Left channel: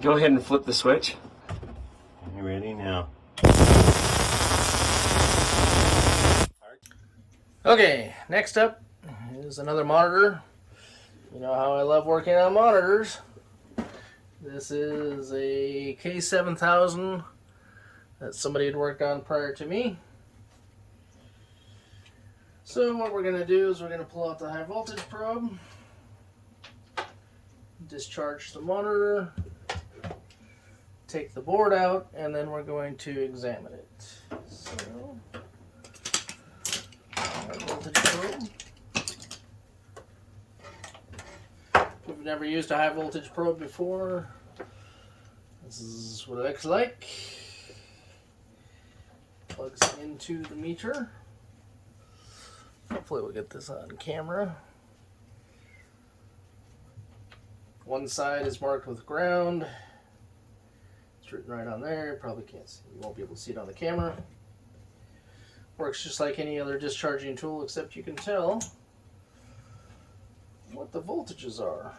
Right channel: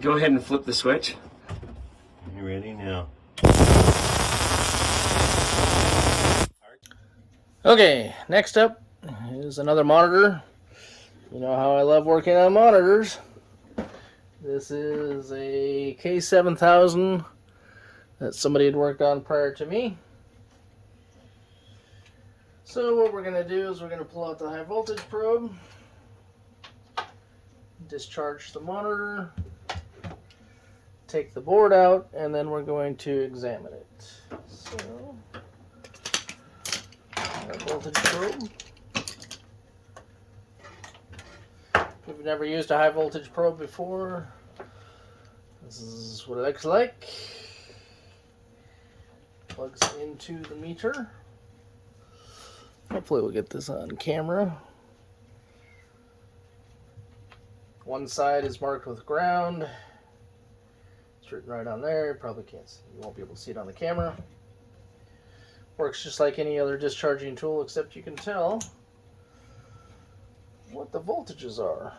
Go ahead and flip the switch. You ready now? Okay, next up is another monitor. You know how I love working on monitors. This is a K7000 that somebody had worked on prior to me. So what we're going to do is we're going to pull out the high voltage probe, discharge the monitor, take the board out, and then we're going to examine it. So, high voltage probe. If you've never used a high voltage probe before, this is what it looks like. Plugs into the meter. Hopefully we'll get this on camera. One side is marked with ground. It's written right on there. You probably can't, you won't be able to see it on the camera. Works just like any other discharging tool, except you can tell what the voltages are.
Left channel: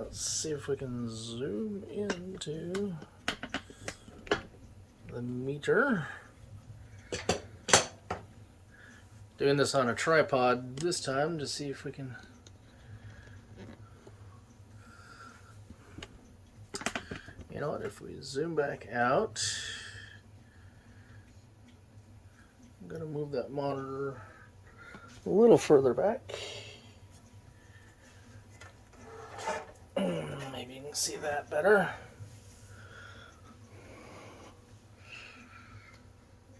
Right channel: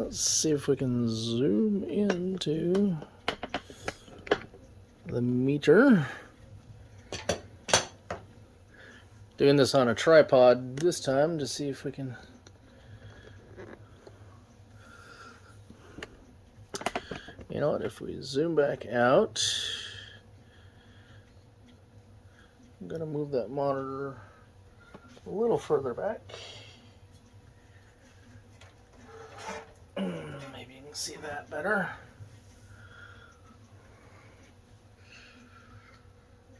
Let's see if we can zoom into the meter. Doing this on a tripod this time to see if we can. You know what, if we zoom back out, I'm going to move that monitor a little further back. Maybe you can see that better.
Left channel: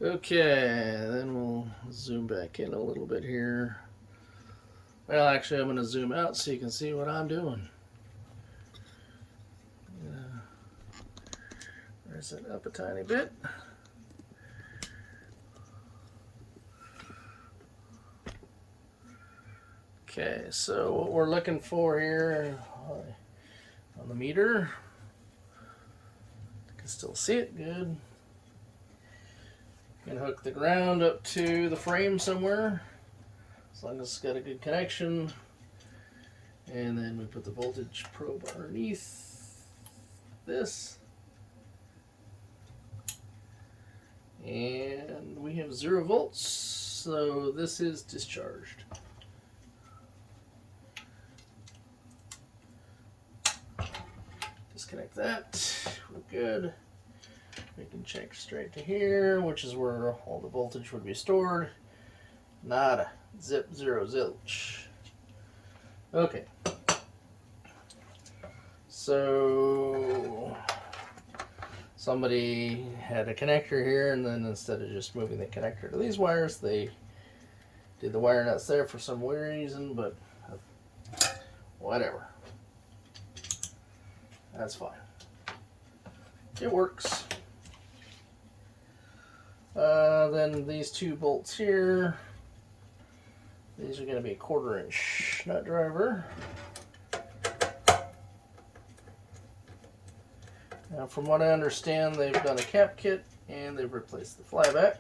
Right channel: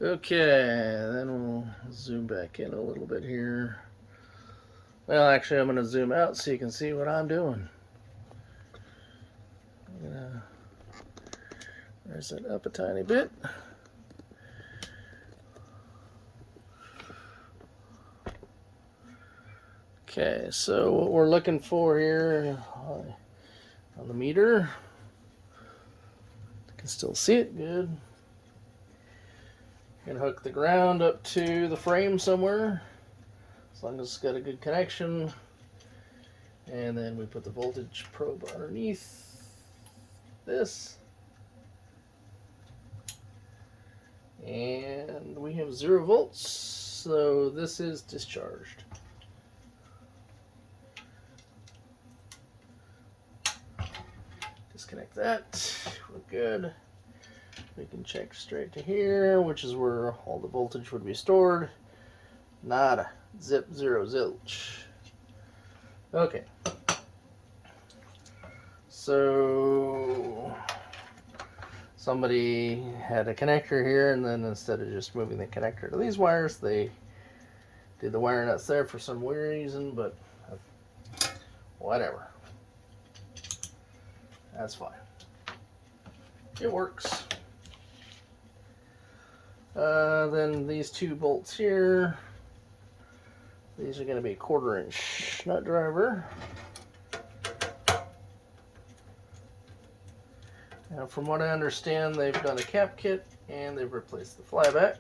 Okay, then we'll zoom back in a little bit here. Well, actually, I'm going to zoom out so you can see what I'm doing. Raise it up a tiny bit. Okay, so what we're looking for here on the meter, you can still see it good. You can hook the ground up to the frame somewhere, as long as it's got a good connection. And then we put the voltage probe underneath this. And we have 0 volts, so this is discharged. Disconnect that, we're good. We can check straight to here, which is where all the voltage would be stored. Nada, zip, zero, zilch. Okay. So somebody had a connector here, and then instead of just moving the connector to these wires, they did the wire nuts there for some weird reason, but whatever. That's fine. It works. Then these 2 bolts here, these are going to be a 1/4 inch nut driver. Now, from what I understand, they've done a cap kit and they've replaced the flyback.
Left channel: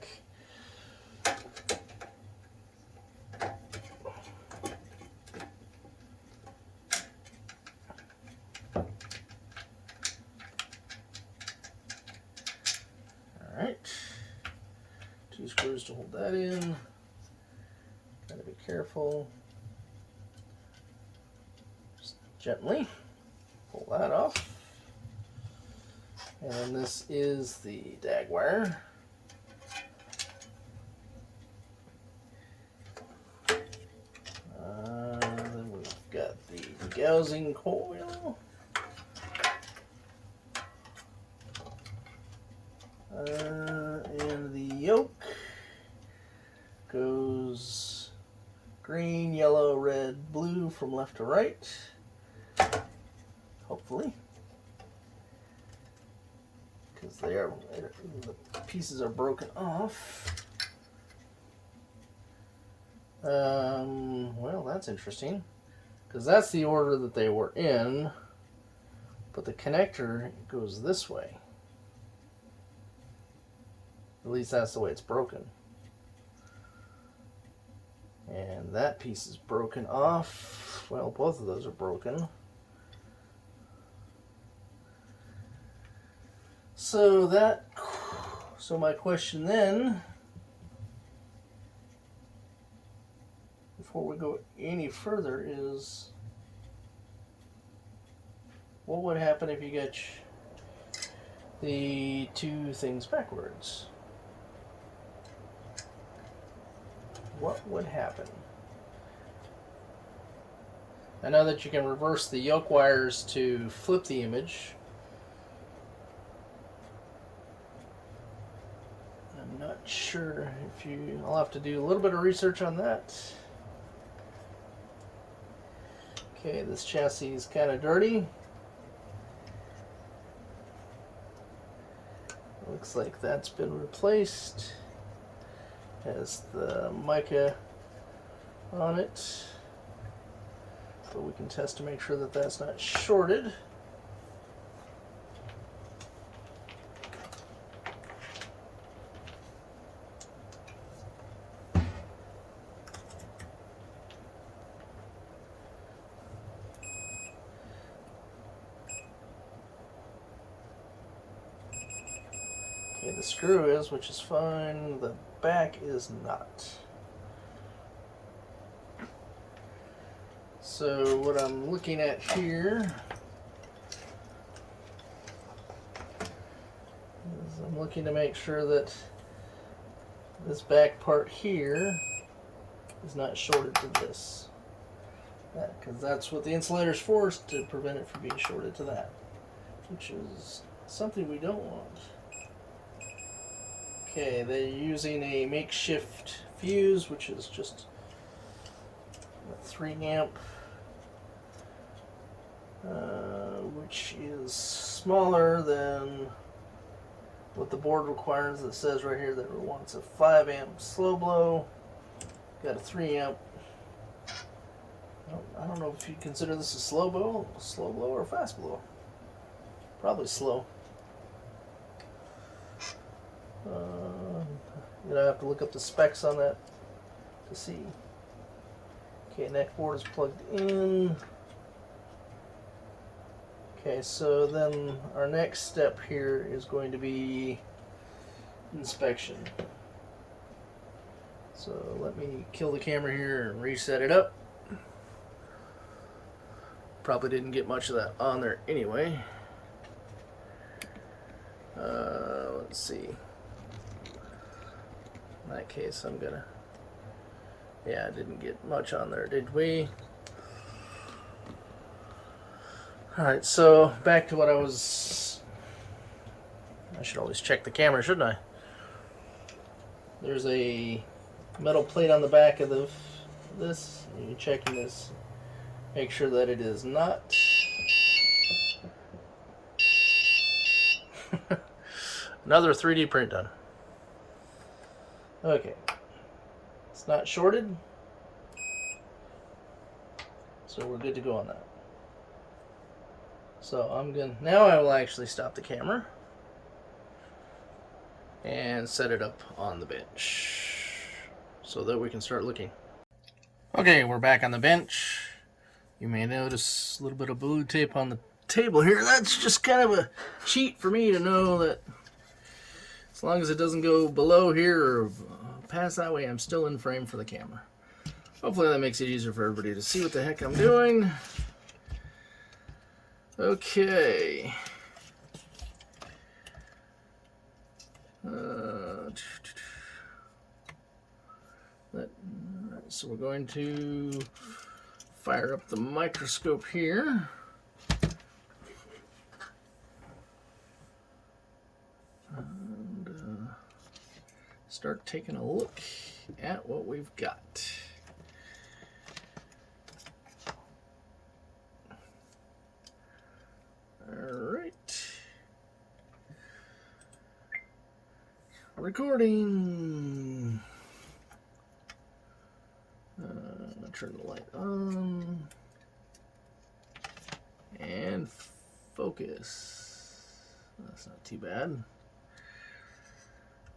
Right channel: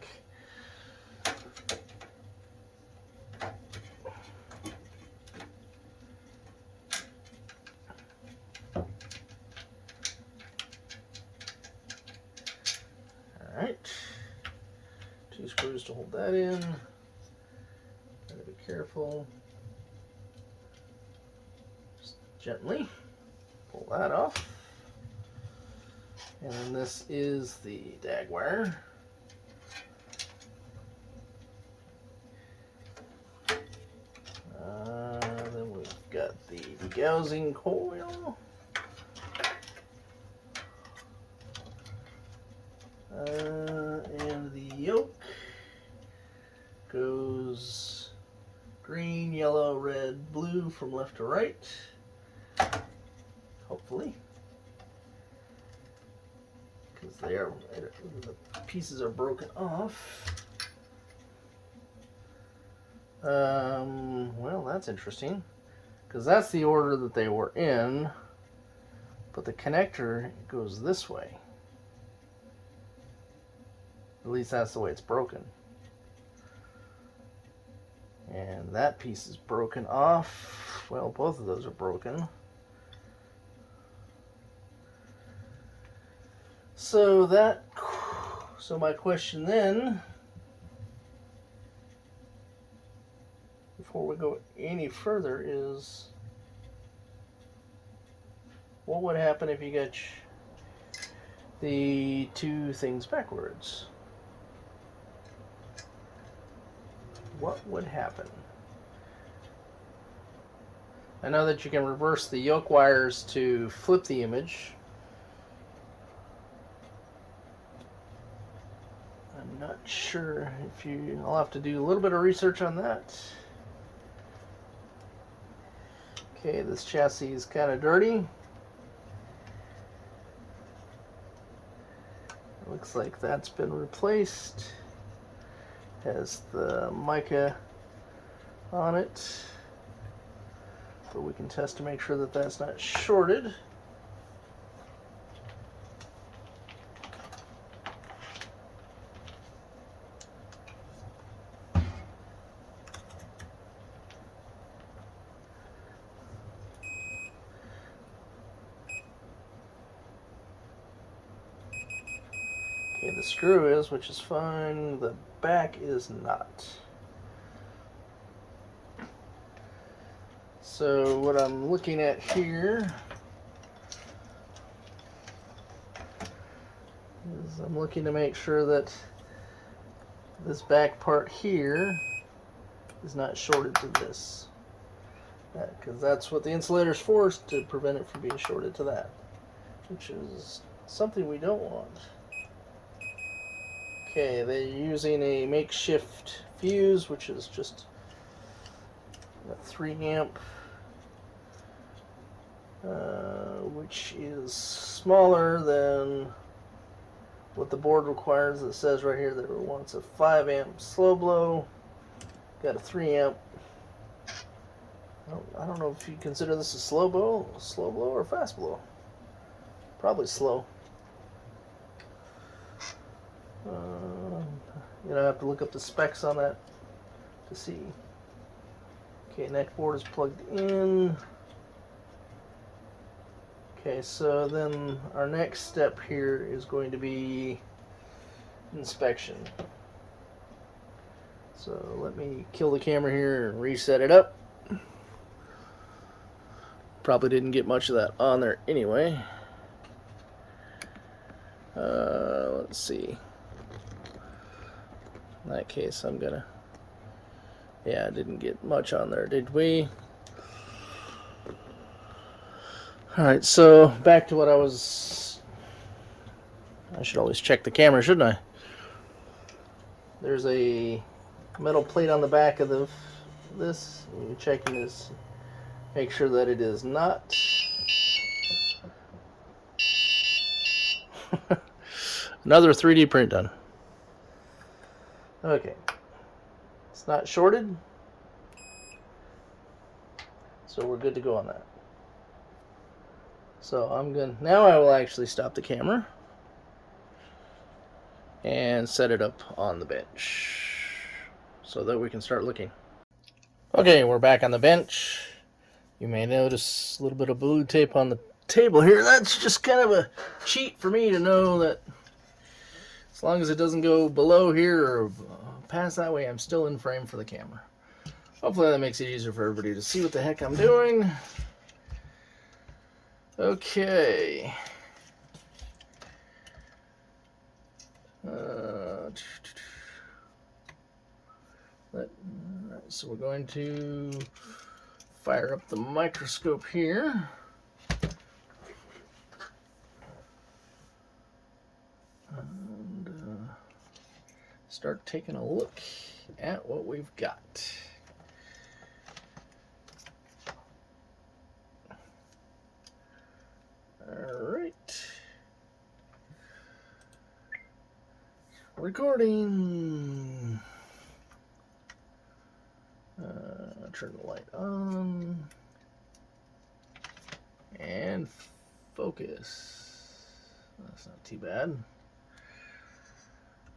Alright, 2 screws to hold that in. Gotta be careful. Just gently pull that off. And this is the DAG wire. Then we've got the degaussing coil. And the yoke goes green, yellow, red, blue from left to right. Hopefully. Because the pieces are broken off. Well, that's interesting, because that's the order that they were in, but the connector goes this way. At least that's the way it's broken. And that piece is broken off. Well, both of those are broken. So my question then, before we go any further, is what would happen if you got the two things backwards? What would happen? I know that you can reverse the yoke wires to flip the image. I'm not sure if you... I'll have to do a little bit of research on that. Okay, this chassis is kind of dirty. Looks like that's been replaced. Has the mica on it. But we can test to make sure that that's not shorted. Okay, the screw is, which is fine. The back is not. So what I'm looking at here is I'm looking to make sure that this back part here is not shorted to this. Because that's what the insulator is for, is to prevent it from being shorted to that, which is something we don't want. Okay, they're using a makeshift fuse, which is just a 3 amp, which is smaller than what the board requires. It says right here that it wants a 5 amp slow blow. Got a 3 amp. I don't know if you consider this a slow blow or fast blow. Probably slow. I have to look up the specs on that to see. Okay, neck board is plugged in. Okay, so then our next step here is going to be inspection. So let me kill the camera here and reset it up. Probably didn't get much of that on there anyway. Let's see. In that case, I'm gonna... Yeah, didn't get much on there, did we? Alright, so back to what I was... I should always check the camera, shouldn't I? There's a metal plate on the back of this. And you're checking this. Make sure that it is not. Another 3D print done. Okay. It's not shorted. So we're good to go on that. So I'm gonna, now I will actually stop the camera and set it up on the bench so that we can start looking. Okay, we're back on the bench. You may notice a little bit of blue tape on the table here. That's just kind of a cheat for me to know that as long as it doesn't go below here or past that way, I'm still in frame for the camera. Hopefully that makes it easier for everybody to see what the heck I'm doing. Okay. So we're going to fire up the microscope here. And start taking a look at what we've got. Alright. Recording. Turn the light on. And focus. That's not too bad.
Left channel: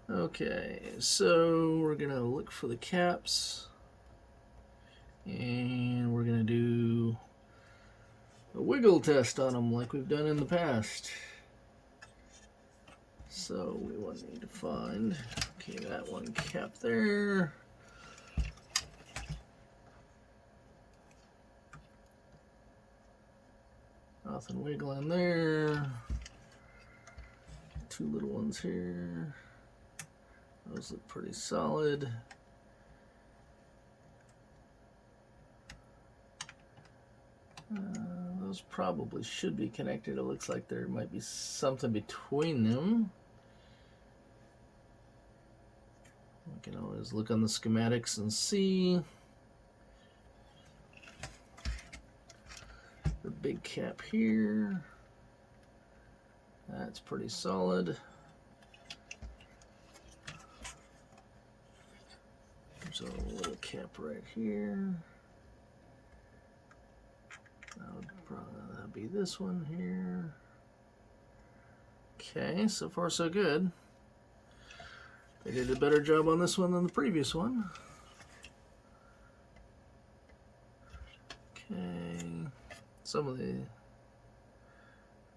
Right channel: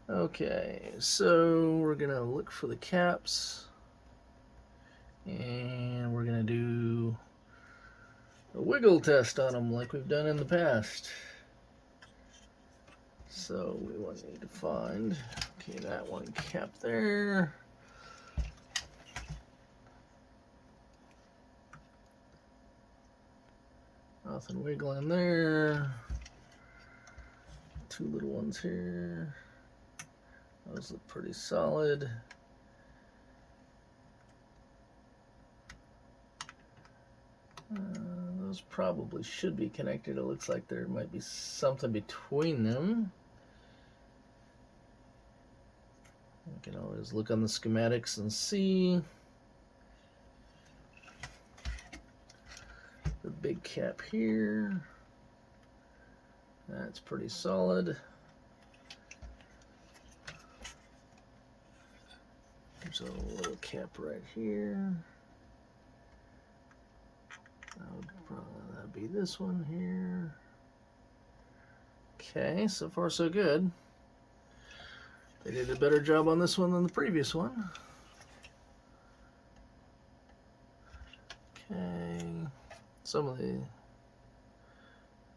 Okay, so we're gonna look for the caps. And we're gonna do a wiggle test on them like we've done in the past. So we will need to find, okay, that one cap there. Nothing wiggling there. Two little ones here. Those look pretty solid. Those probably should be connected. It looks like there might be something between them. You can always look on the schematics and see. The big cap here. That's pretty solid. There's a little cap right here. That'd be this one here. Okay, so far so good. They did a better job on this one than the previous one. Okay, some of the,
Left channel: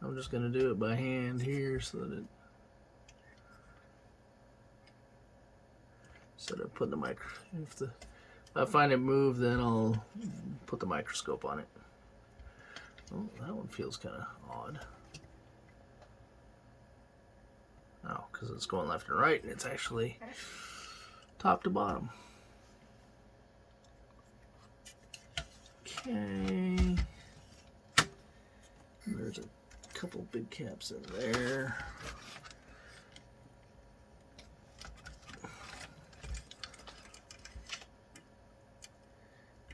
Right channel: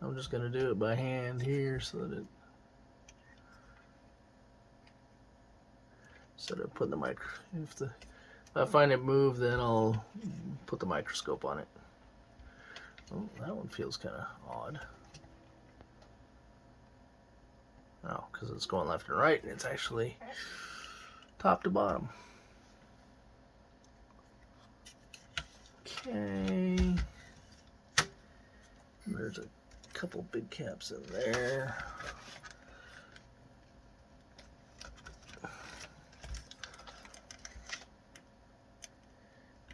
I'm just going to do it by hand here so that it, instead of putting the if I find it move, then I'll put the microscope on it. Oh, that one feels kind of odd. Oh, because it's going left and right, and it's actually top to bottom. Okay. There's a couple big caps in there.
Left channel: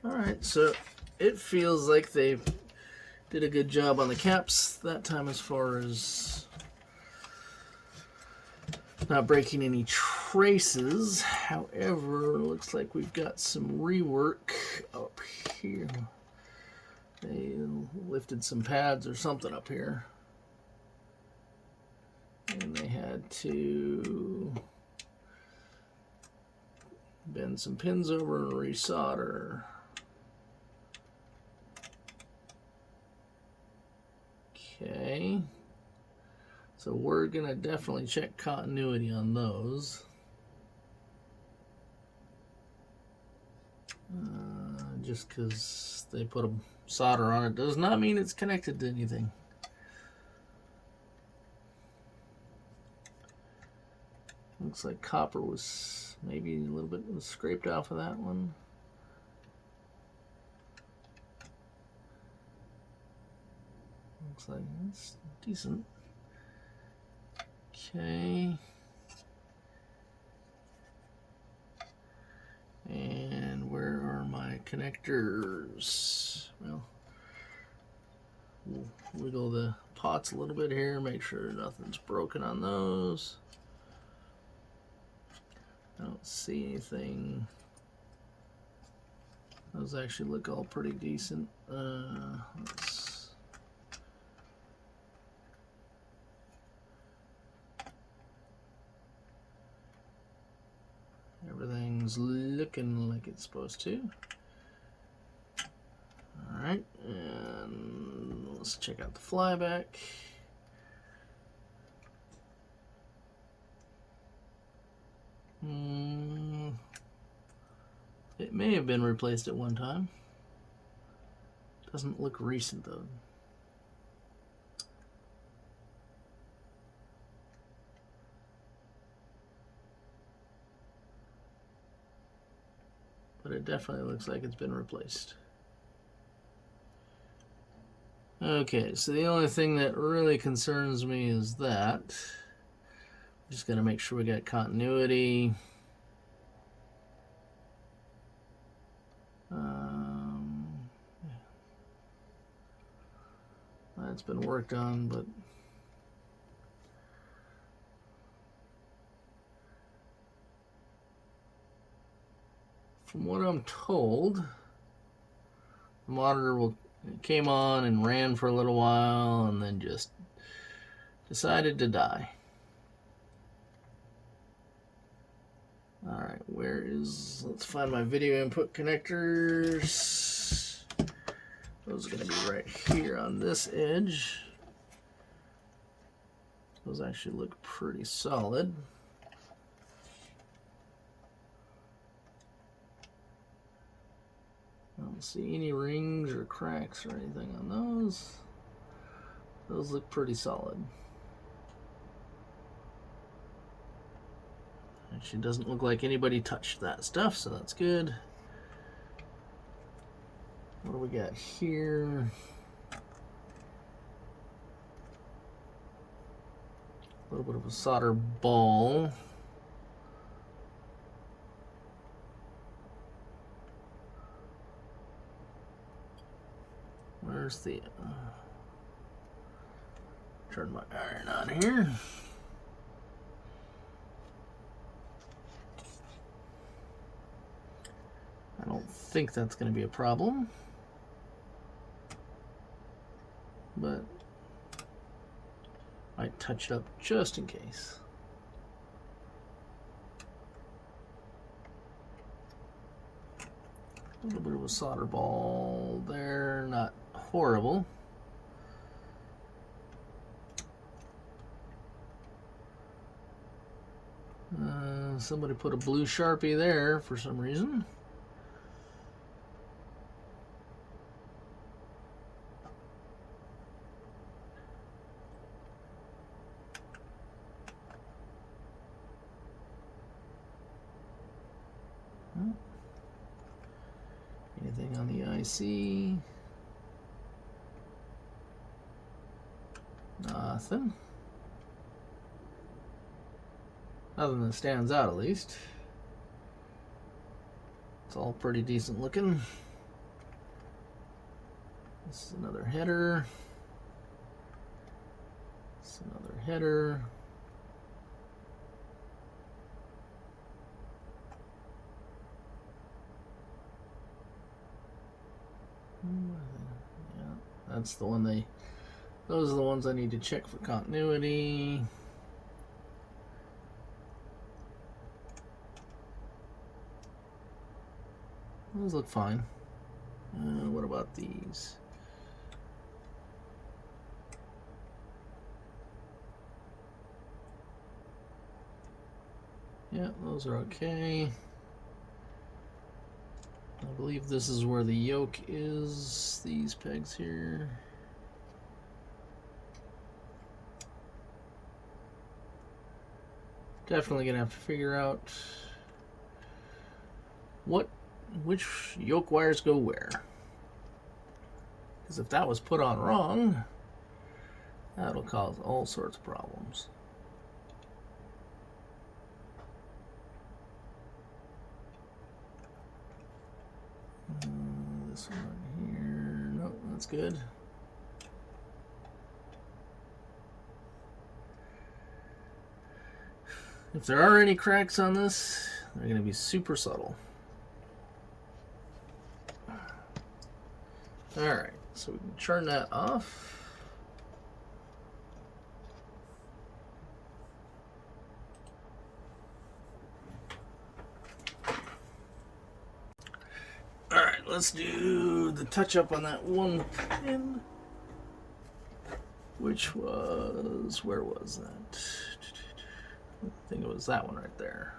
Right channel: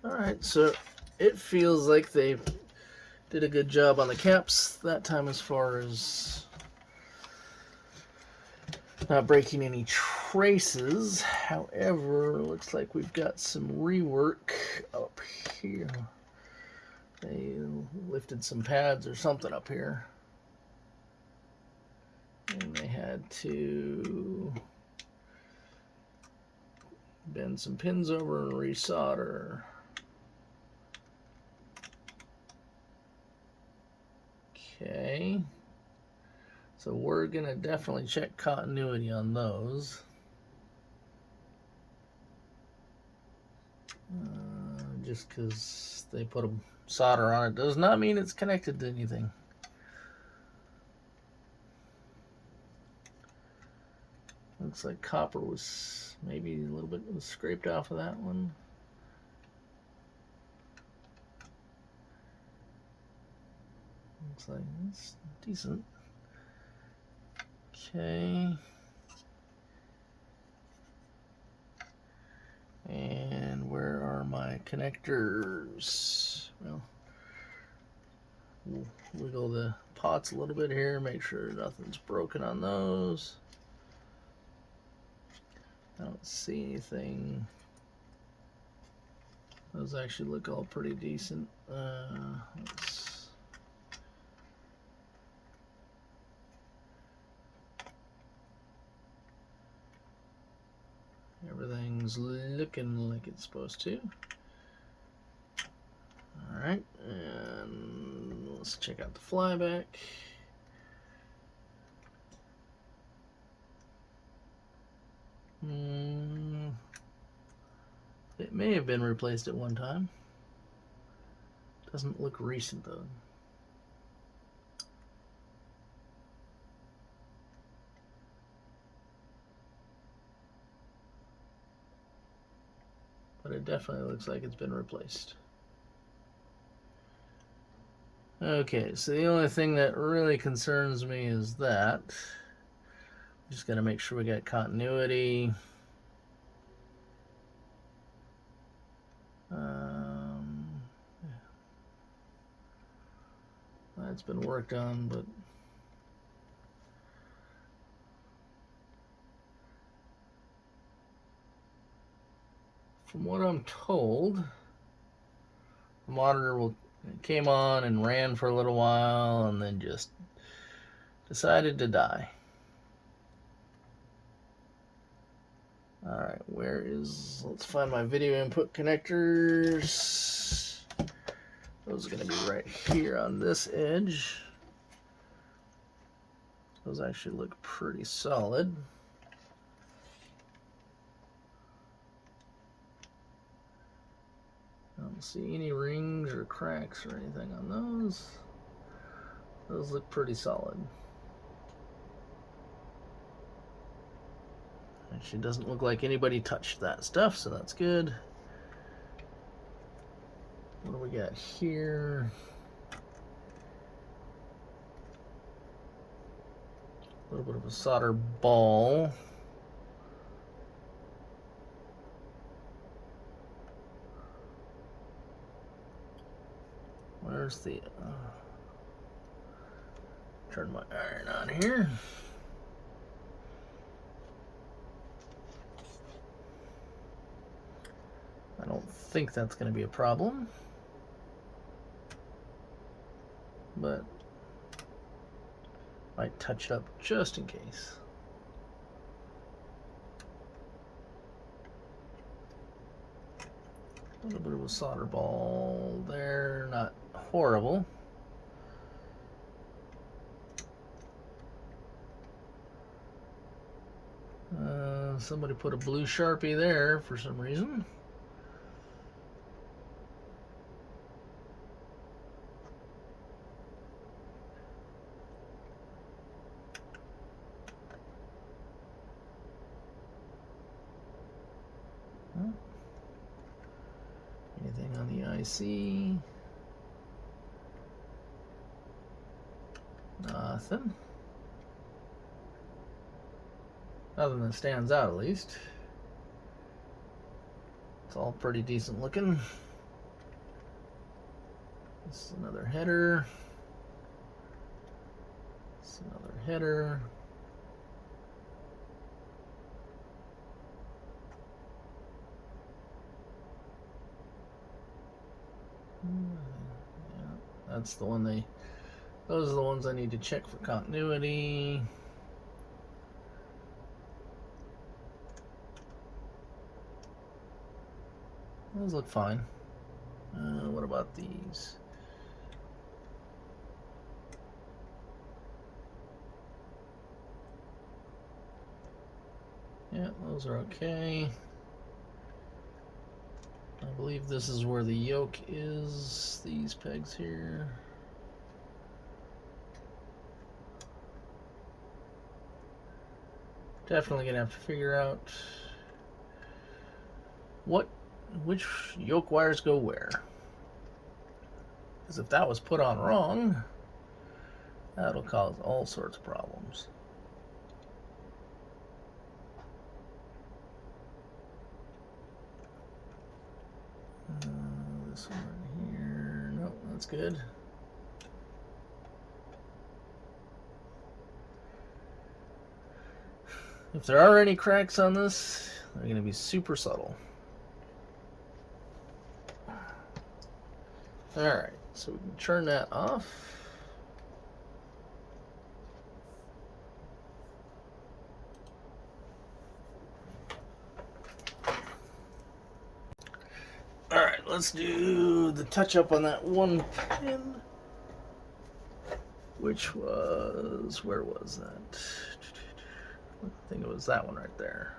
Alright, so it feels like they did a good job on the caps that time as far as not breaking any traces. However, looks like we've got some rework up here. They lifted some pads or something up here, and they had to bend some pins over and resolder. Okay, so we're gonna definitely check continuity on those. Just because they put a solder on it does not mean it's connected to anything. Looks like copper was maybe a little bit was scraped off of that one. Looks like it's decent. Okay. And where are my connectors? Well, we'll wiggle the pots a little bit here, make sure nothing's broken on those. I don't see anything. Those actually look all pretty decent. Everything's looking like it's supposed to. Alright, and let's check out the flyback. It may have been replaced at one time. Doesn't look recent though. But it definitely looks like it's been replaced. Okay, so the only thing that really concerns me is that. Just gotta make sure we got continuity. That's been worked on, but from what I'm told, the monitor came on and ran for a little while and then just decided to die. Alright, let's find my video input connectors. Those are going to be right here on this edge. Those actually look pretty solid. I don't see any rings or cracks or anything on those. Those look pretty solid. Actually doesn't look like anybody touched that stuff, so that's good. What do we got here? A little bit of a solder ball. Where's the turn my iron on here. I don't think that's going to be a problem, but might touch it up just in case. A little bit of a solder ball there, not horrible. Somebody put a blue Sharpie there for some reason. Anything on the IC? Nothing. Nothing that stands out, at least. It's all pretty decent looking. This is another header. This is another header. Yeah, that's the one those are the ones I need to check for continuity. Those look fine. What about these? Yeah, those are okay. I believe this is where the yoke is, these pegs here. Definitely gonna have to figure out which yoke wires go where. Because if that was put on wrong, that'll cause all sorts of problems. This one here, nope, that's good. If there are any cracks on this, they're going to be super subtle. Alright, so we can turn that off. Alright, let's do the touch up on that one pin, which was, where was that? I think it was that one right there.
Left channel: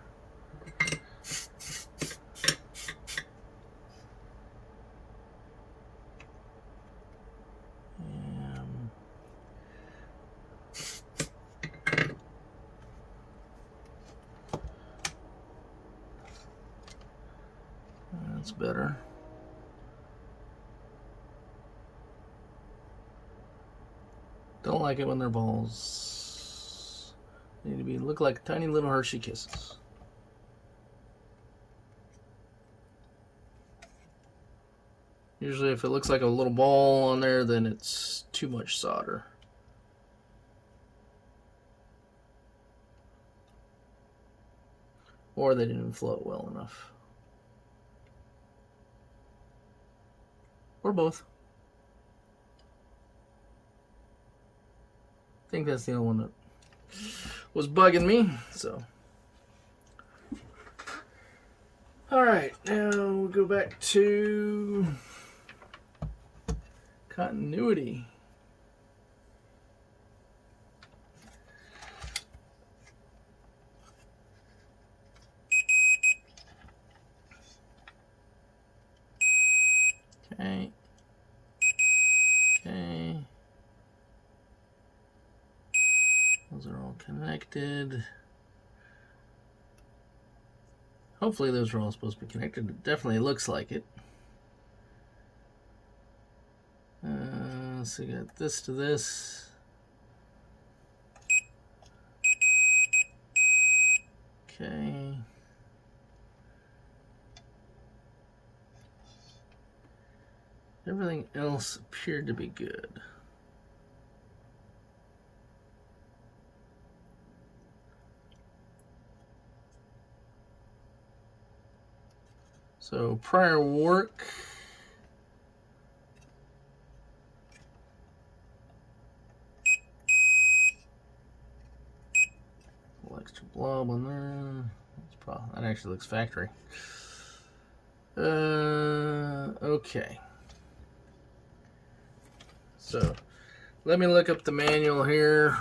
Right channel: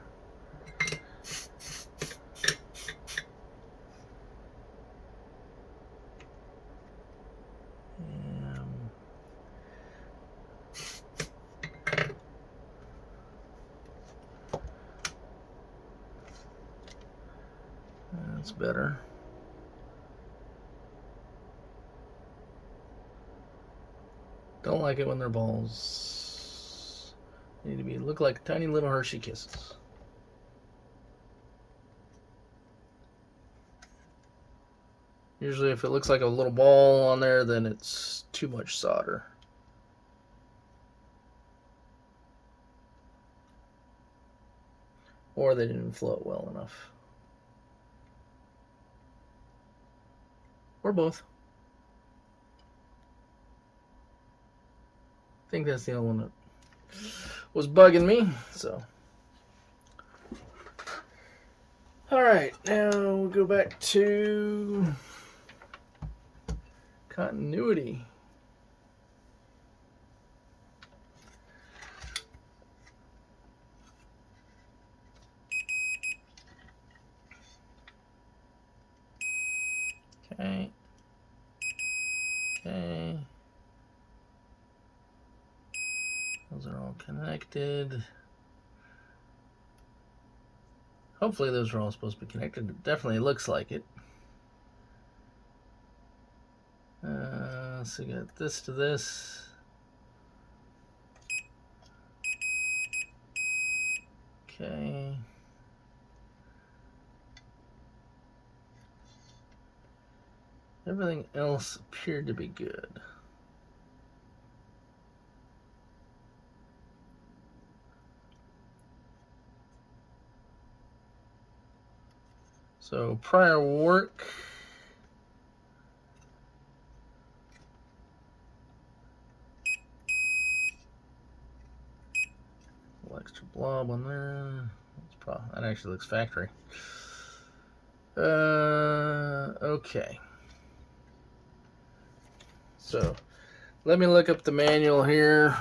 That's better. Don't like it when they're balls. They need to look like tiny little Hershey Kisses. Usually if it looks like a little ball on there, then it's too much solder. Or they didn't float well enough. Or both. I think that's the only one that was bugging me, so. Alright, now we'll go back to continuity. connected. Hopefully those are all supposed to be connected. It definitely looks like it. So we got this to this. Okay. Everything else appeared to be good. So prior work. Little extra blob on there. That actually looks factory. Okay. So let me look up the manual here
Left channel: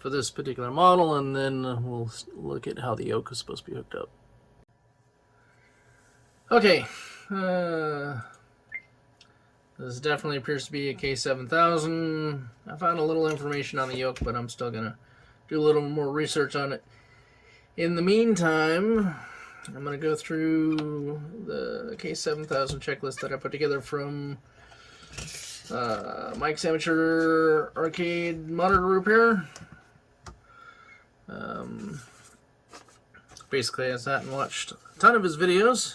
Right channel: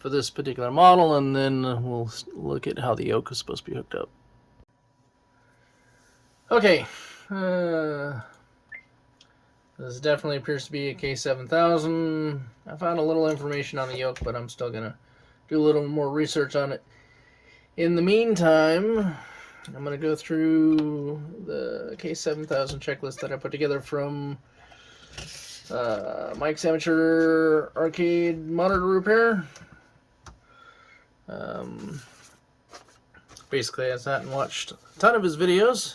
for this particular model, and then we'll look at how the yoke is supposed to be hooked up. Okay. This definitely appears to be a K7000. I found a little information on the yoke, but I'm still going to do a little more research on it. In the meantime, I'm going to go through the K7000 checklist that I put together from Mike's Amateur Arcade Monitor Repair. Basically, I sat and watched a ton of his videos,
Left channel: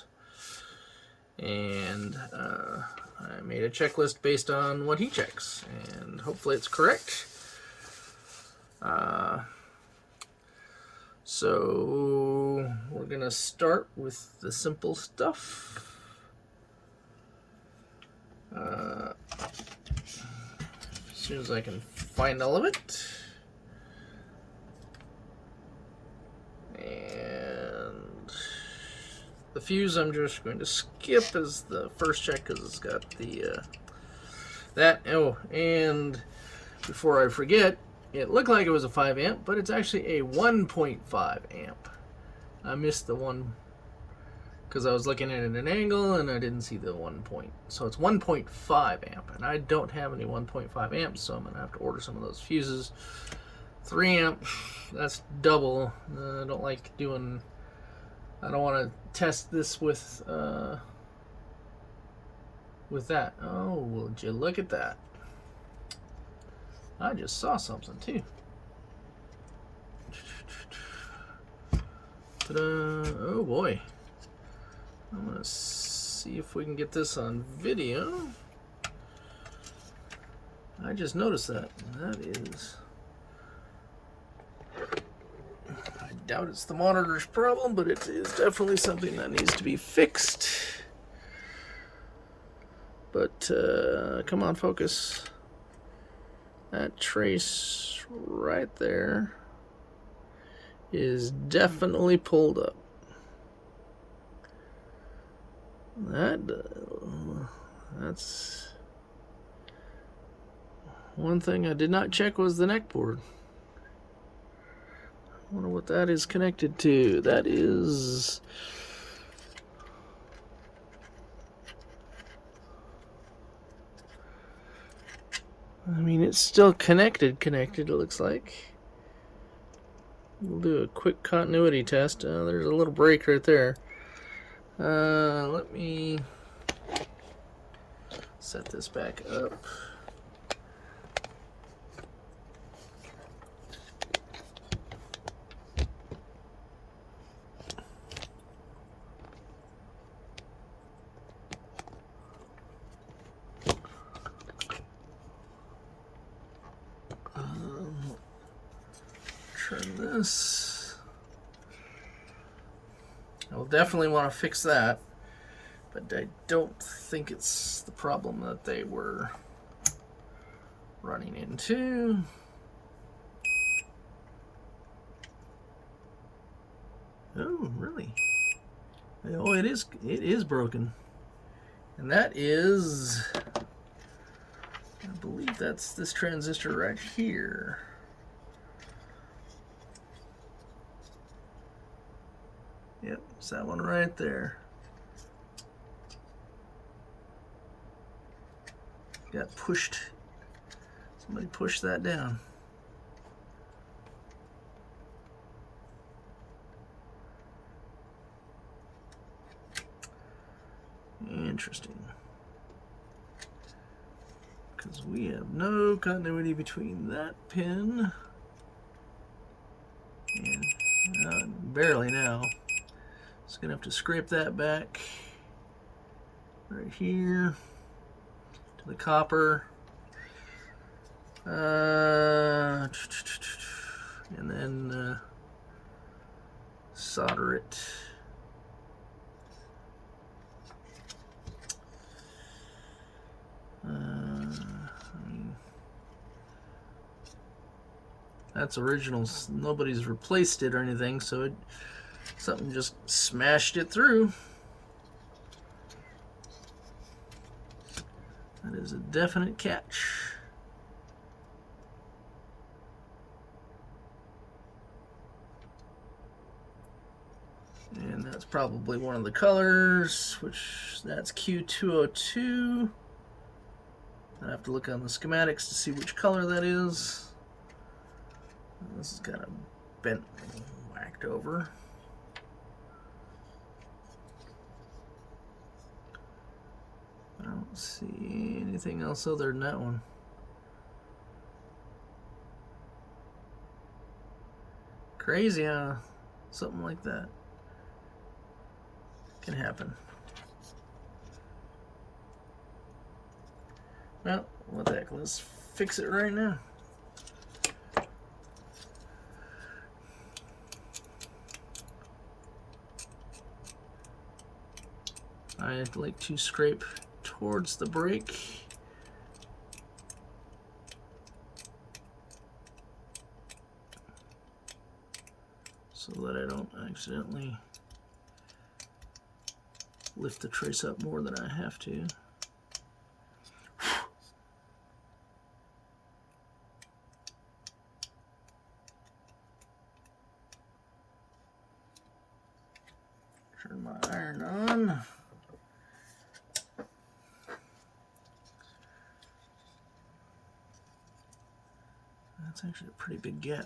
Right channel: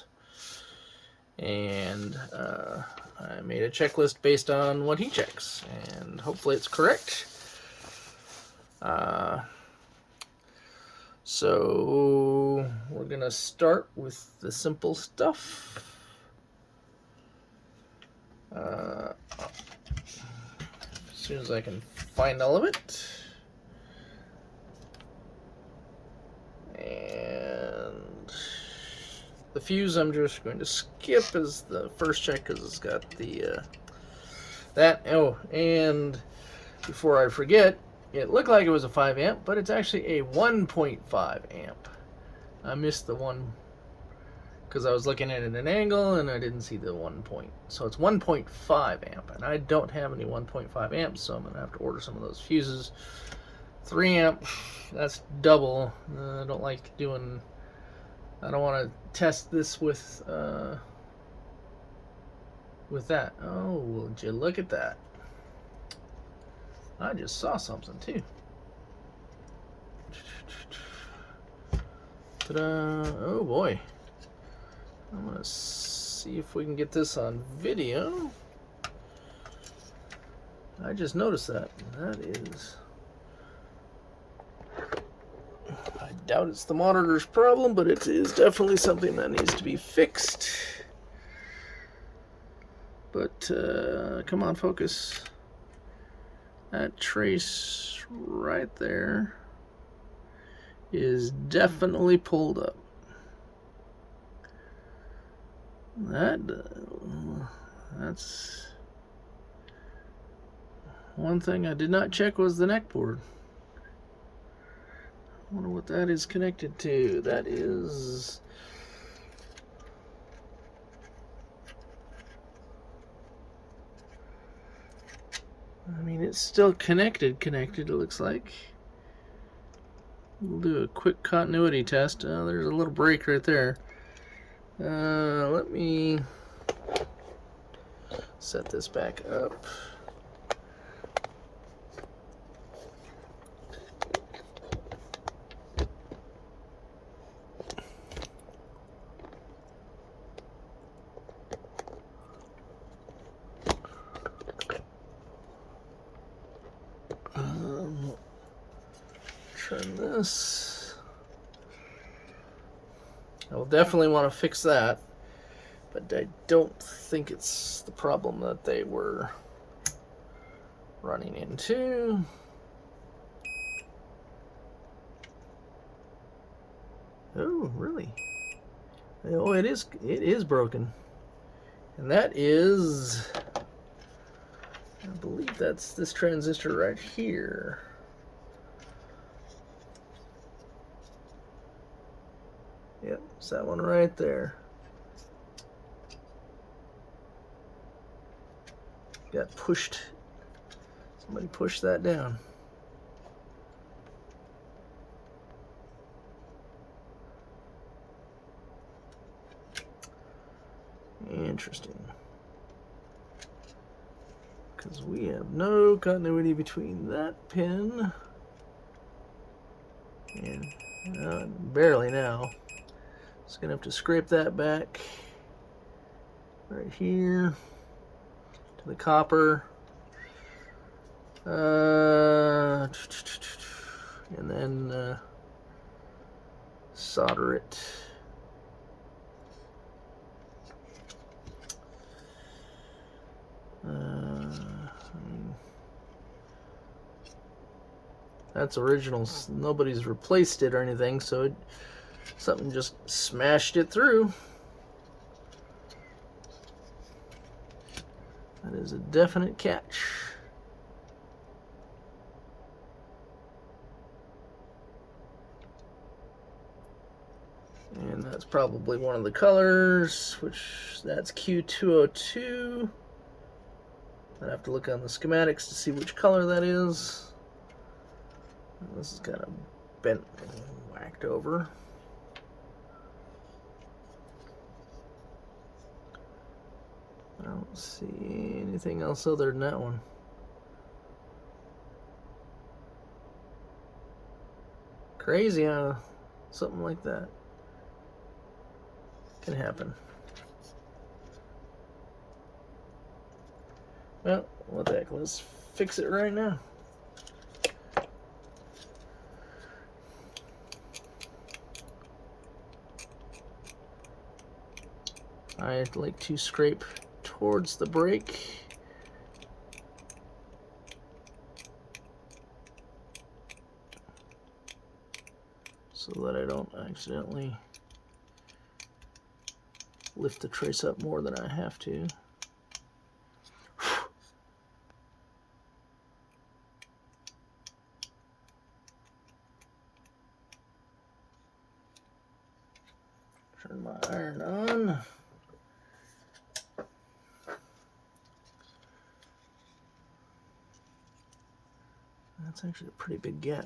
and I made a checklist based on what he checks, and hopefully it's correct. So we're gonna start with the simple stuff. As soon as I can find all of it. And the fuse I'm just going to skip as the first check because it's got the that. Oh, and before I forget, it looked like it was a 5 amp, but it's actually a 1.5 amp. I missed the one because I was looking at it at an angle and I didn't see the 1 point. So it's 1.5 amp, and I don't have any 1.5 amps, so I'm going to have to order some of those fuses. 3 amp, that's double. I don't like doing, I don't want to test this with that. Oh, would you look at that? I just saw something too. Ta-da. Oh boy. I'm gonna see if we can get this on video. I just noticed that. That is, I doubt it's the monitor's problem, but it is definitely something that needs to be fixed. But come on, focus. That trace right there is definitely pulled up. That's one thing I did not check was the neck board. I wonder what that is connected to. That is, I mean, it's still connected, it looks like. We'll do a quick continuity test. There's a little break right there. Let me set this back up. Turn this. I'll definitely want to fix that, but I don't think it's the problem that they were running into. Oh, really? Oh, it is broken. And that is, I believe that's this transistor right here. Yep, it's that one right there. Got pushed. Somebody pushed that down. interesting. Because we have no continuity between that pin and barely now. Just gonna have to scrape that back right here to the copper. And then solder it. That's original. Nobody's replaced it or anything, so something just smashed it through. That is a definite catch. And that's probably one of the colors, which that's Q202. I'll have to look on the schematics to see which color that is. This is kind of bent, whacked over. I don't see anything else other than that one. Crazy how something like that can happen. Well, what the heck, let's fix it right now. I'd like to scrape towards the brake. So that I don't accidentally lift the trace up more than I have to. Turn my iron on. That's actually a pretty big gap.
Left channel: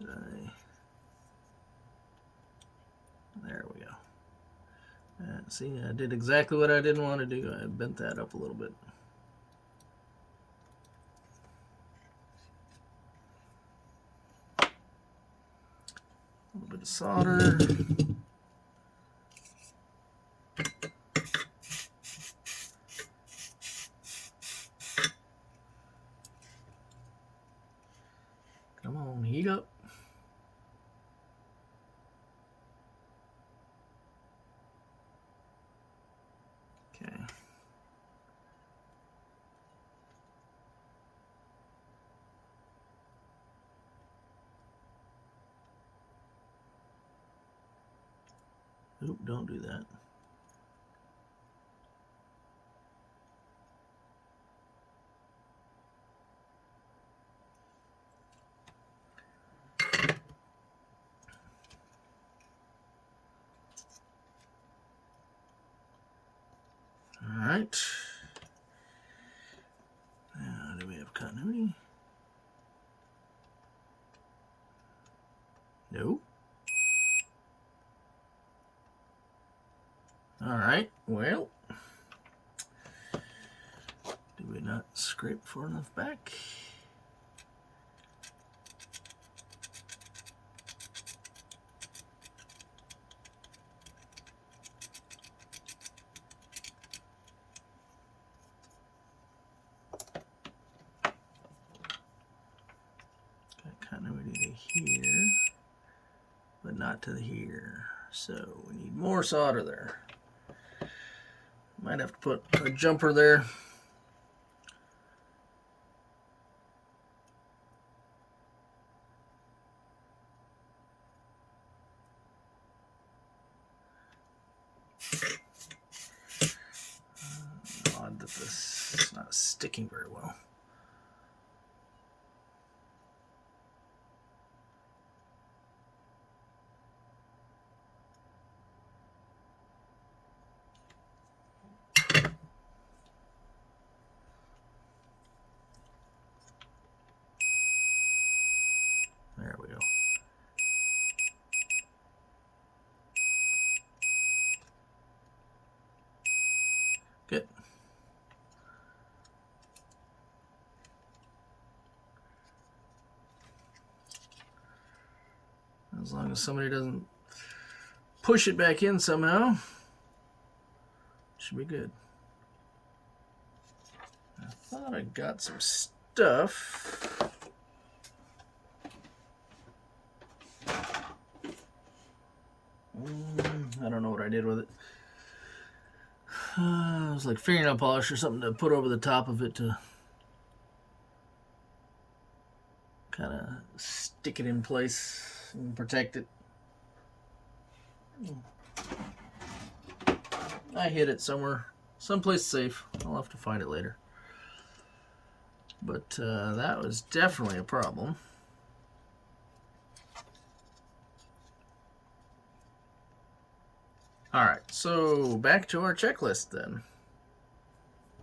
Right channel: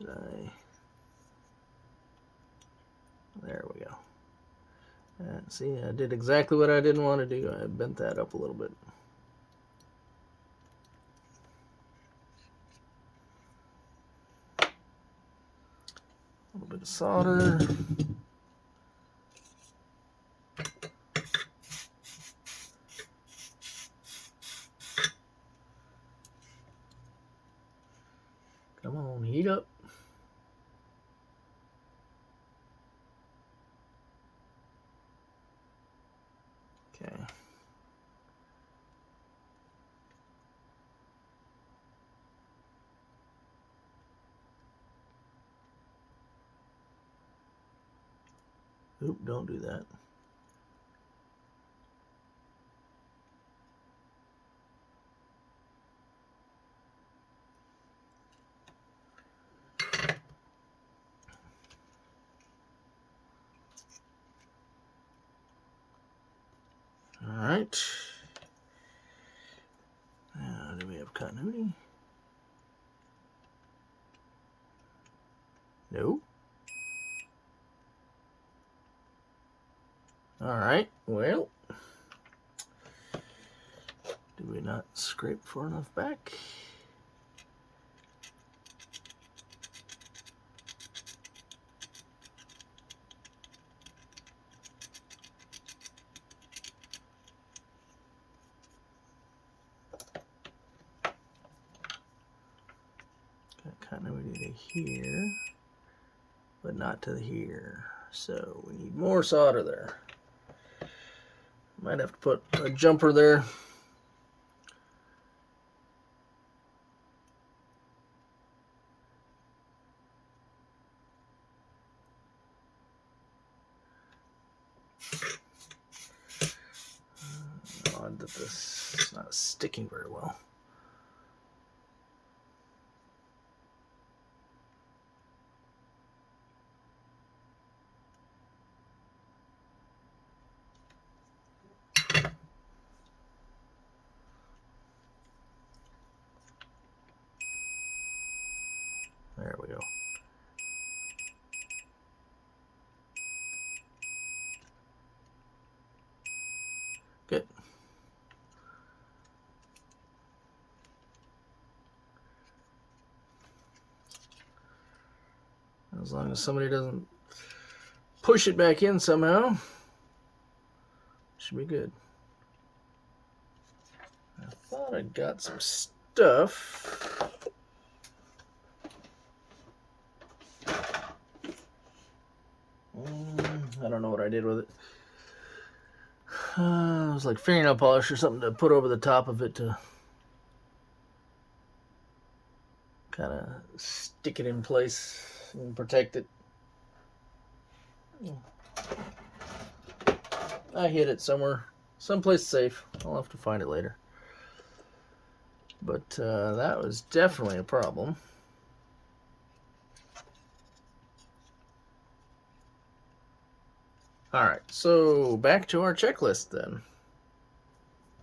Did I? There we go. See, I did exactly what I didn't want to do. I bent that up a little bit. A little bit of solder. Come on, heat up. Okay. Oop, don't do that. All right. Do we have continuity? No. All right. Well, did we not scrape far enough back? Continuity to here, but not to here. So we need more solder there. Might have to put a jumper there. Odd that this is not sticking very well. There we go. As long as somebody doesn't push it back in somehow, should be good. I thought I got some stuff. I don't know what I did with it. It was like fingernail polish or something to put over the top of it to kind of stick it in place and protect it. I hid it somewhere, someplace safe. I'll have to find it later. But that was definitely a problem. Alright, so back to our checklist then.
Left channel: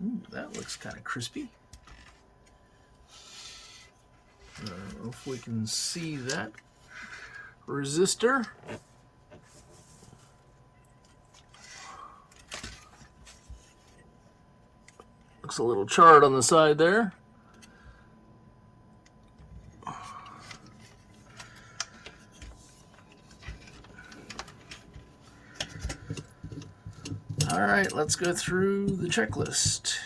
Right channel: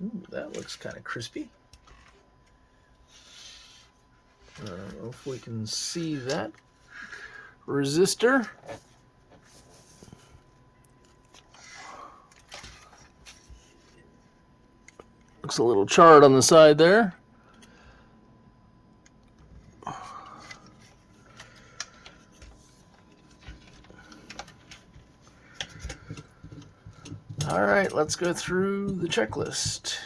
Ooh, that looks kind of crispy. I don't know if we can see that resistor. Looks a little charred on the side there. All right, let's go through the checklist.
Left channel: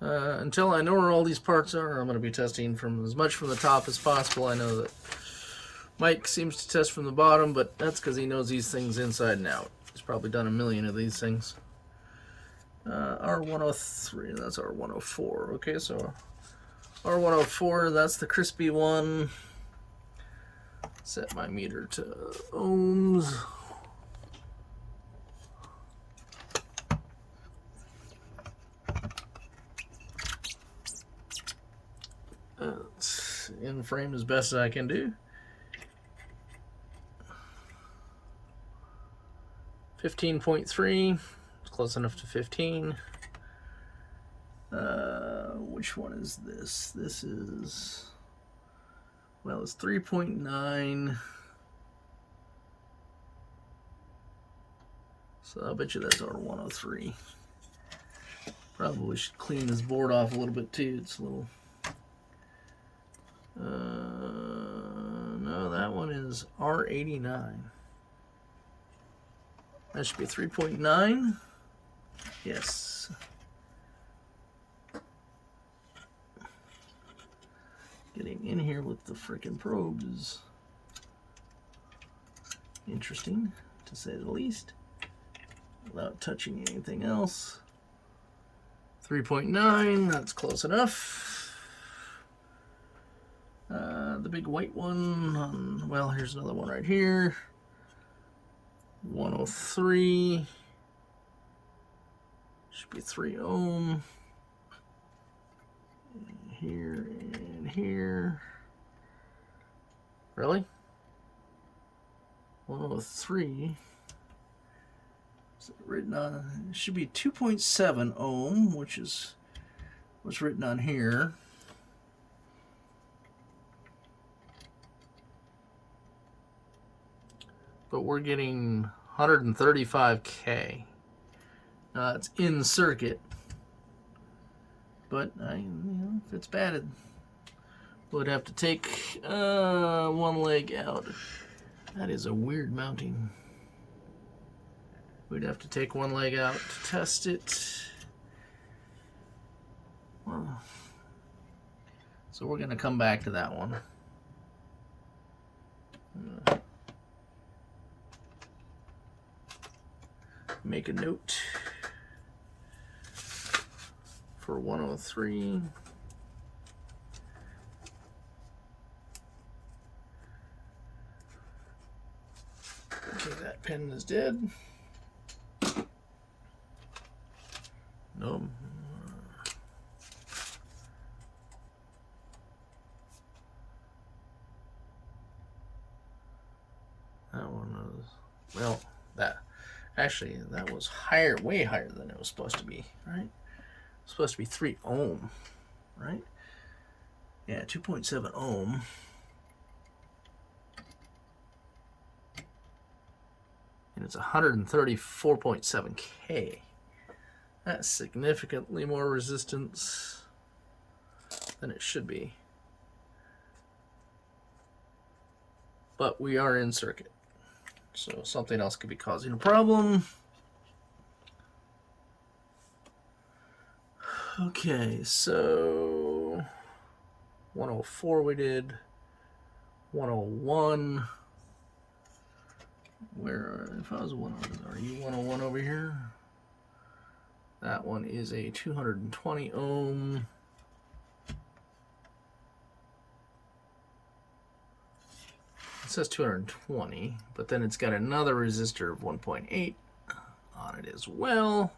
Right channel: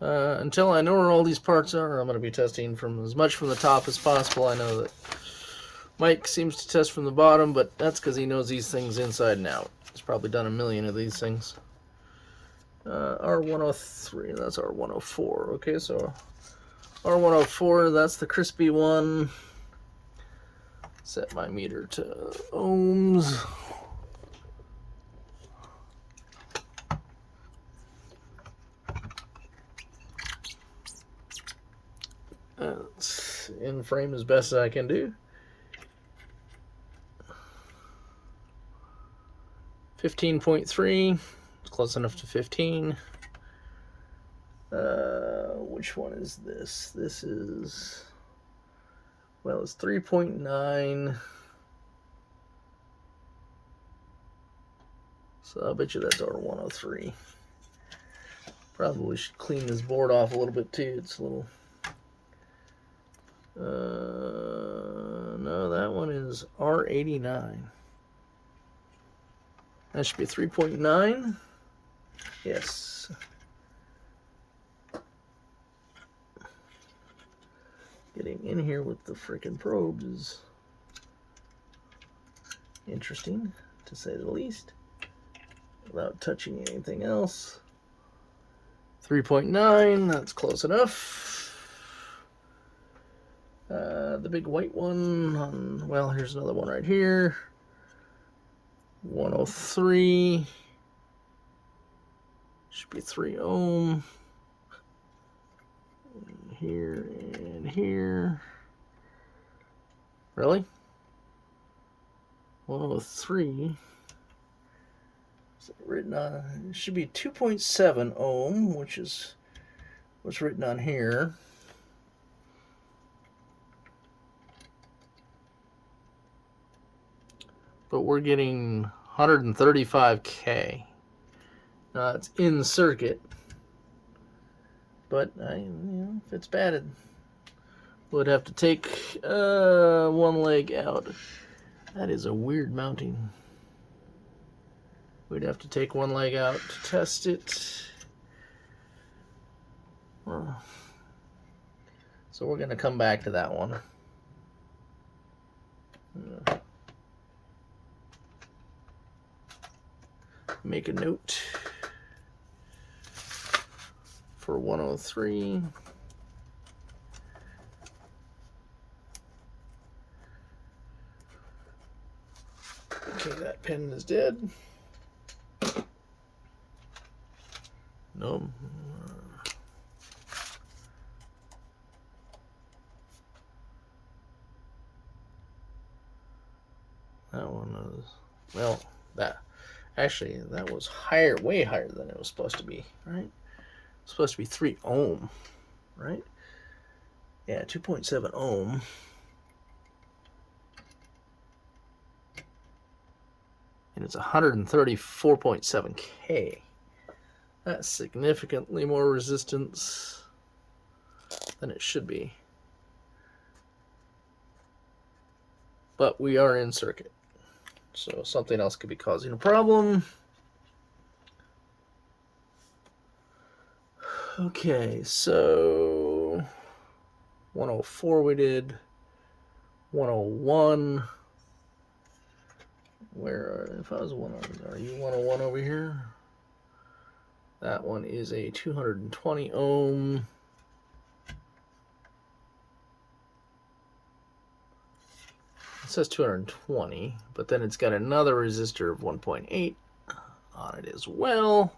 Until I know where all these parts are, I'm going to be testing from as much from the top as possible. I know that Mike seems to test from the bottom, but that's because he knows these things inside and out. He's probably done a million of these things. R103, that's R104. Okay, so R104, that's the crispy one. Set my meter to ohms. That's in frame as best as I can do. 15.3, it's close enough to 15. Which one is this? This is, well, it's 3.9. So I bet you that's R103. Probably should clean this board off a little bit too. It's a little, no, that one is R89. That should be 3.9. Yes. Getting in here with the freaking probes is interesting, to say the least, without touching anything else. 3.9, that's close enough. The big white one on, well, here's another one right here. 103. Should be 3 ohm. Here and here. Really? 103. Is it written on? It should be 2.7 ohm, which is what's written on here. But we're getting 135K. It's in circuit, but if it's batted, would have to take one leg out. That is a weird mounting. We'd have to take one leg out to test it. So we're going to come back to that one. Make a note for 103. Okay, that pen is dead. No. That one was, well, that. Actually, that was higher, way higher than it was supposed to be, right? It's supposed to be 3 ohm, right? Yeah, 2.7 ohm. And it's 134.7K. That's significantly more resistance. than it should be. But we are in circuit, so something else could be causing a problem. Okay, so 104 we did, 101. If I was 101, are you 101 over here? That one is a 220 ohm. It says 220, but then it's got another resistor of 1.8 on it as well.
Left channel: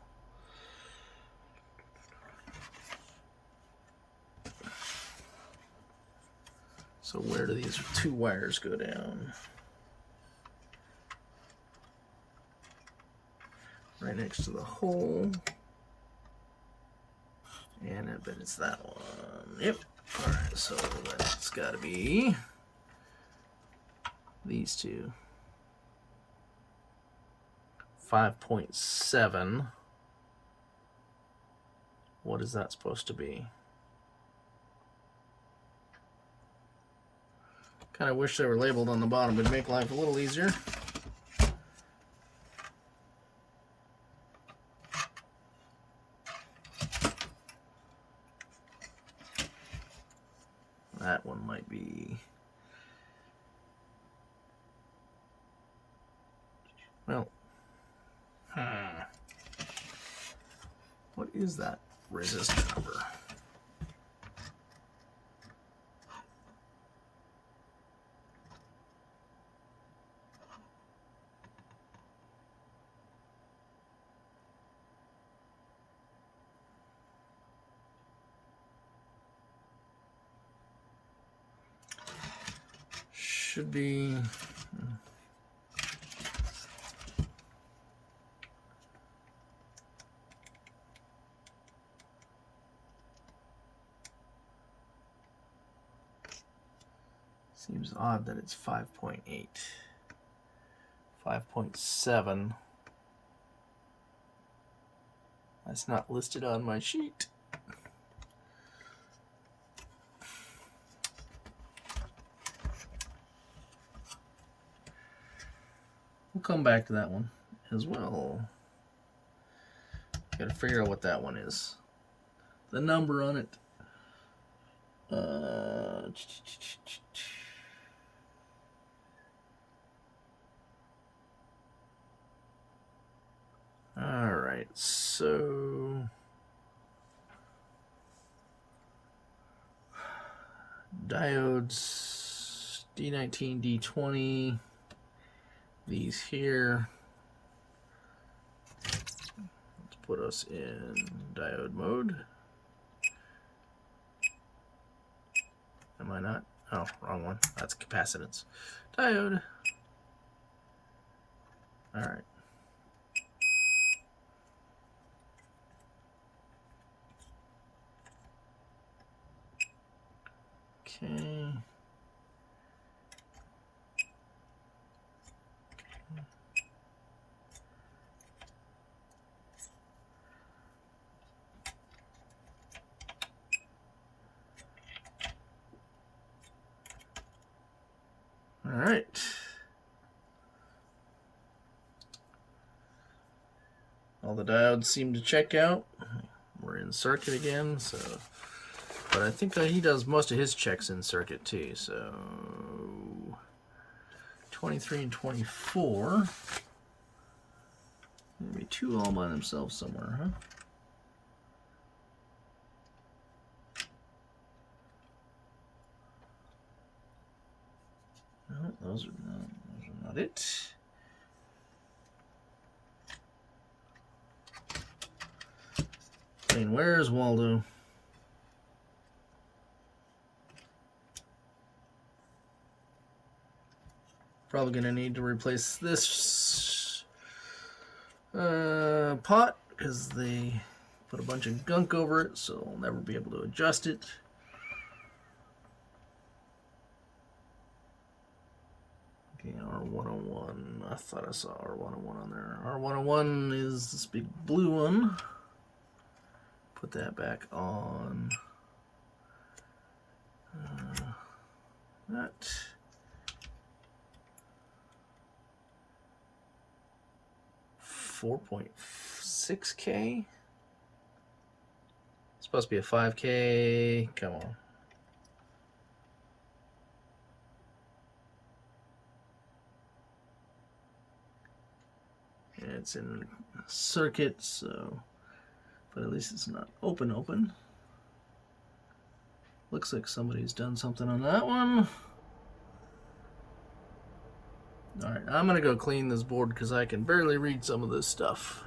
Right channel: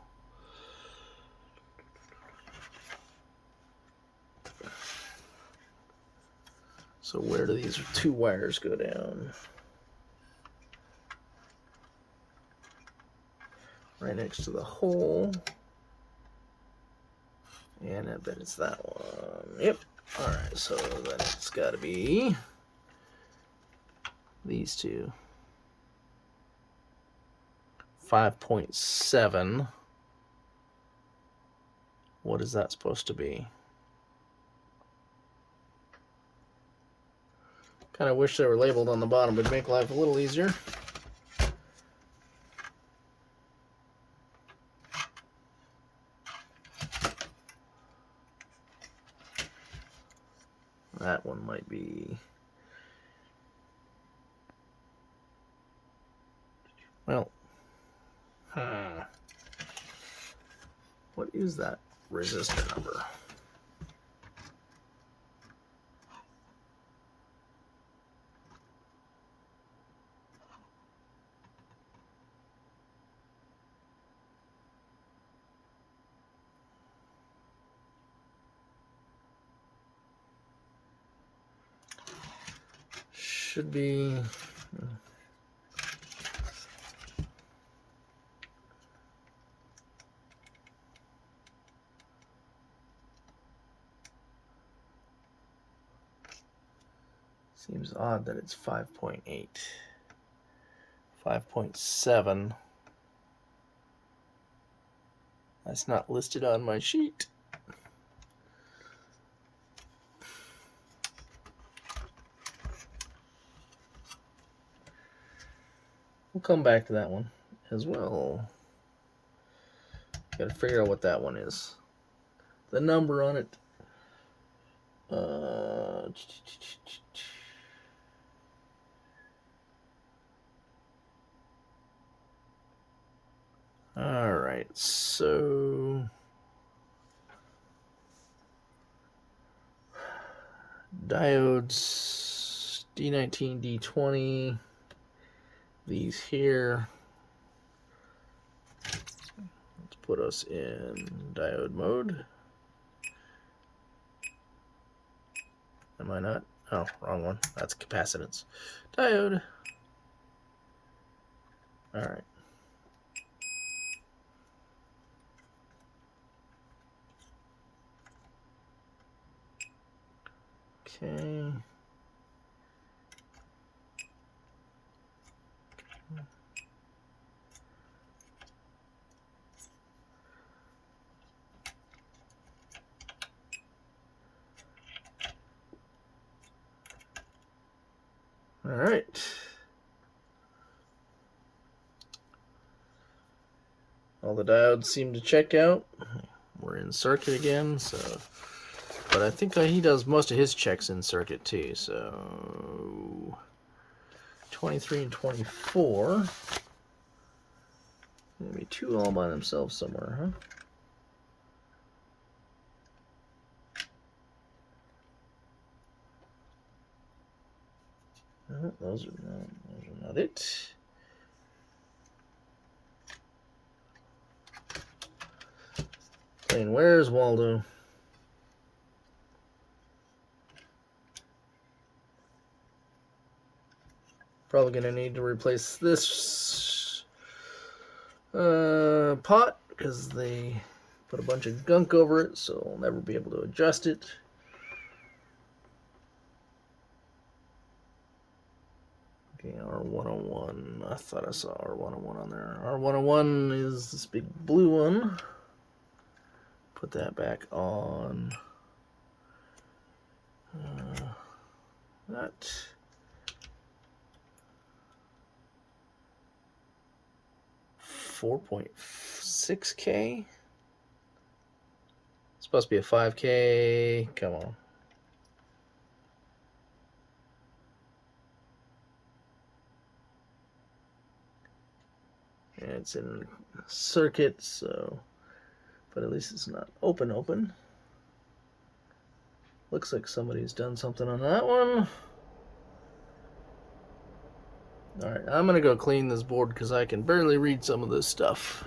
So where do these two wires go down? Right next to the hole. And I bet it's that one. Yep. Alright, so then it's got to be these two. 5.7. What is that supposed to be? Kind of wish they were labeled on the bottom. Would make life a little easier. That one might be... Well, what is that resistor number? Should be... Seems odd that it's 5.8. 5.7. That's not listed on my sheet. We'll come back to that one as well. Gotta figure out what that one is. The number on it. Alright, so diodes D19, D20, these here. Let's put us in diode mode. Am I not? Oh, wrong one. That's capacitance. Diode. Alright. Okay. All right. All the diodes seem to check out. We're in circuit again, so... But I think he does most of his checks in circuit too, so... 23 and 24. There'll be two all by themselves somewhere, huh? No, those are not it. And where's Waldo? Probably gonna need to replace this pot because they put a bunch of gunk over it, so I'll never be able to adjust it. Okay, R101. I thought I saw R101 on there. R101 is this big blue one. Put that back on. $4.6K. It's supposed to be a 5K. Come on. And it's in circuit, so, but at least it's not open. Looks like somebody's done something on that one. Alright, I'm gonna go clean this board because I can barely read some of this stuff.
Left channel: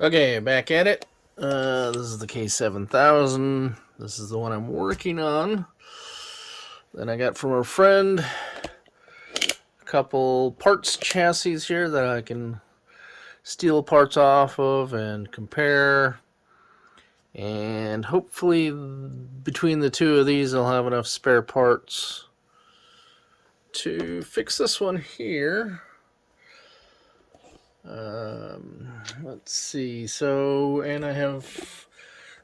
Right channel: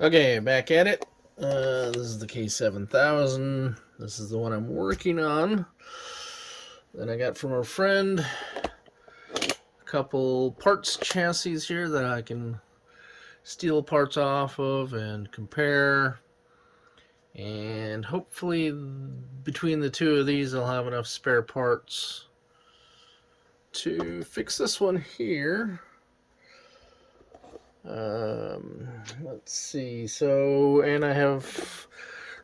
Okay, back at it. This is the K7000. This is the one I'm working on. Then I got from a friend a couple parts chassis here that I can steal parts off of and compare. And hopefully between the two of these I'll have enough spare parts to fix this one here. Let's see. So, and I have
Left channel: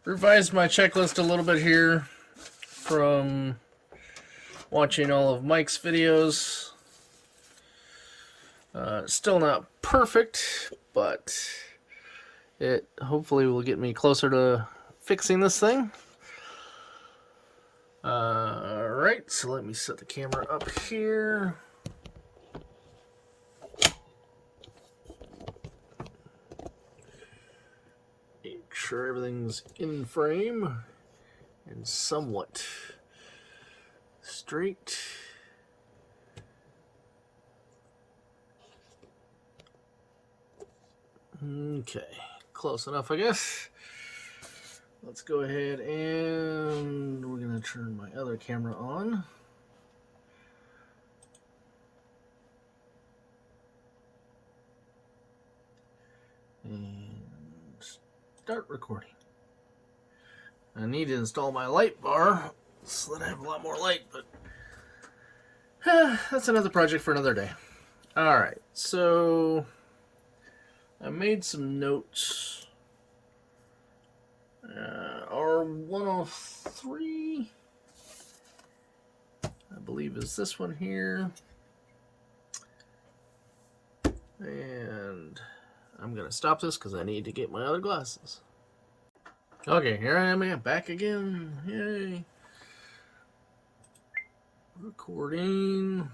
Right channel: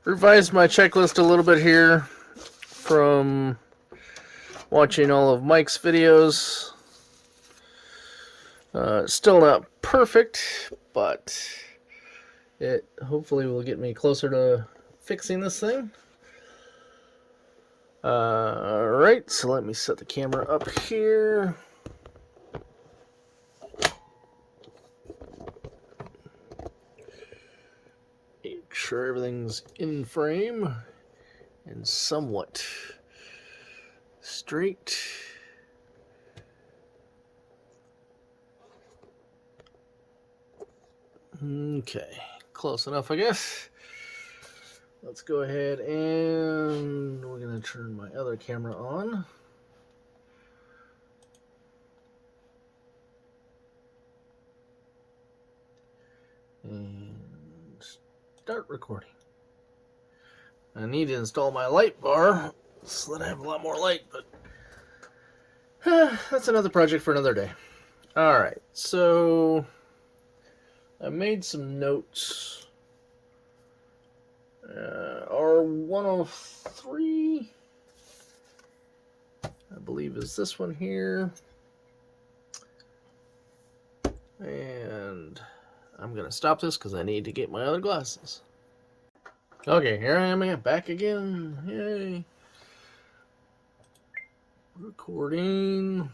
revised my checklist a little bit here from watching all of Mike's videos. Still not perfect, but it hopefully will get me closer to fixing this thing. Alright, so let me set the camera up here. Make sure everything's in frame and somewhat straight. Okay, close enough, I guess. Let's go ahead and we're going to turn my other camera on. And start recording. I need to install my light bar so that I have a lot more light, but that's another project for another day. Alright, so I made some notes. R103, I believe, is this one here. And I'm going to stop this because I need to get my other glasses. Okay, here I am back again. Yay. Recording.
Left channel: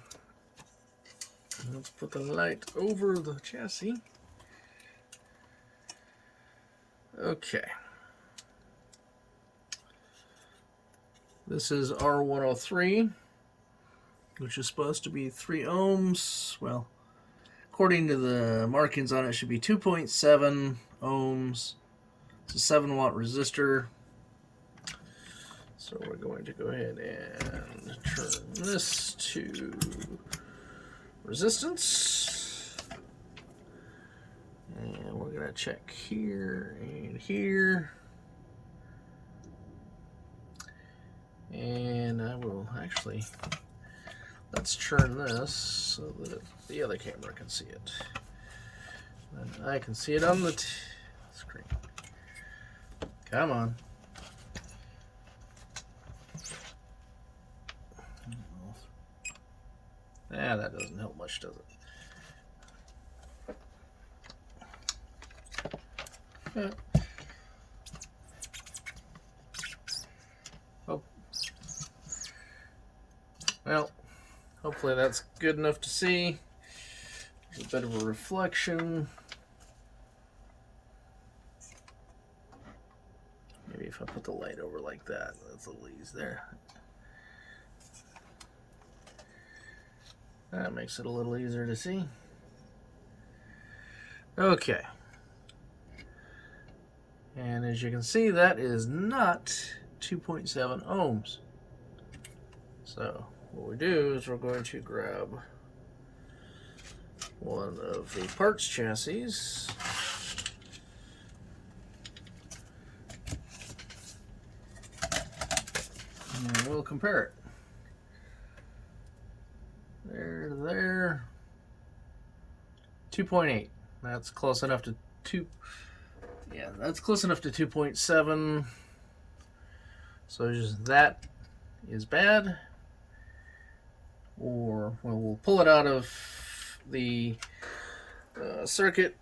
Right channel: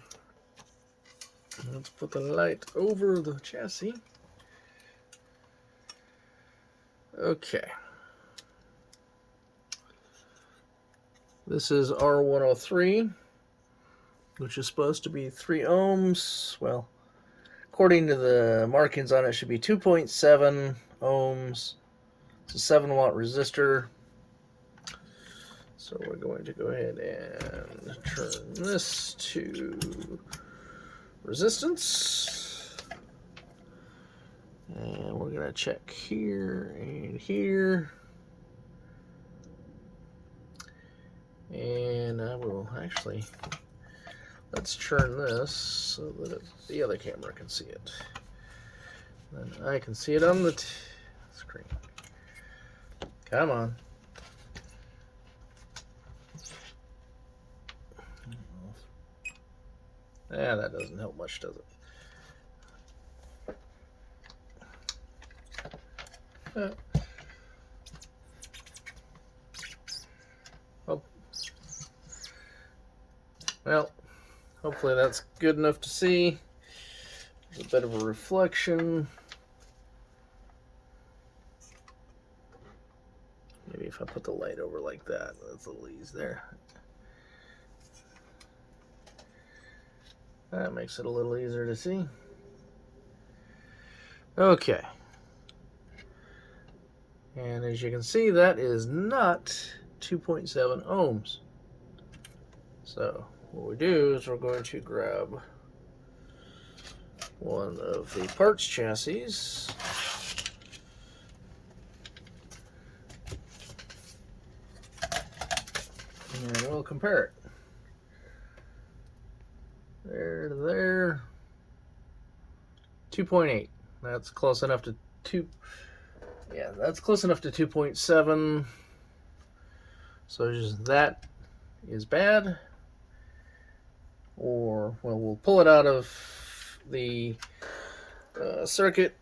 Let's put the light over the chassis. Okay. This is R103, which is supposed to be 3 ohms. Well, according to the markings on it, it should be 2.7 ohms. It's a 7-watt resistor. So we're going to go ahead and turn this to resistance. And we're going to check here and here. And I will actually, let's turn this so that the other camera can see it. And I can see it on the screen. Come on. Yeah, that doesn't help much, does it? Oh. Well, hopefully that's good enough to see. There's a bit of a reflection. Maybe if I put the light over like that, that's a little easy there. That makes it a little easier to see. Okay. And as you can see, that is not 2.7 ohms. So what we do is we're going to grab one of the parts chassis and we'll compare it. There. 2.8. That's close enough to 2. Yeah, that's close enough to 2.7. So just that is bad. or, well, we'll pull it out of the circuit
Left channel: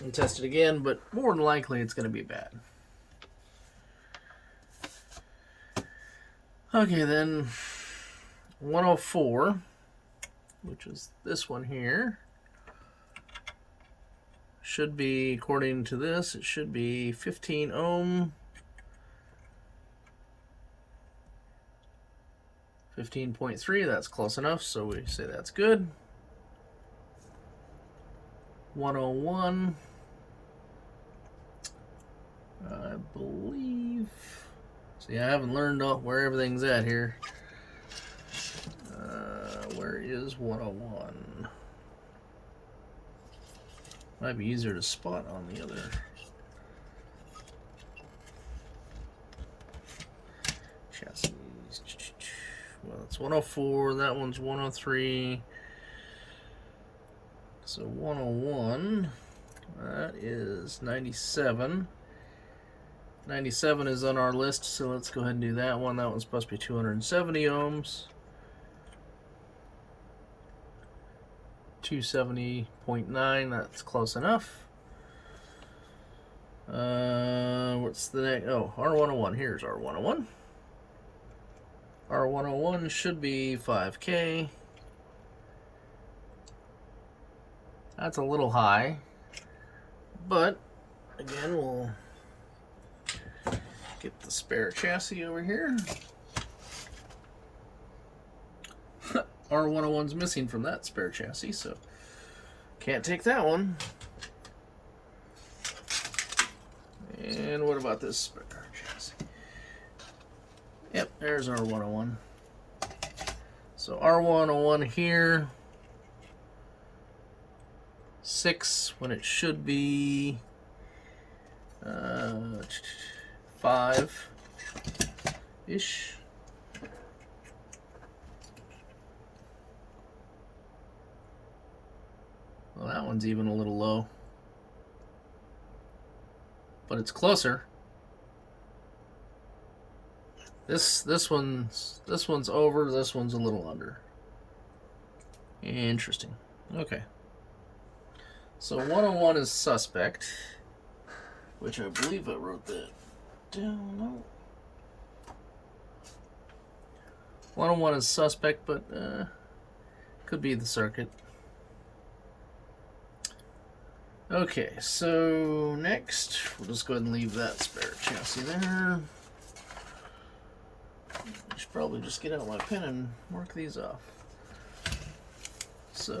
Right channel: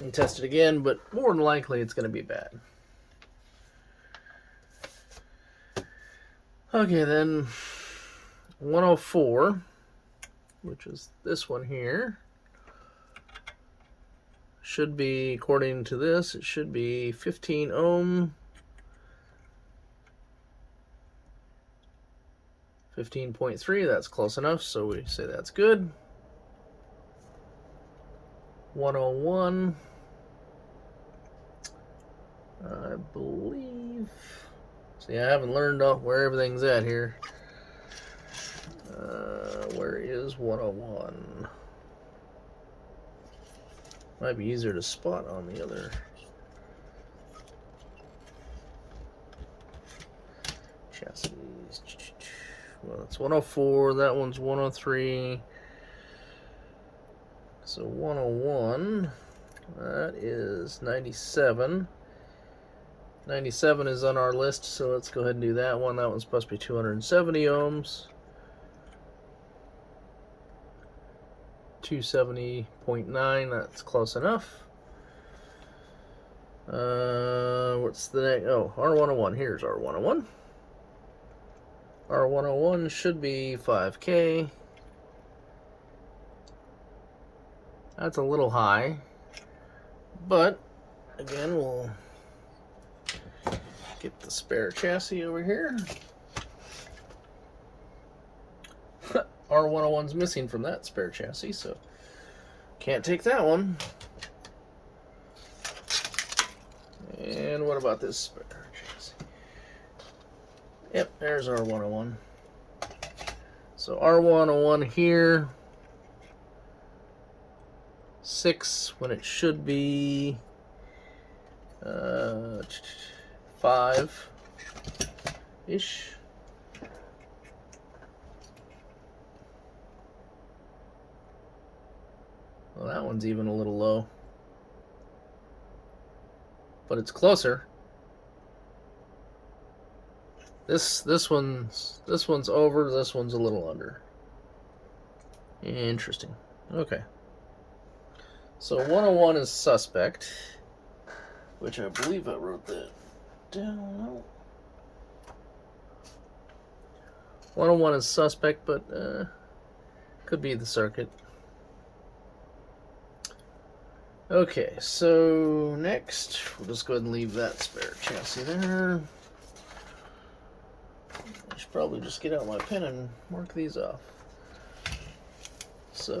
and test it again, but more than likely it's going to be bad. Okay, then 104, which is this one here, should be, according to this, it should be 15 ohm, 15.3, that's close enough, so we say that's good. 101, I believe, see, I haven't learned where everything's at here. Where is 101? Might be easier to spot on the other. Chassis. Well, that's 104. That one's 103. So 101. That is 97. 97 is on our list, so let's go ahead and do that one. That one's supposed to be 270 ohms. 270.9, that's close enough. What's the next? Oh, R101. Here's R101. R101 should be 5K. That's a little high, but again, we'll get the spare chassis over here. R101's missing from that spare chassis, so can't take that one. And what about this spare chassis? Yep, there's R101. So R101 here, 6 when it should be 5-ish. Well, that one's even a little low, but it's closer. This one's over. This one's a little under. Interesting. Okay. So 101 is suspect, which I believe I wrote that down. 101 is suspect, but could be the circuit. Okay, so next, we'll just go ahead and leave that spare chassis there. I should probably just get out my pen and mark these off. So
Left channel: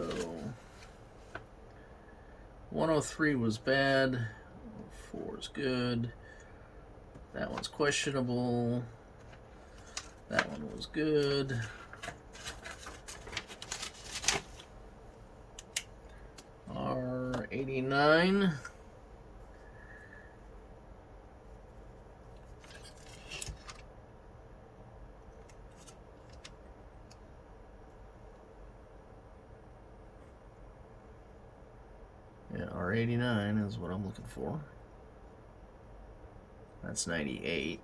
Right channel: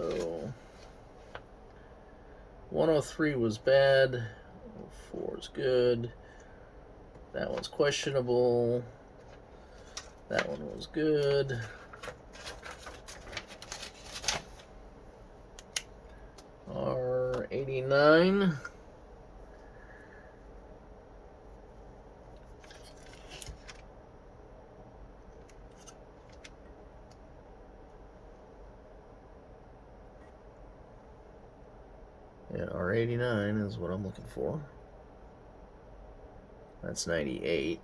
103 was bad, 104 is good, that one's questionable, that one was good. R89. Yeah, R89 is what I'm looking for. That's 98.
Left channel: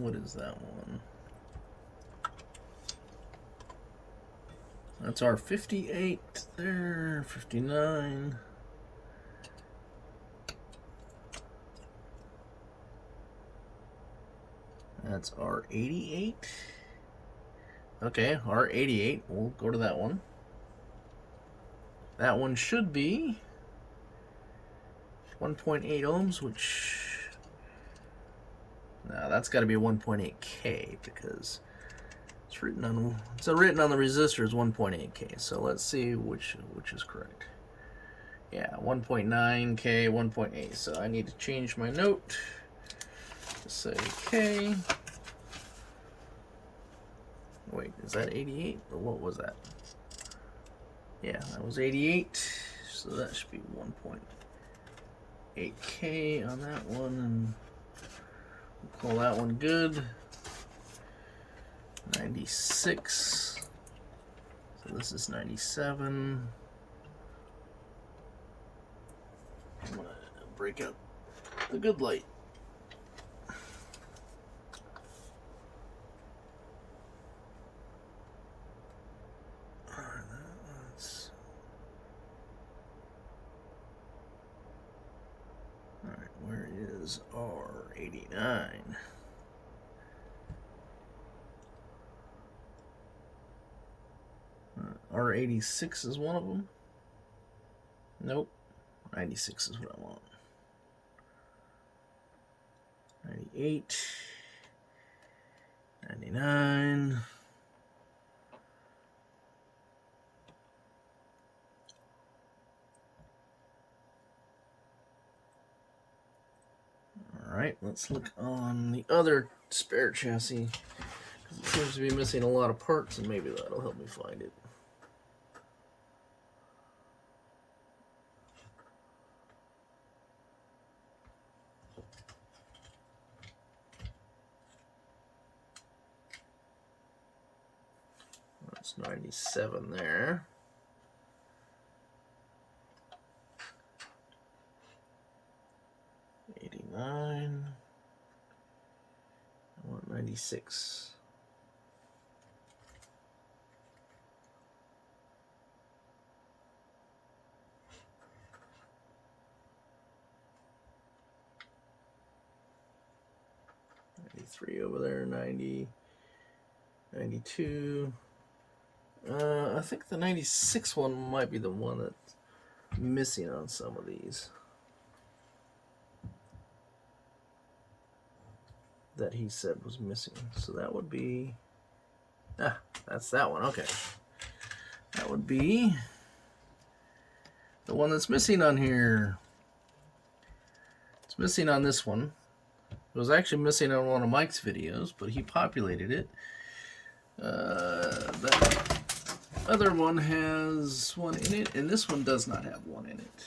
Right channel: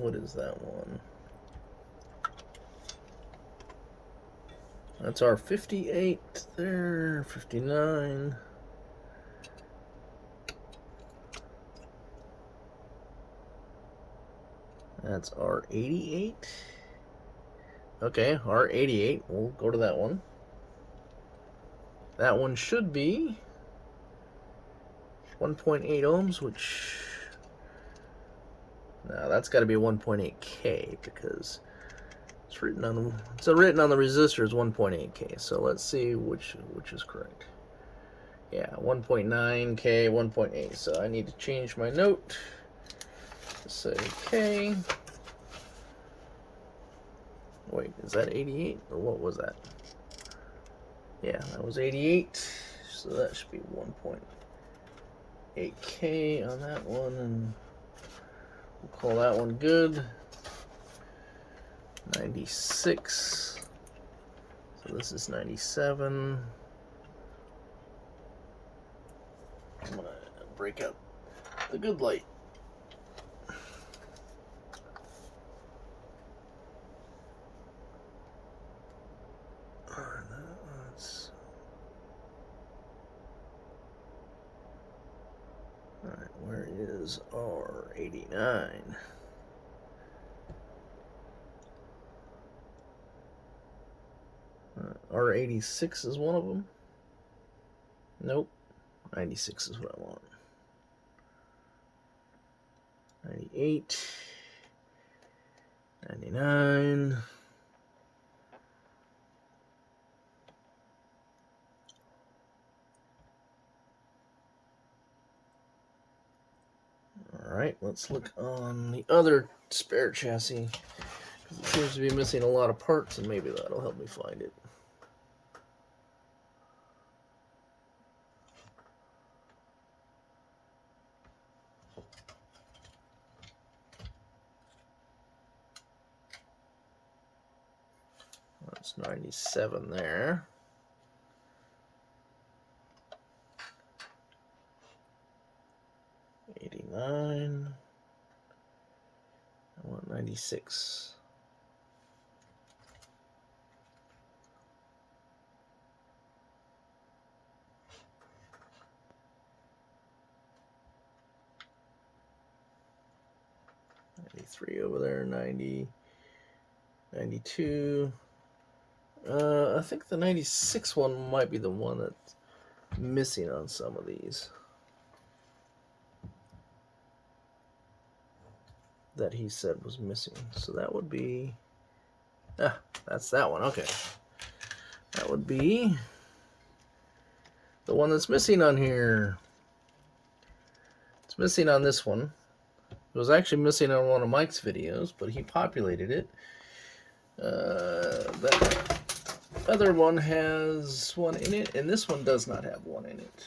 What is that one? That's our 58 there, 59. That's R88. Okay, R88. We'll go to that one. That one should be 1.8 ohms, which... Now that's got to be a 1.8K because it's written on the resistor as 1.8K. So let's see which is correct. Yeah, 1.9K, 1.8. So I need to change my note to say K. Wait, is that 88 or what was that? Yeah, that was 88. So that should be 1.8K on that one, and we'll call that one good. 96. So This is 97. I'm gonna break out the good light. Alright, where is R89? R86 is one of them. Nope. 96 is what I want. 98. 99. Alright, let's look on the other spare chassis, because it seems to be missing a lot of parts, and maybe that'll help me find it. That's 97 there. I want 96. Over there, 90, 92. I think the 96 one might be the one that's missing on some of these. That he said was missing. So that would be, that's that one. Okay. That would be the one that's missing on here. It's missing on this one. It was actually missing on one of Mike's videos, but he populated it. That other one has one in it, and this one does not have one in it.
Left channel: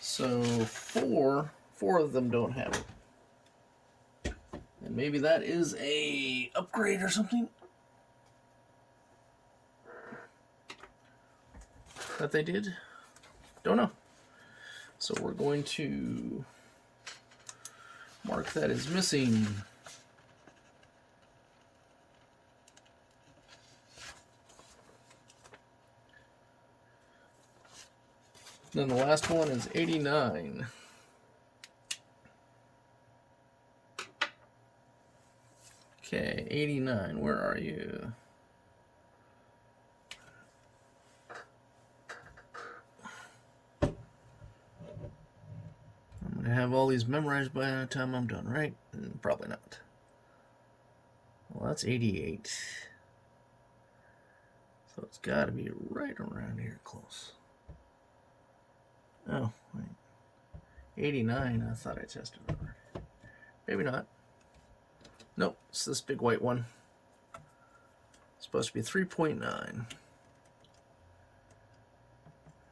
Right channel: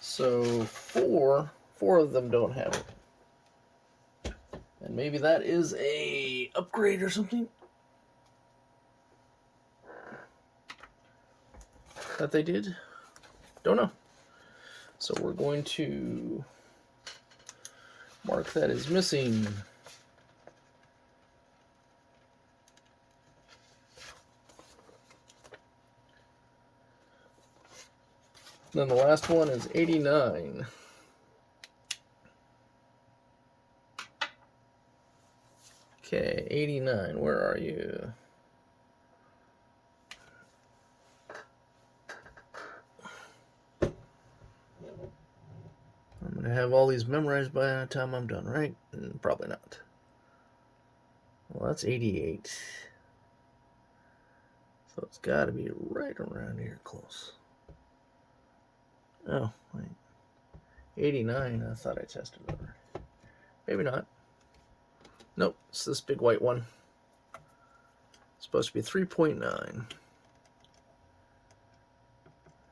So four of them don't have it. And maybe that is a upgrade or something that they did. Don't know. So we're going to mark that as missing. Then the last one is 89. Okay, 89, where are you? I'm going to have all these memorized by the time I'm done, right? Probably not. Well, that's 88. So it's got to be right around here close. Oh, wait. 89, I thought I tested over. Maybe not. Nope, it's this big white one. It's supposed to be 3.9.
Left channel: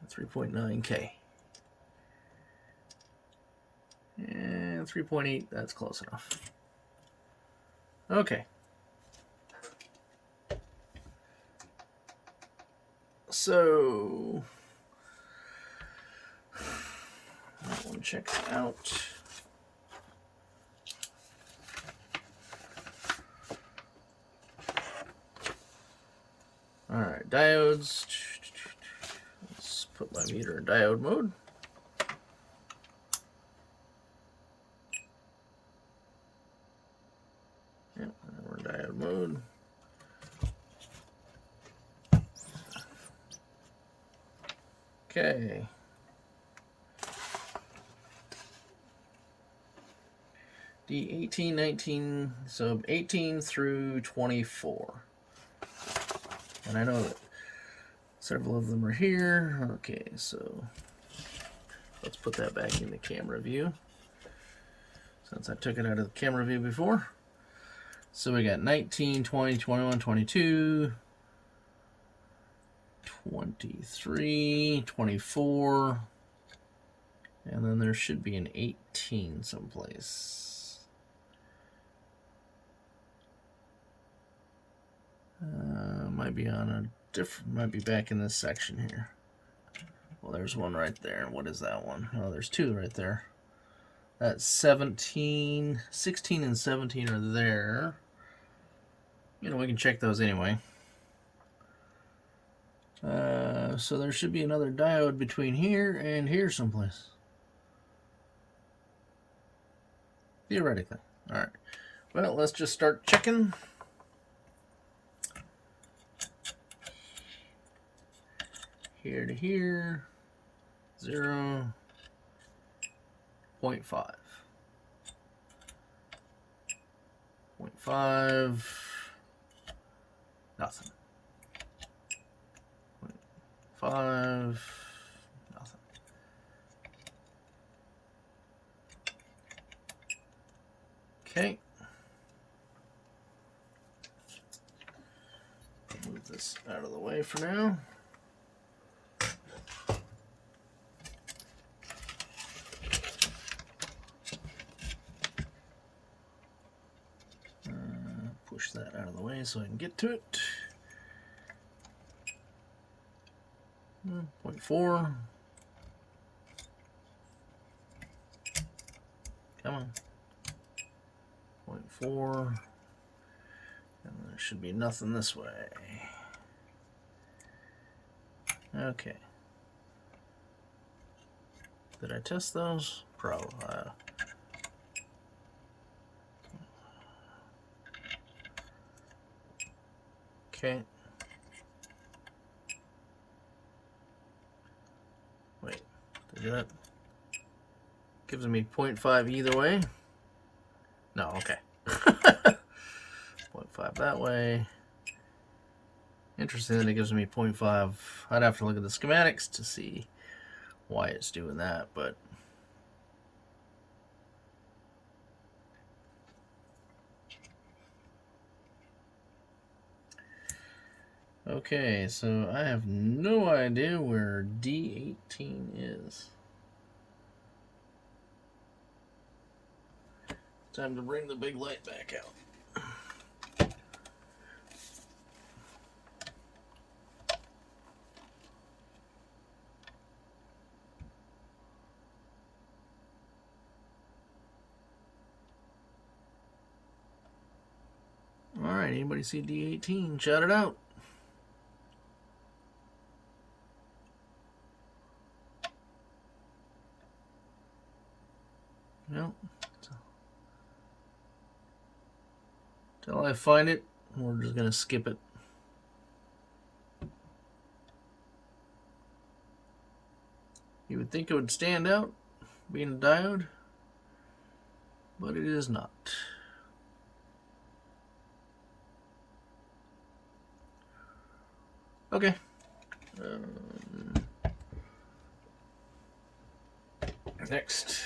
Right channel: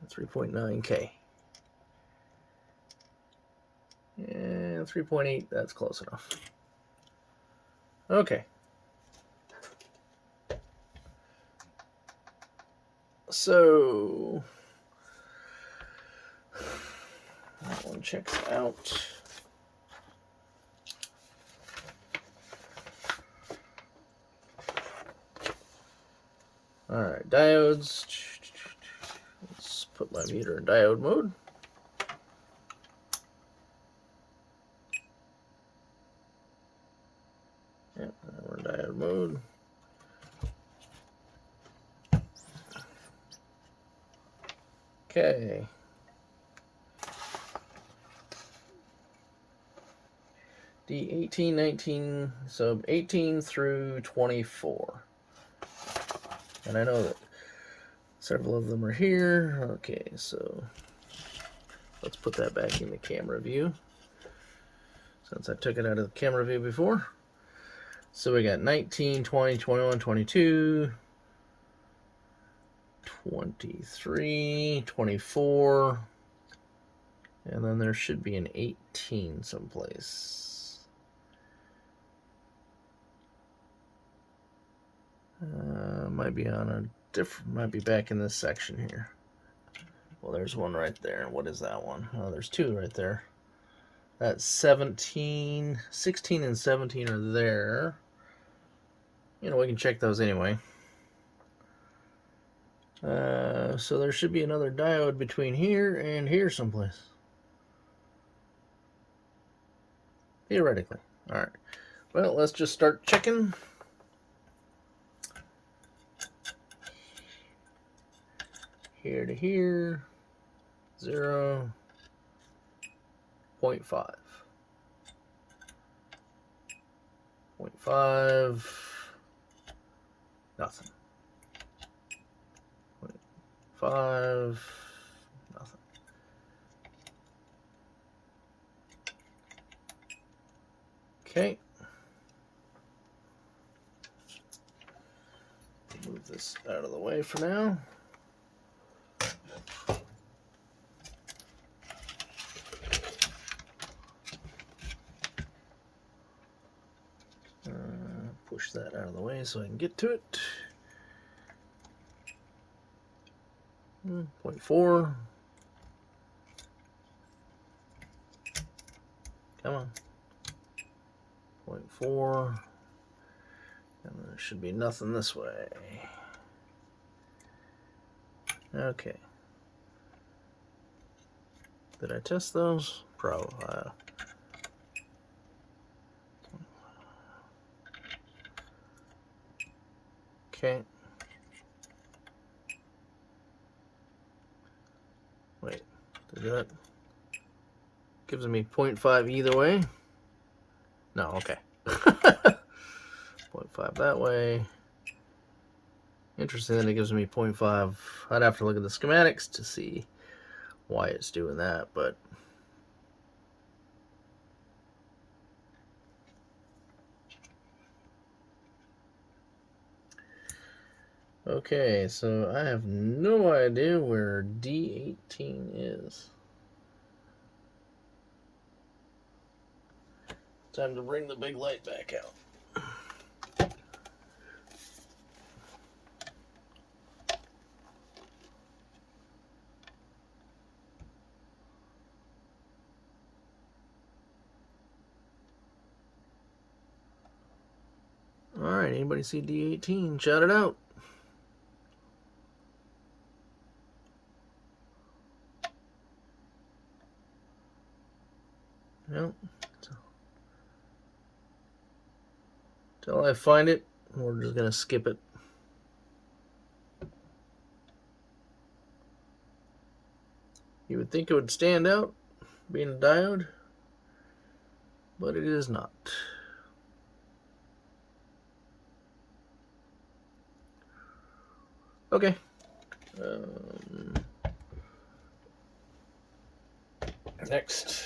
3.9K. Yeah, 3.8, that's close enough. Okay. So that one checks out. All right, diodes. Let's put my meter in diode mode. Yep, we're in diode mode. Okay. D18, 19, so 18 through 24. And I know that several of them are here. Okay, so let's put that back in the camera view, since I took it out of the camera view before. So we got 19, 20, 21, 22, 23, 24, and then there should be an 18 someplace. Might be on a different. Might be back in this section here. Well, there's one right there. What is that one? Oh, there's two right there. That's 17, 16 and 17 are there. You know, we can check those anyway. So there should be another diode between here and here someplace. Theoretically. Alright. Well, let's just start checking. Here to here. 0. 0.5. 0.5. Nothing. 0.5. Nothing. Okay. Move this out of the way for now. Push that out of the way so I can get to it. 0.4. Come on. 0.4. And there should be nothing this way. Okay. Did I test those? Probably. Okay. Wait, did that gives me 0.5 either way? No, okay. 0.5 that way. Interesting that it gives me 0.5. I'd have to look at the schematics to see why it's doing that, but okay, so I have no idea where D18 is. Time to bring the big light back out. All right, anybody see D18? Shout it out. Well, till I find it, we're just gonna skip it. You would think it would stand out, being a diode, but it is not. Okay. Next.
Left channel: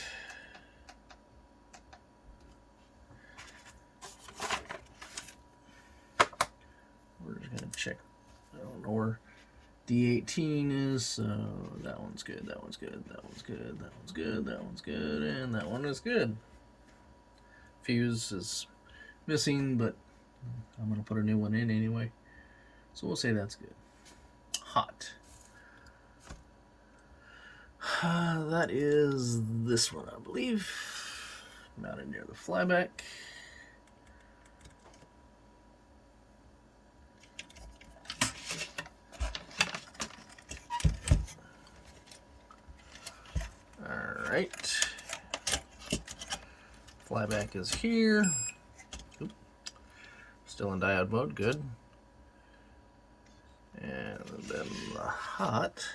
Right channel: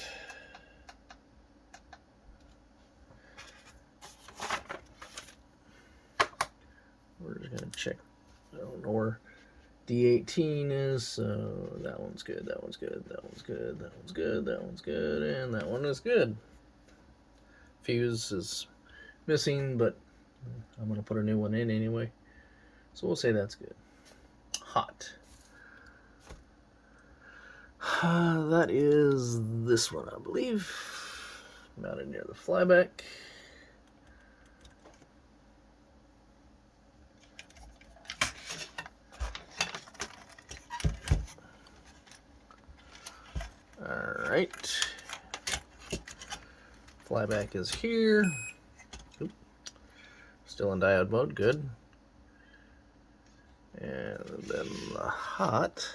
We're just going to check. I don't know where D18 is, so that one's good, that one's good, that one's good, that one's good, that one's good, and that one is good. Fuse is missing, but I'm going to put a new one in anyway. So we'll say that's good. Hot. That is this one, I believe. Mounted near the flyback. Alright. Flyback is here. Oop. Still in diode mode, good. And then the hot.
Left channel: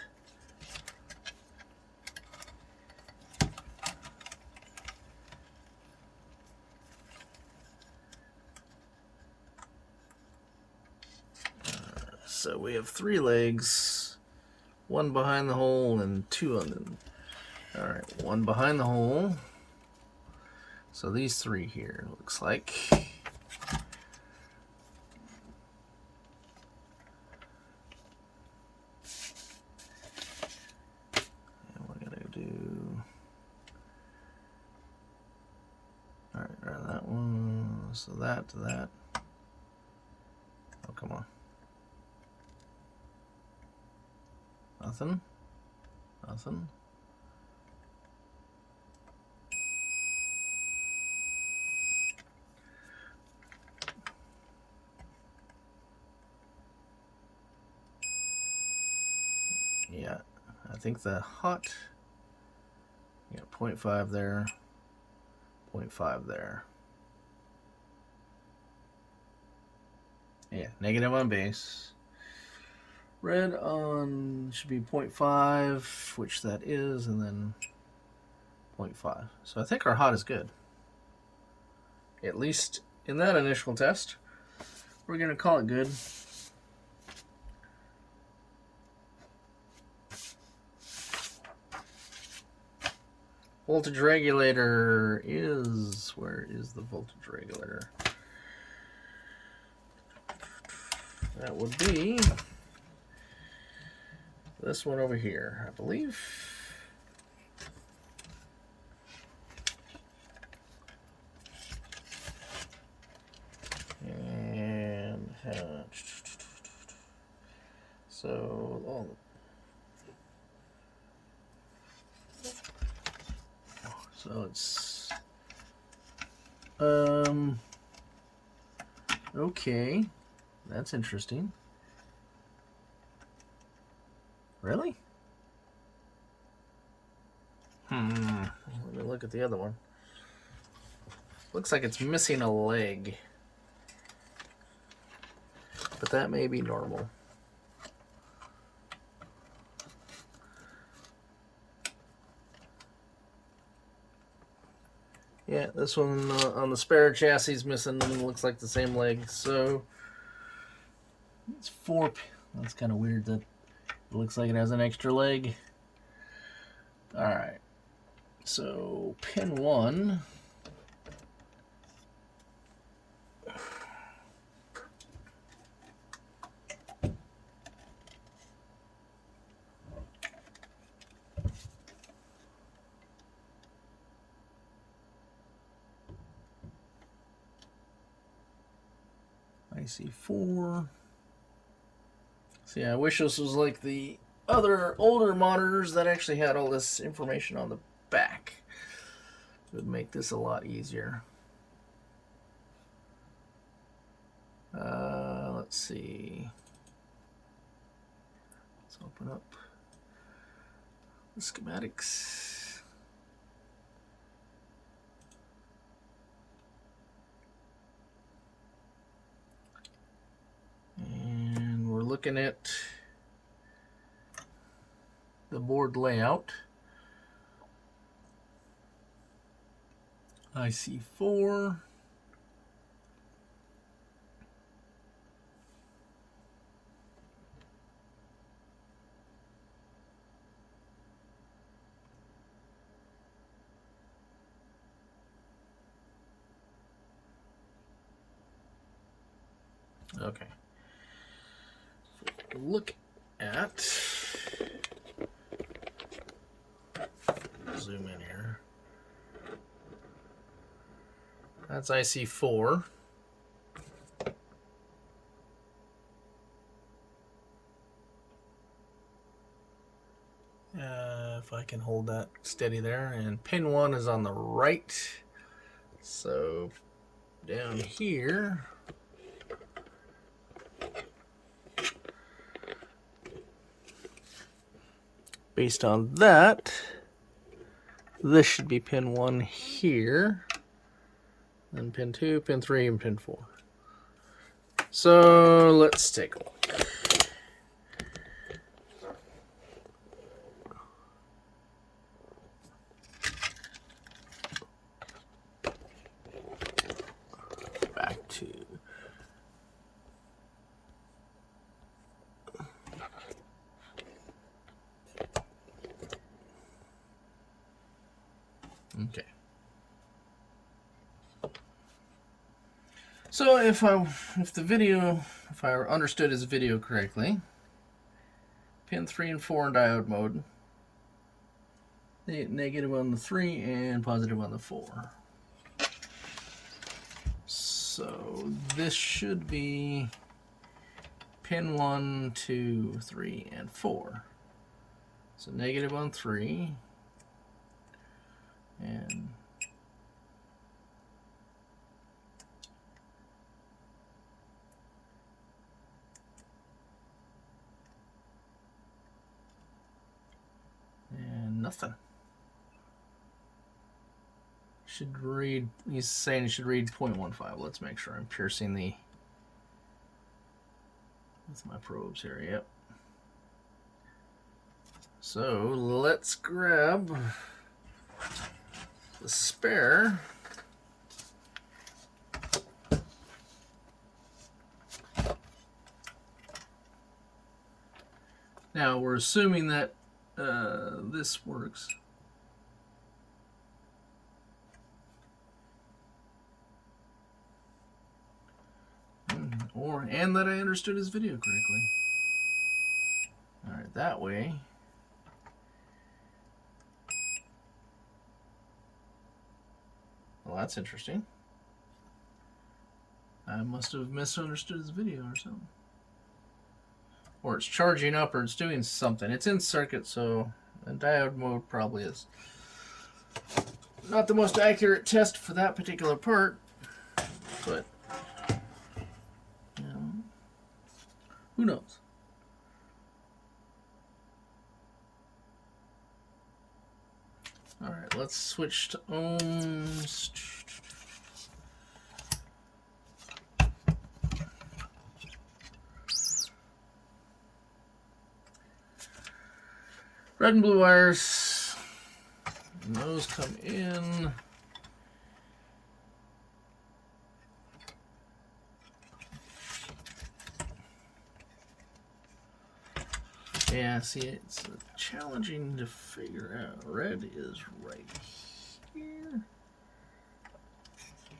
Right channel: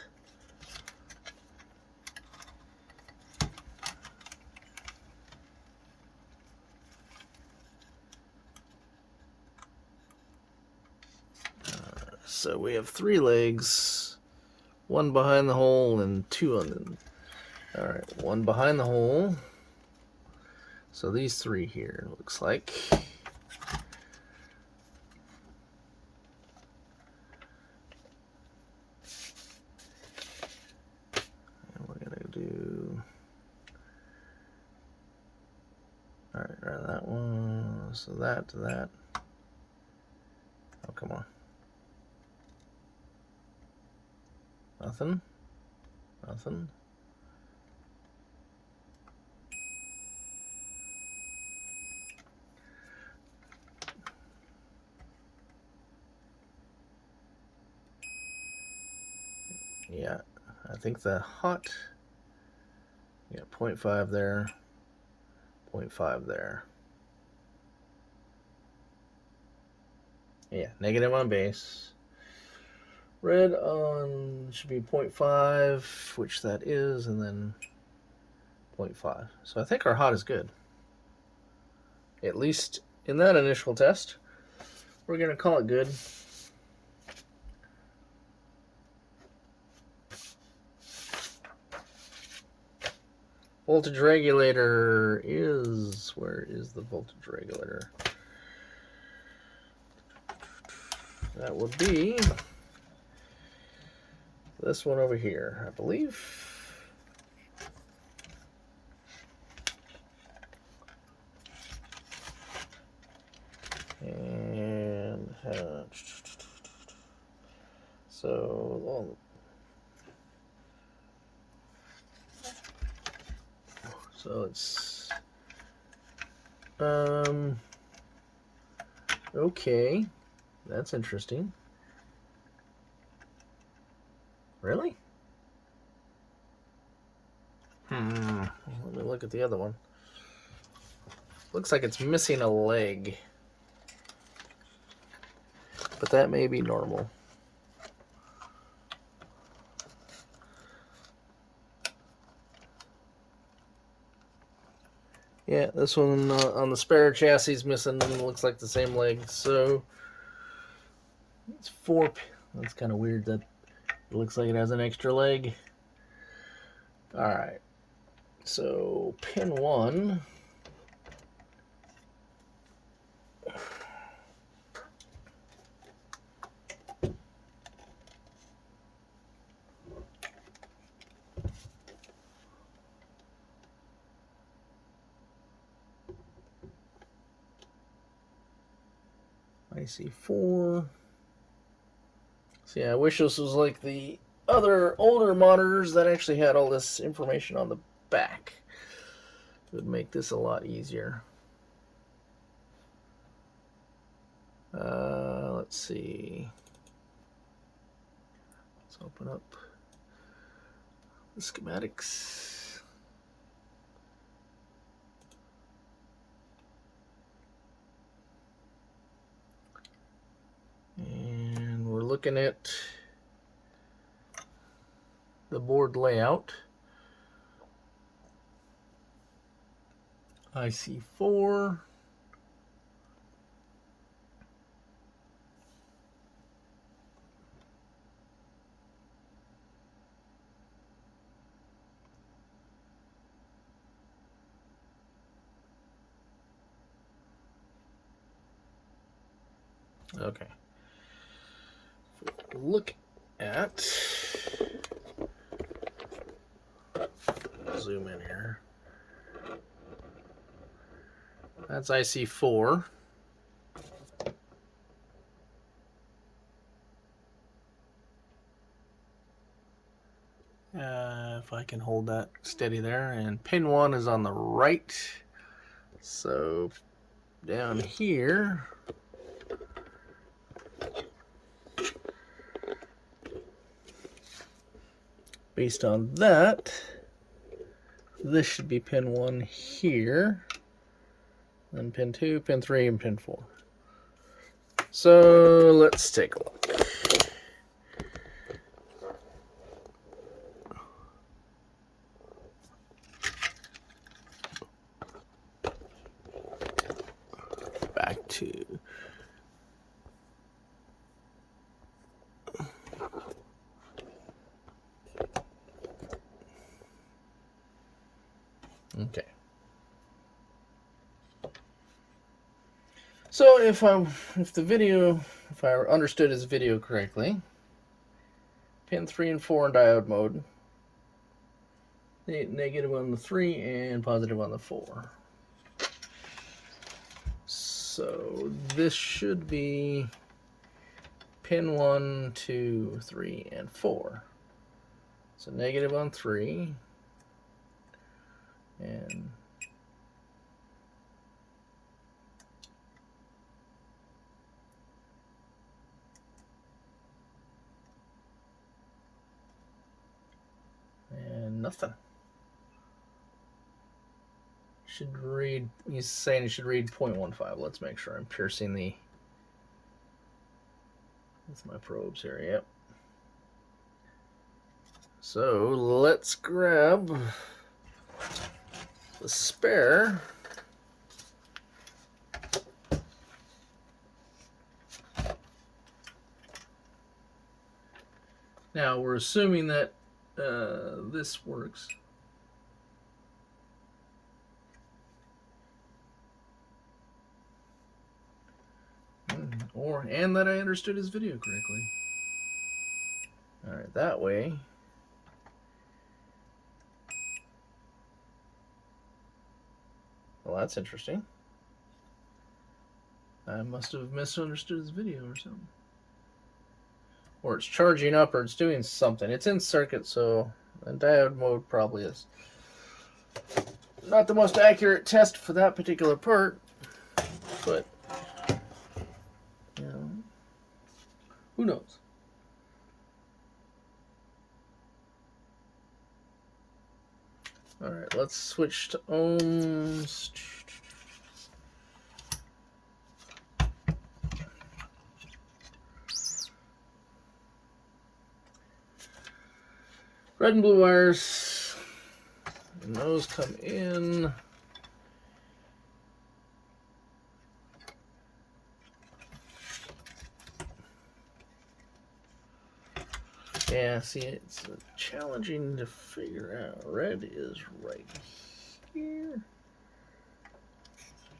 So we have 3 legs, 1 behind the hole and 2 on the. All right, 1 behind the hole. So these 3 here looks like. We're gonna do. All right, that one. So that to that. Oh, come on. Nothing. Nothing. Yeah, I think the hot, yeah, 0.5 there, 0.5 there. Yeah, negative on base. Red on should be 0.5, which that is, and then 0.5. So I think our hot is good. At least in that initial test, we're going to call it good. Voltage regulator is, where is the voltage regulator? That would be this one over here, I believe. And so it's okay, that's interesting. Really? Let me look at the other one. Looks like it's missing a leg, but that may be normal. Yeah, this one on the spare chassis is missing. Looks like the same leg. So it's 4. That's kind of weird that it looks like it has an extra leg. All right. So pin 1. IC4. See, I wish this was like the other older monitors that actually had all this information on the back. It would make this a lot easier. Let's see. Let's open up the schematics. And we're looking at the board layout. IC4. Okay. Look at, zoom in here. That's IC4. If I can hold that steady there, and pin 1 is on the right. So down here, based on that, this should be pin 1 here, then pin 2, pin 3, and pin 4. So let's take a look. Back to okay. So if I understood his video correctly, pin 3 and 4 in diode mode, negative on the 3 and positive on the 4. So this should be pin 1, 2, 3, and 4. It's a negative on 3. And nothing. Should read, he's saying it should read 0.15. Let's make sure I'm piercing the, with my probes here, yep. So let's grab the spare. Now we're assuming that this works. And that I understood his video correctly. Alright, that way. Well, that's interesting. I must have misunderstood his video or something. Or it's charging up or it's doing something. It's in circuit, so diode mode probably is not the most accurate test for that particular part. But, you know, who knows? Alright, let's switch to ohms. Red and blue wires, and those come in. Yeah, see, it's challenging to figure out. Red is right here.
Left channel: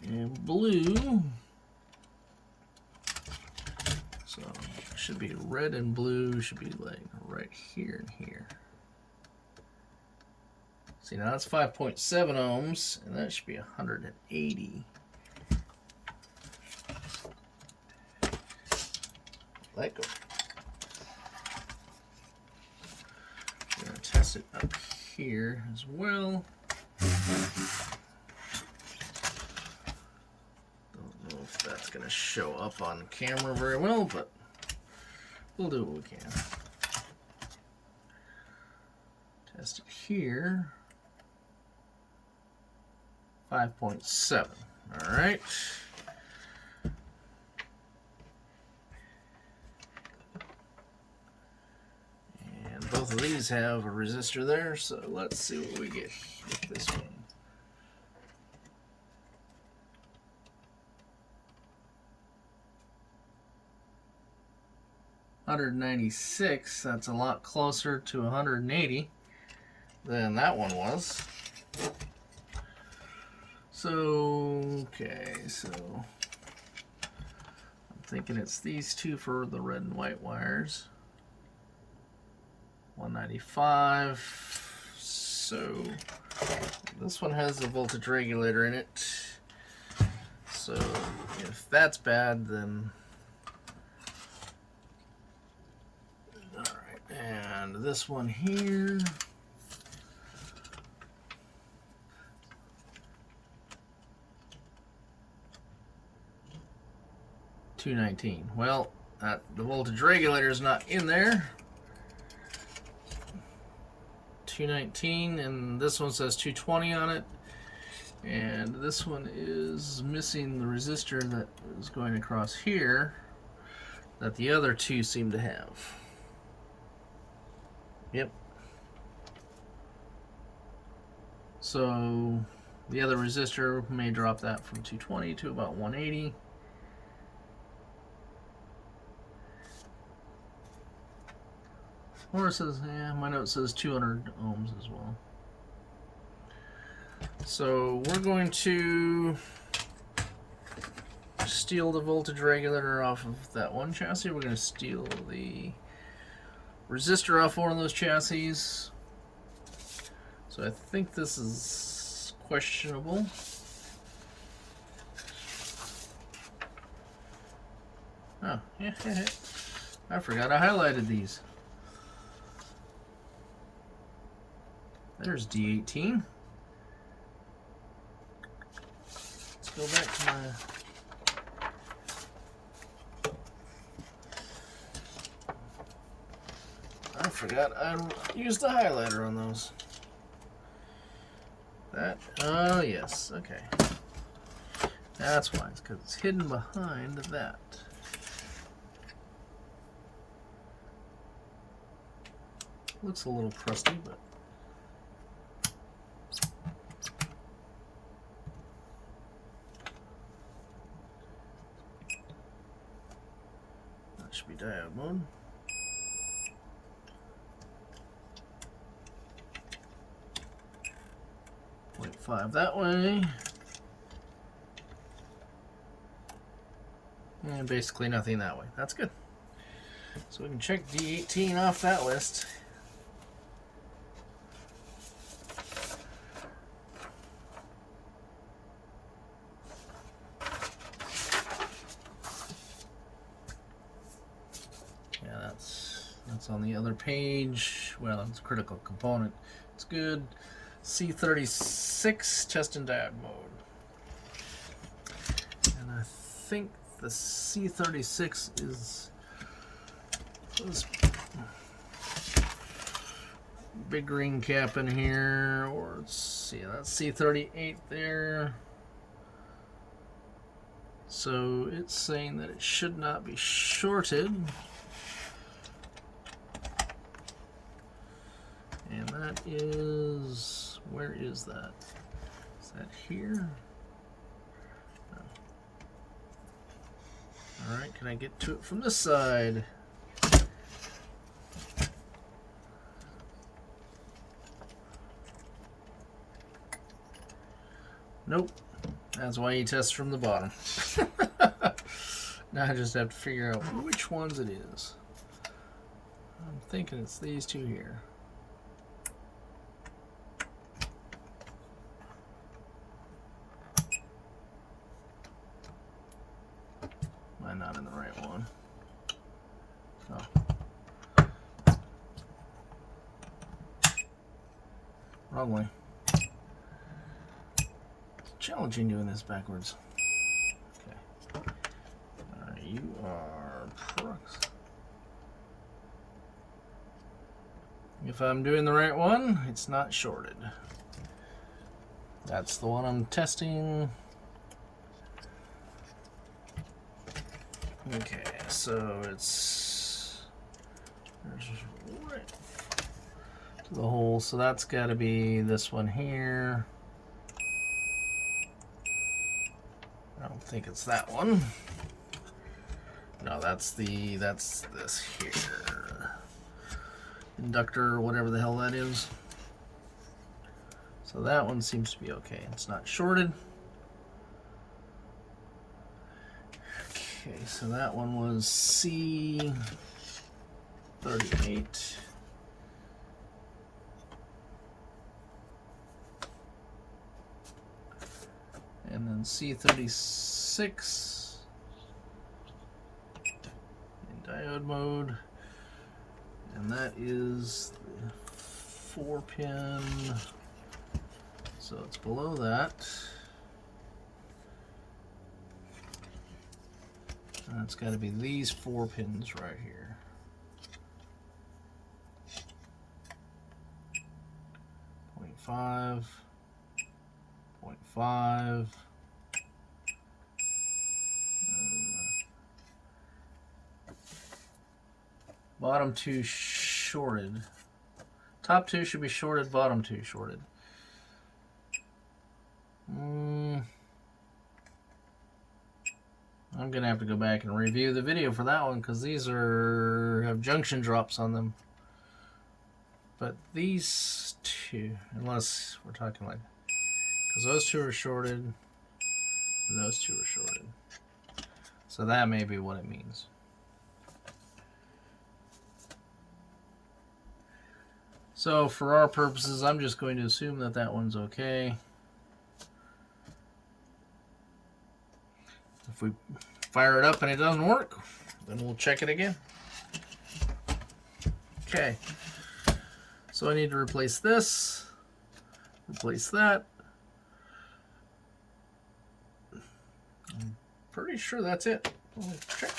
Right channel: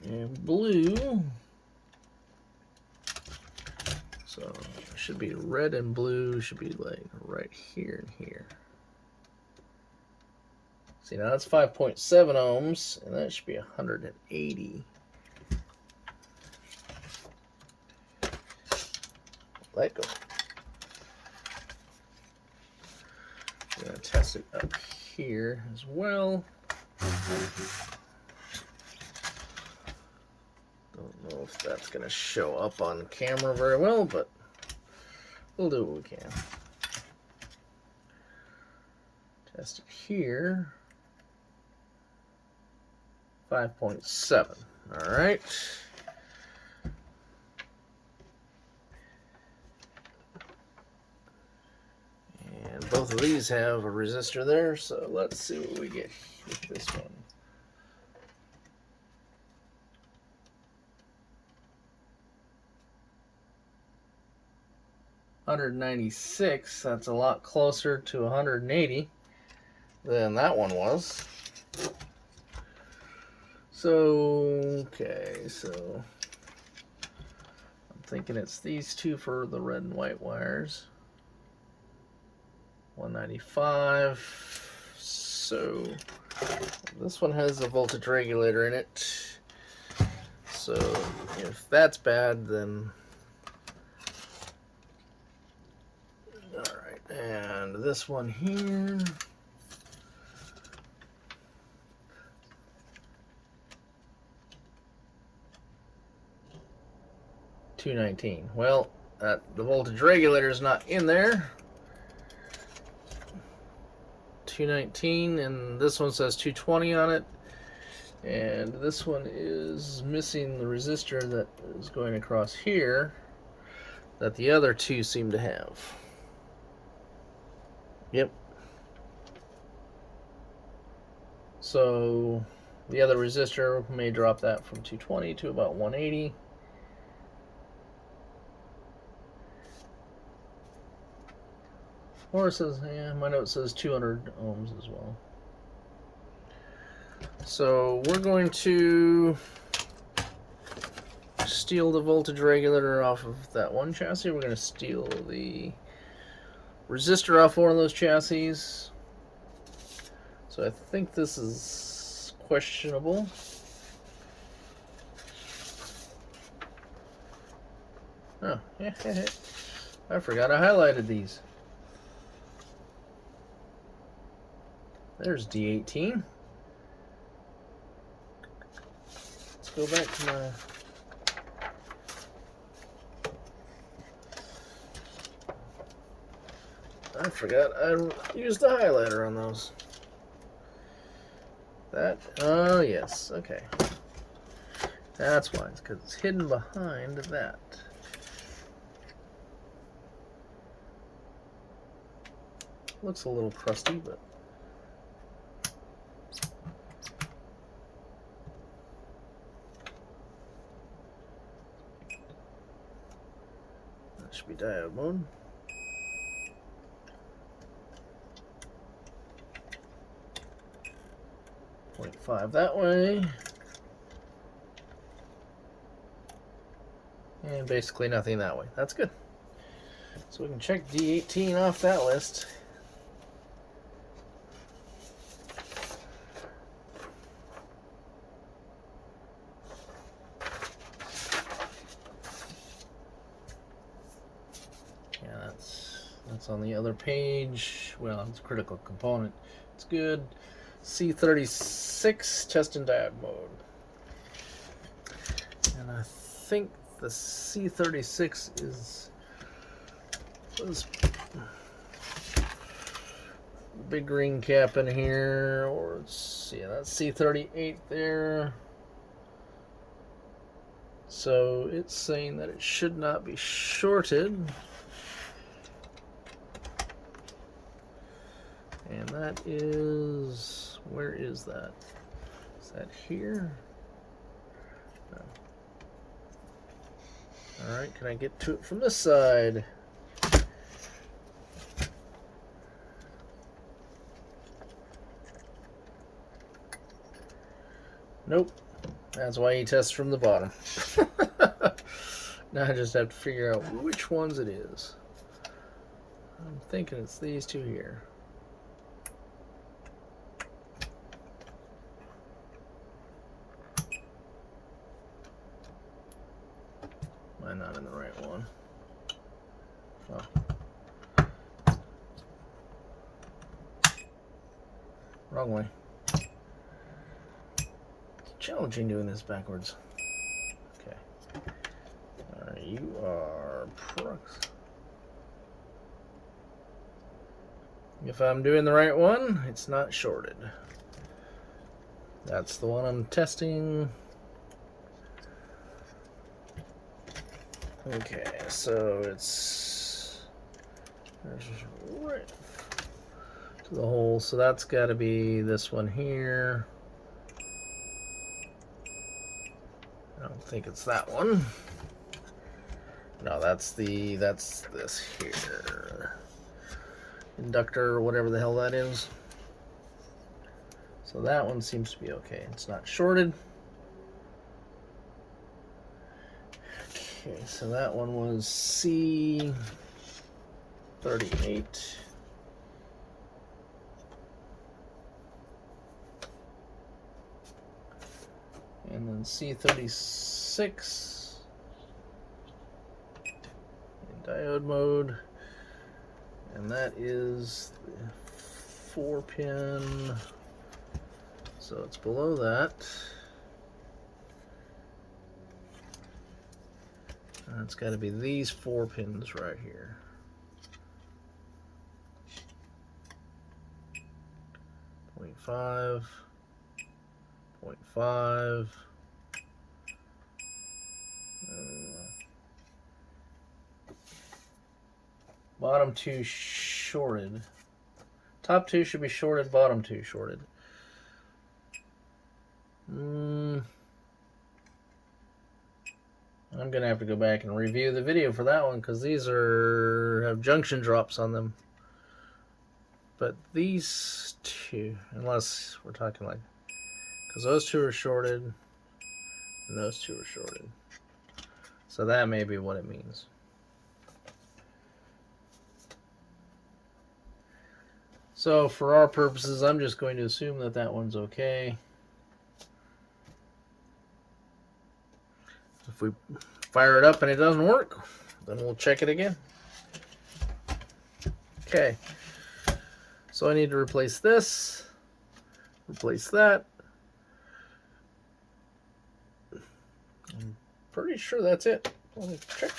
And blue. So it should be red and blue, should be like right here and here. See, now that's 5.7 ohms, and that should be 180. Let go. We're going to test it up here as well. Don't know if that's going to show up on camera very well, but we'll do what we can. Test it here. 5.7. All right. And both of these have a resistor there, so let's see what we get with this one. $196, that's a lot closer to 180 than that one was. So, okay, so I'm thinking it's these two for the red and white wires. 195. So this one has a voltage regulator in it. So if that's bad, then all right. And this one here. $219. Well, the voltage regulator is not in there. $219, and this one says 220 on it, and this one is missing the resistor that is going across here that the other two seem to have. Yep. So the other resistor may drop that from 220 to about 180. Or it says, yeah, my note says 200 ohms as well. So we're going to steal the voltage regulator off of that one chassis. We're going to steal the resistor off one of those chassis. So I think this is questionable. Oh, I forgot I highlighted these. There's D18. Let's go back to my... I forgot I used the highlighter on those. That, oh yes, okay. That's why, it's because it's hidden behind that. Looks a little crusty, but that should be diode mode. .5 that way. And basically nothing that way. That's good. So we can check D18 off that list. Yeah, that's on the other page. Well, it's a critical component. It's good. C36 test and diode mode. And I think the C36 is this big green cap in here, or it's, yeah, that's C38 there. So it's saying that it should not be shorted. And that is, where is that? Is that here? No. Alright, can I get to it from this side? Nope. That's why he tests from the bottom. Now I just have to figure out which ones it is. I'm thinking it's these two here. Am I not in the right one? Oh. Wrong way. Challenging doing this backwards. Okay. Alright, you are Prux. If I'm doing the right one, it's not shorted. That's the one I'm testing. Okay, so it's just right to the hole. So that's got to be this one here. I don't think it's that one. No, that's this here. Inductor or whatever the hell that is. So that one seems to be okay. It's not shorted. Okay, so that one was C38. And then C36 in diode mode, and that is the 4-pin, so it's below that. And it's got to be these 4 pins right here. .5, .5. Bottom 2 shorted. Top 2 should be shorted, bottom 2 shorted. I'm gonna have to go back and review the video for that one because these have junction drops on them. But these two, unless we're talking like, because those two are shorted and those two are shorted. So that may be what it means. So for our purposes, I'm just going to assume that that one's okay. If we fire it up and it doesn't work, then we'll check it again. Okay. So I need to replace this. Replace that. I'm pretty sure that's it. Let me check.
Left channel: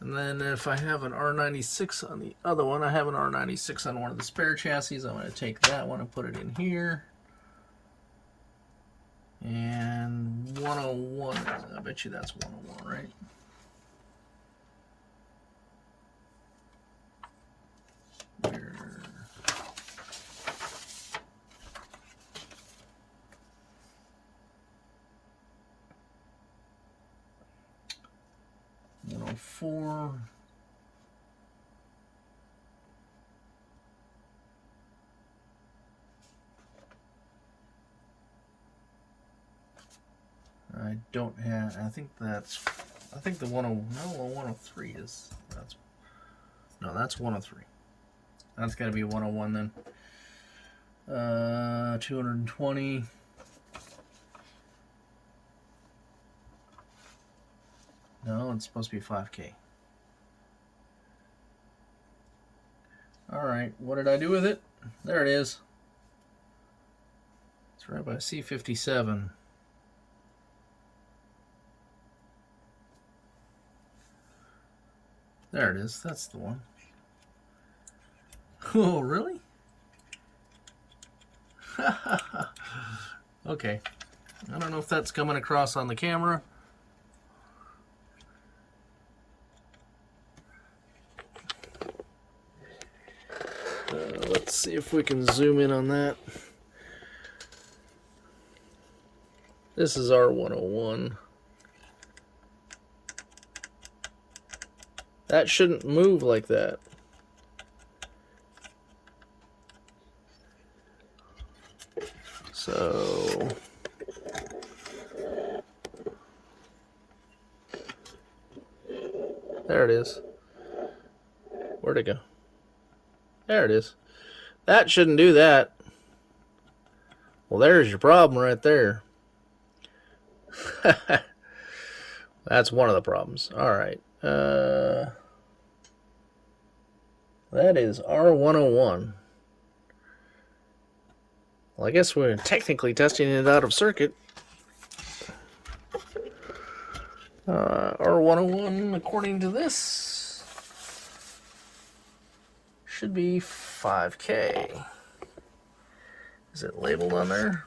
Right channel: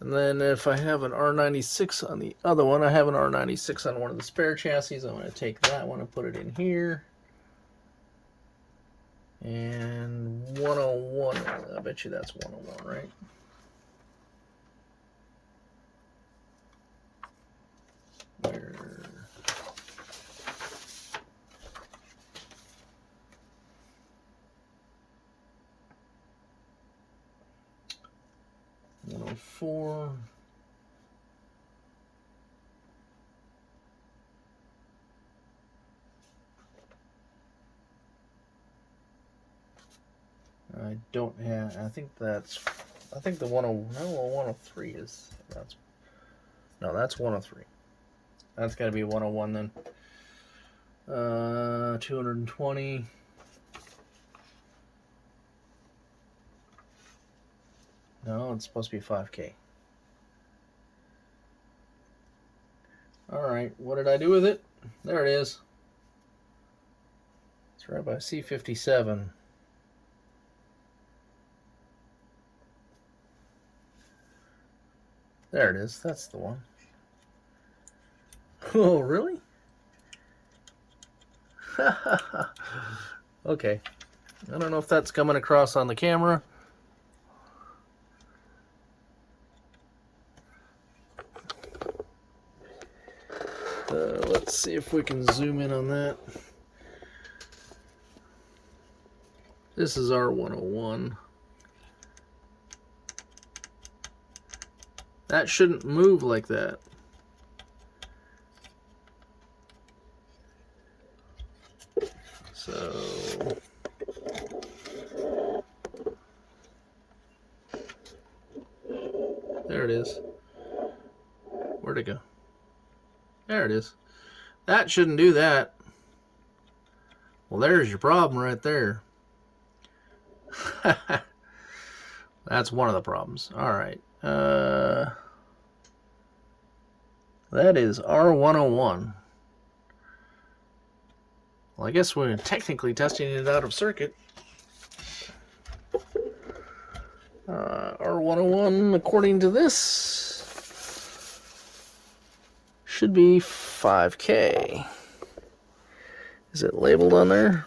And then if I have an R96 on the other one, I have an R96 on one of the spare chassis. I'm going to take that one and put it in here. And 101, I bet you that's 101, right? Where? Four. I don't have. I think that's. I think the 103 is. That's. No, that's 103. That's got to be 101 then. 220. No, it's supposed to be 5K. Alright, what did I do with it? There it is. It's right by C57. There it is. That's the one. Oh, really? Okay. I don't know if that's coming across on the camera. Let's see if we can zoom in on that. This is R101. That shouldn't move like that. So there it is. Where'd it go? There it is. That shouldn't do that. Well, there's your problem right there. That's one of the problems. All right. That is R101. Well, I guess we're technically testing it out of circuit. R101, according to this, should be 5K. Is it labeled on there?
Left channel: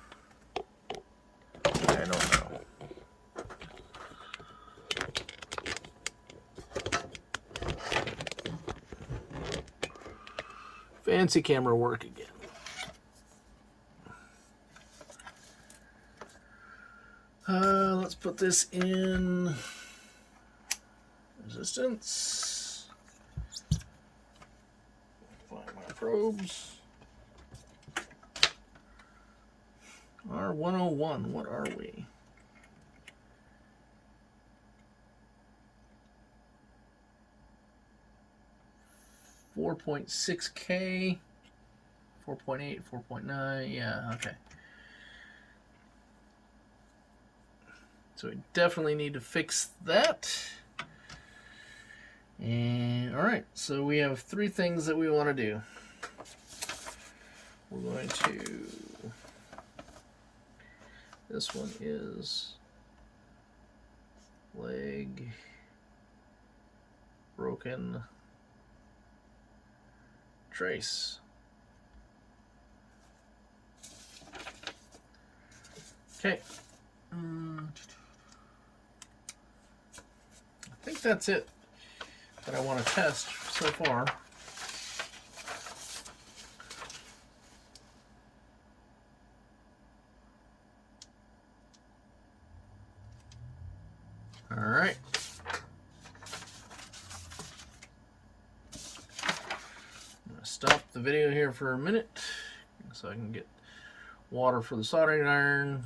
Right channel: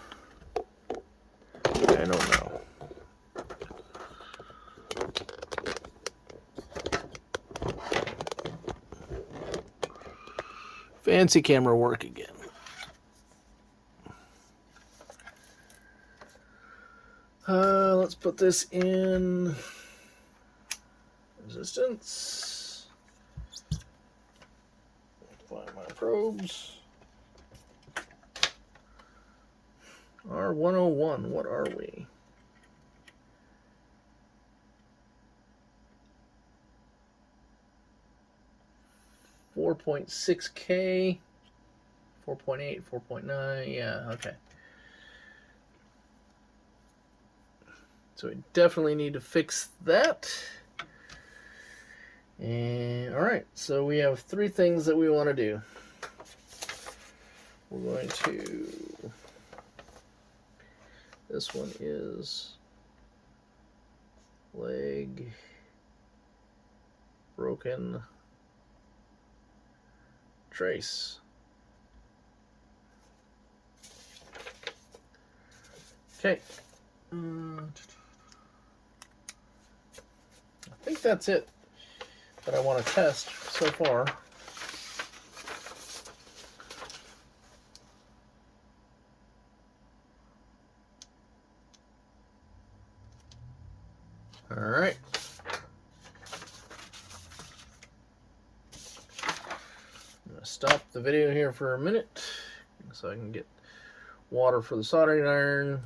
I don't know. Fancy camera work again. Let's put this in resistance. Find my probes. R101, what are we? $4.6K, 4.8, 4.9, yeah, okay. So we definitely need to fix that. And all right, so we have three things that we want to do. We're going to, this one is leg broken trace. Okay. I think that's it that I want to test so far. All right. I'm going to stop the video here for a minute so I can get water for the soldering iron.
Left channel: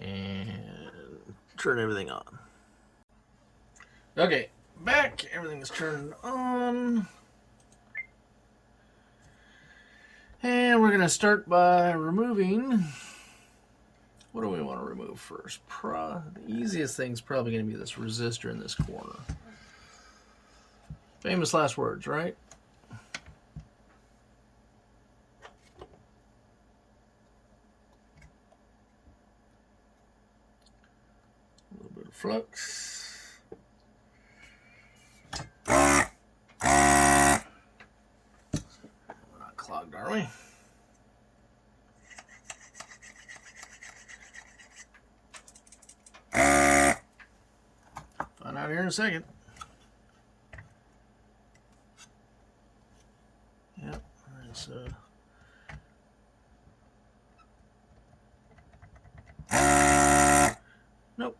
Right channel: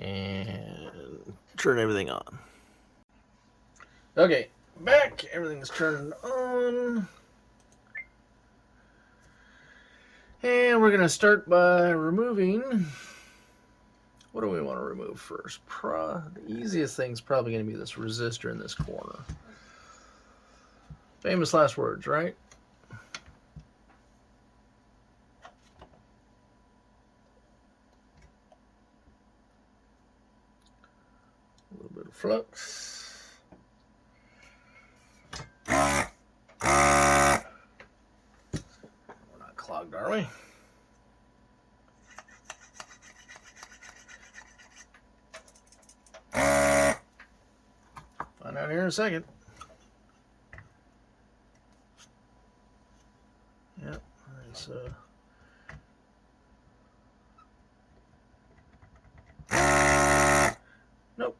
And turn everything on. Okay, back. Everything's turned on. And we're going to start by removing. What do we want to remove first? The easiest thing is probably going to be this resistor in this corner. Famous last words, right? A little bit of flux. We're not clogged, are we? Find out here in a second. Yep. Alright, so nope.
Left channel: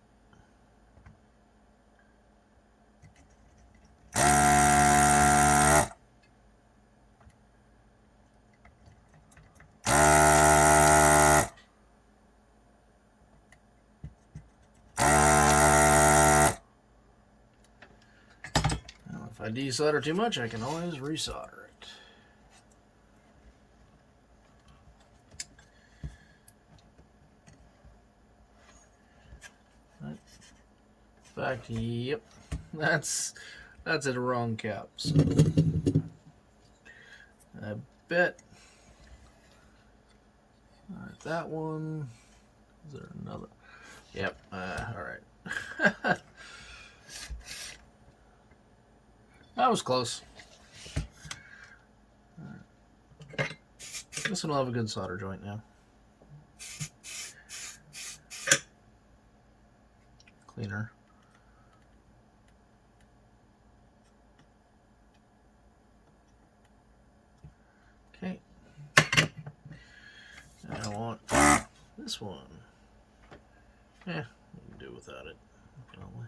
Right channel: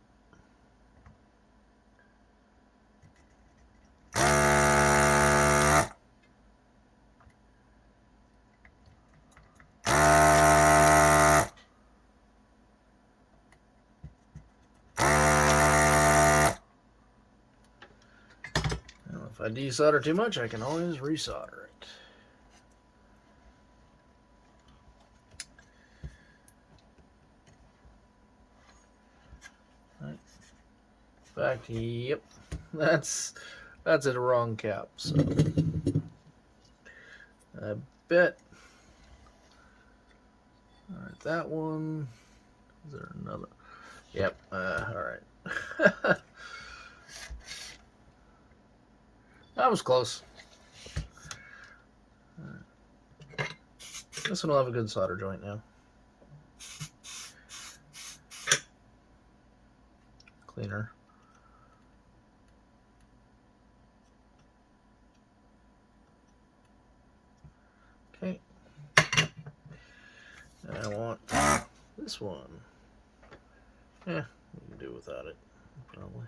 If I desolder too much, I can always resolder it. Right. Back, yep. That's a wrong cap. So I bet. Alright, that one. Is there another? Yep. Alright. That was close. Right. This one will have a good solder joint now. Cleaner. Okay. And I want this one. Yeah, we can do without it, probably.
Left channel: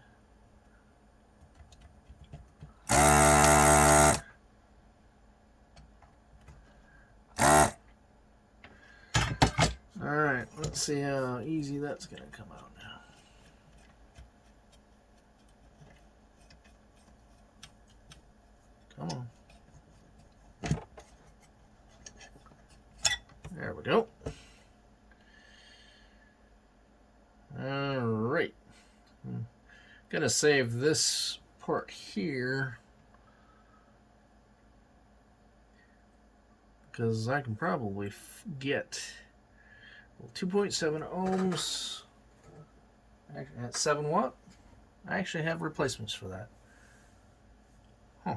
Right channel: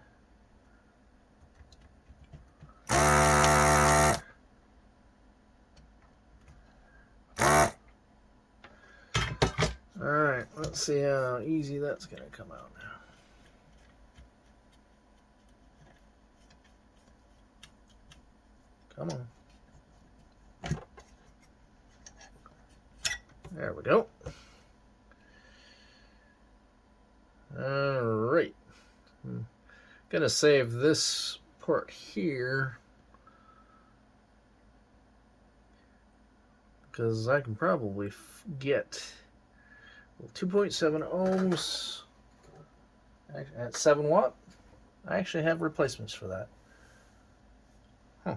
Alright, let's see how easy that's going to come out now. Come on. There we go. Alright. I'm going to save this part here, because I can probably get 2.7 ohms at 7 watt. I actually have replacements for that. Huh.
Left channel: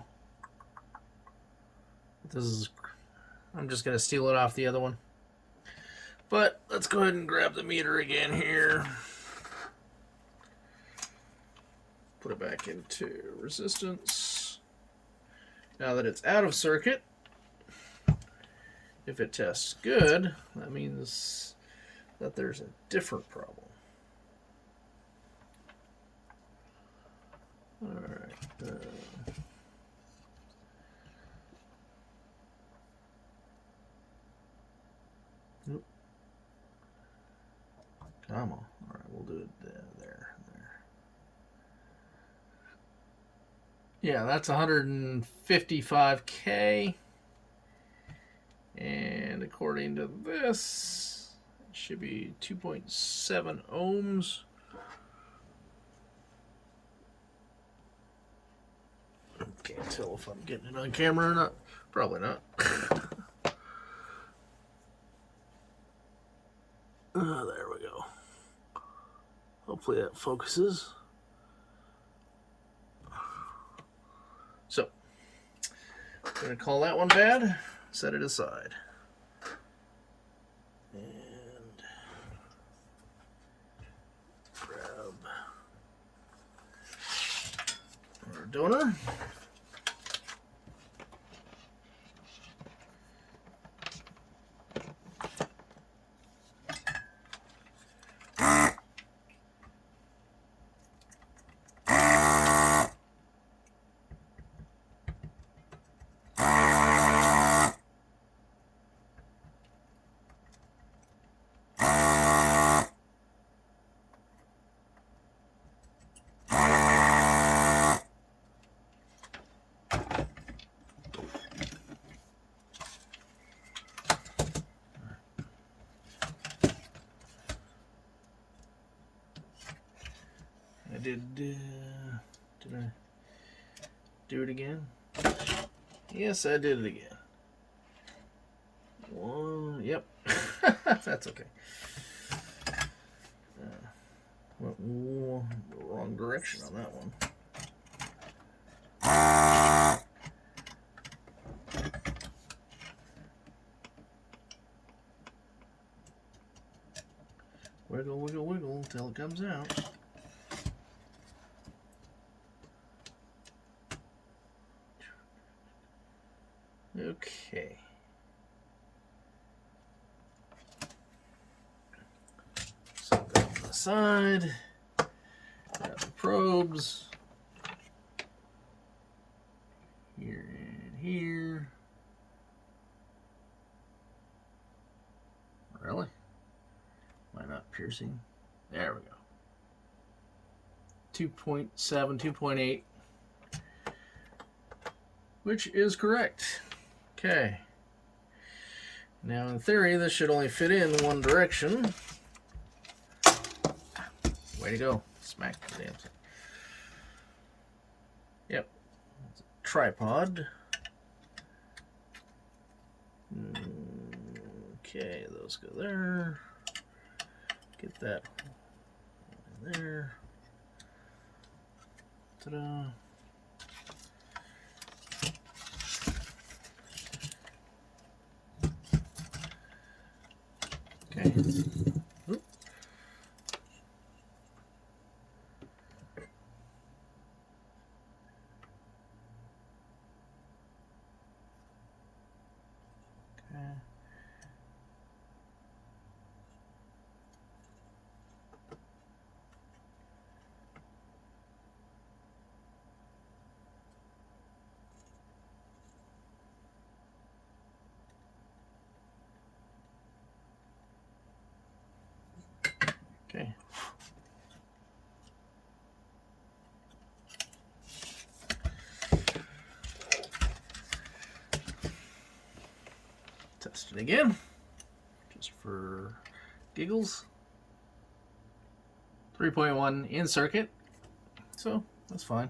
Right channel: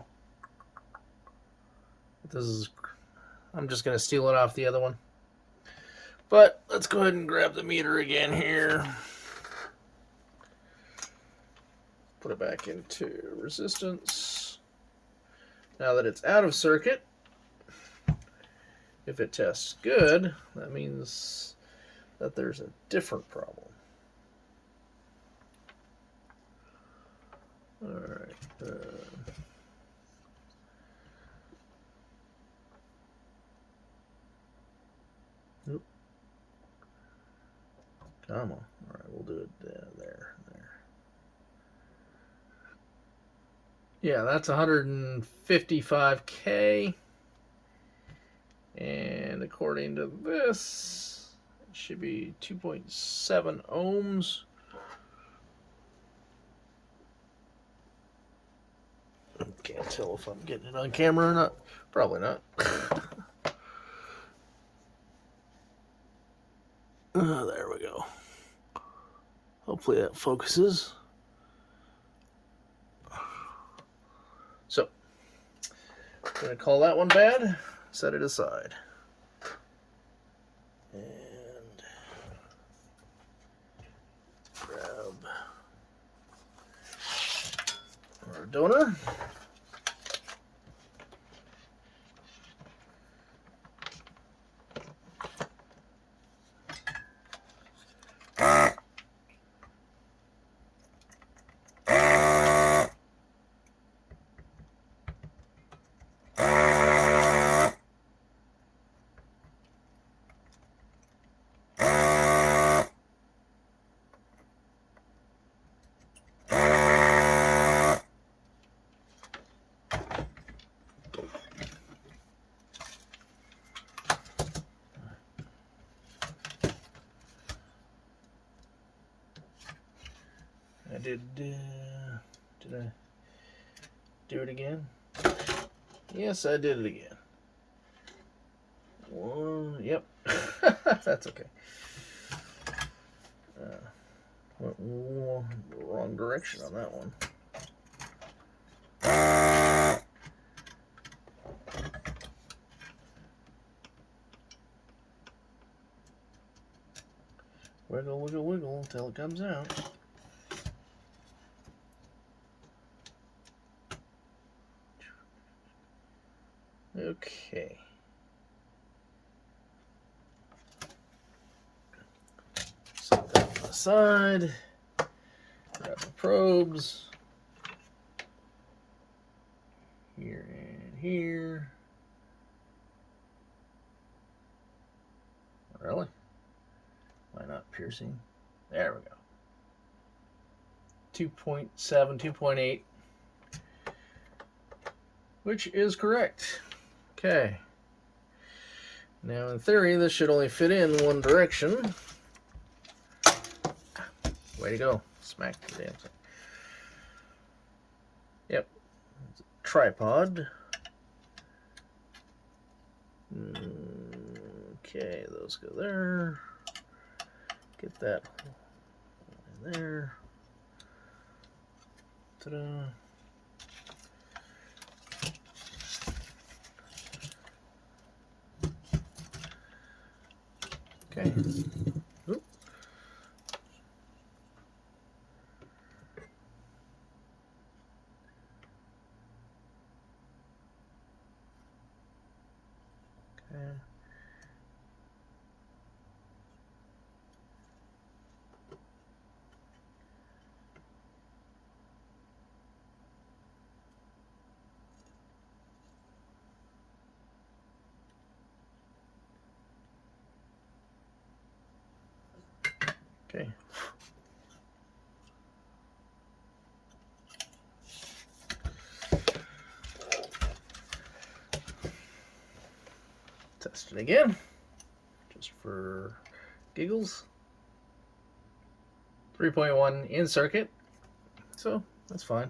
This is, I'm just going to steal it off the other one. But let's go ahead and grab the meter again here. Put it back into resistance. Now that it's out of circuit, if it tests good, that means that there's a different problem. Alright. Nope. Come on. Alright, we'll do it there. Yeah, that's 155K. And according to this, it should be 2.7 ohms. Can't tell if I'm getting it on camera or not. Probably not. There we go. Hopefully that focuses. So, I'm going to call that one bad, set it aside. And grab our donor. Did I do it again? Yes, I did it again. One, yep. That's okay. Wrong direction on that one. Wiggle, wiggle, wiggle until it comes out. Okay. Set that on the side. Grab the probes. Here and here. Really? Why not piercing? There we go. 2.7, 2.8. Which is correct. Okay. Now in theory, this should only fit in one direction. Way to go. Smack the damn thing. Yep. It's a tripod. Okay, those go there. Get that in there. Ta-da. Okay. Oop. Okay. Okay. Test it again, just for giggles. 3.1 in circuit, so that's fine.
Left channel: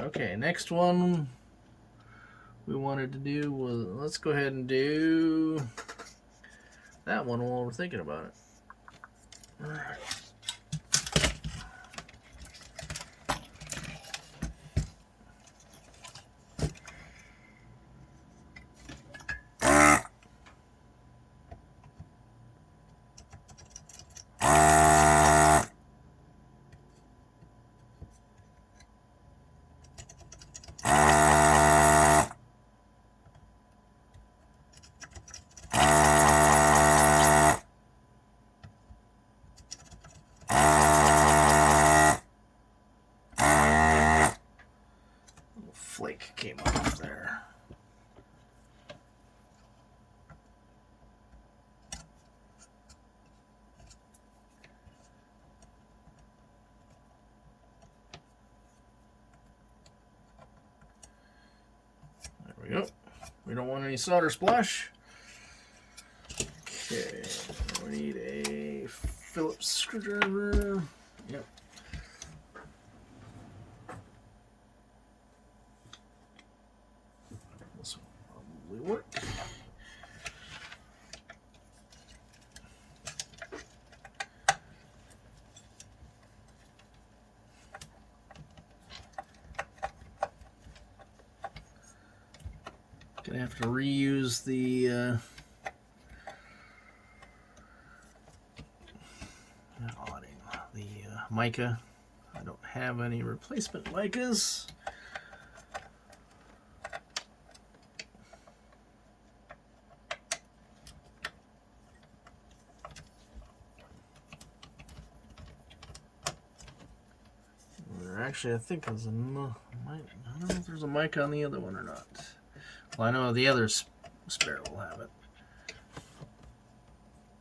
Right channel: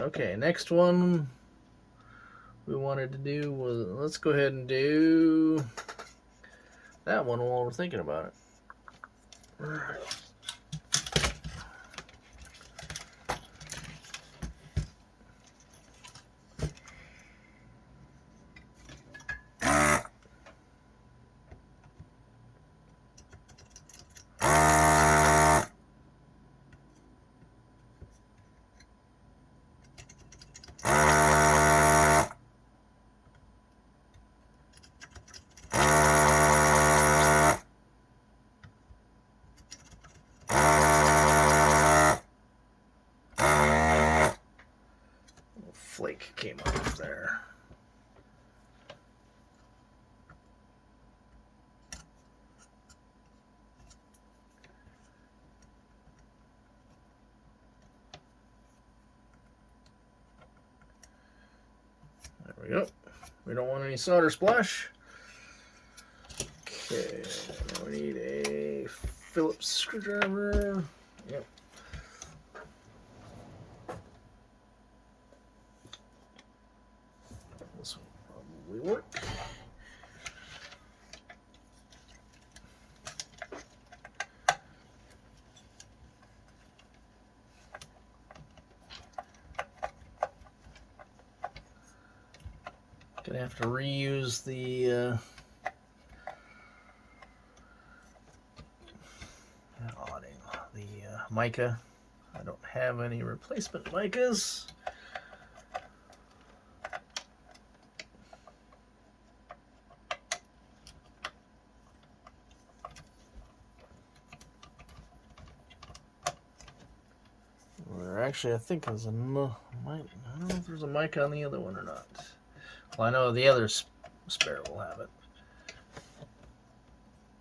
Okay, next one we wanted to do was, let's go ahead and do that one while we're thinking about it. Flake came off there. There we go. We don't want any solder splash. Okay, we need a Phillips screwdriver. Yep. This will probably work. Gonna have to reuse the mica. I don't have any replacement micas. Actually, I think there's a mic. I don't know if there's a mic on the other one or not. Well, I know the other spare will have it.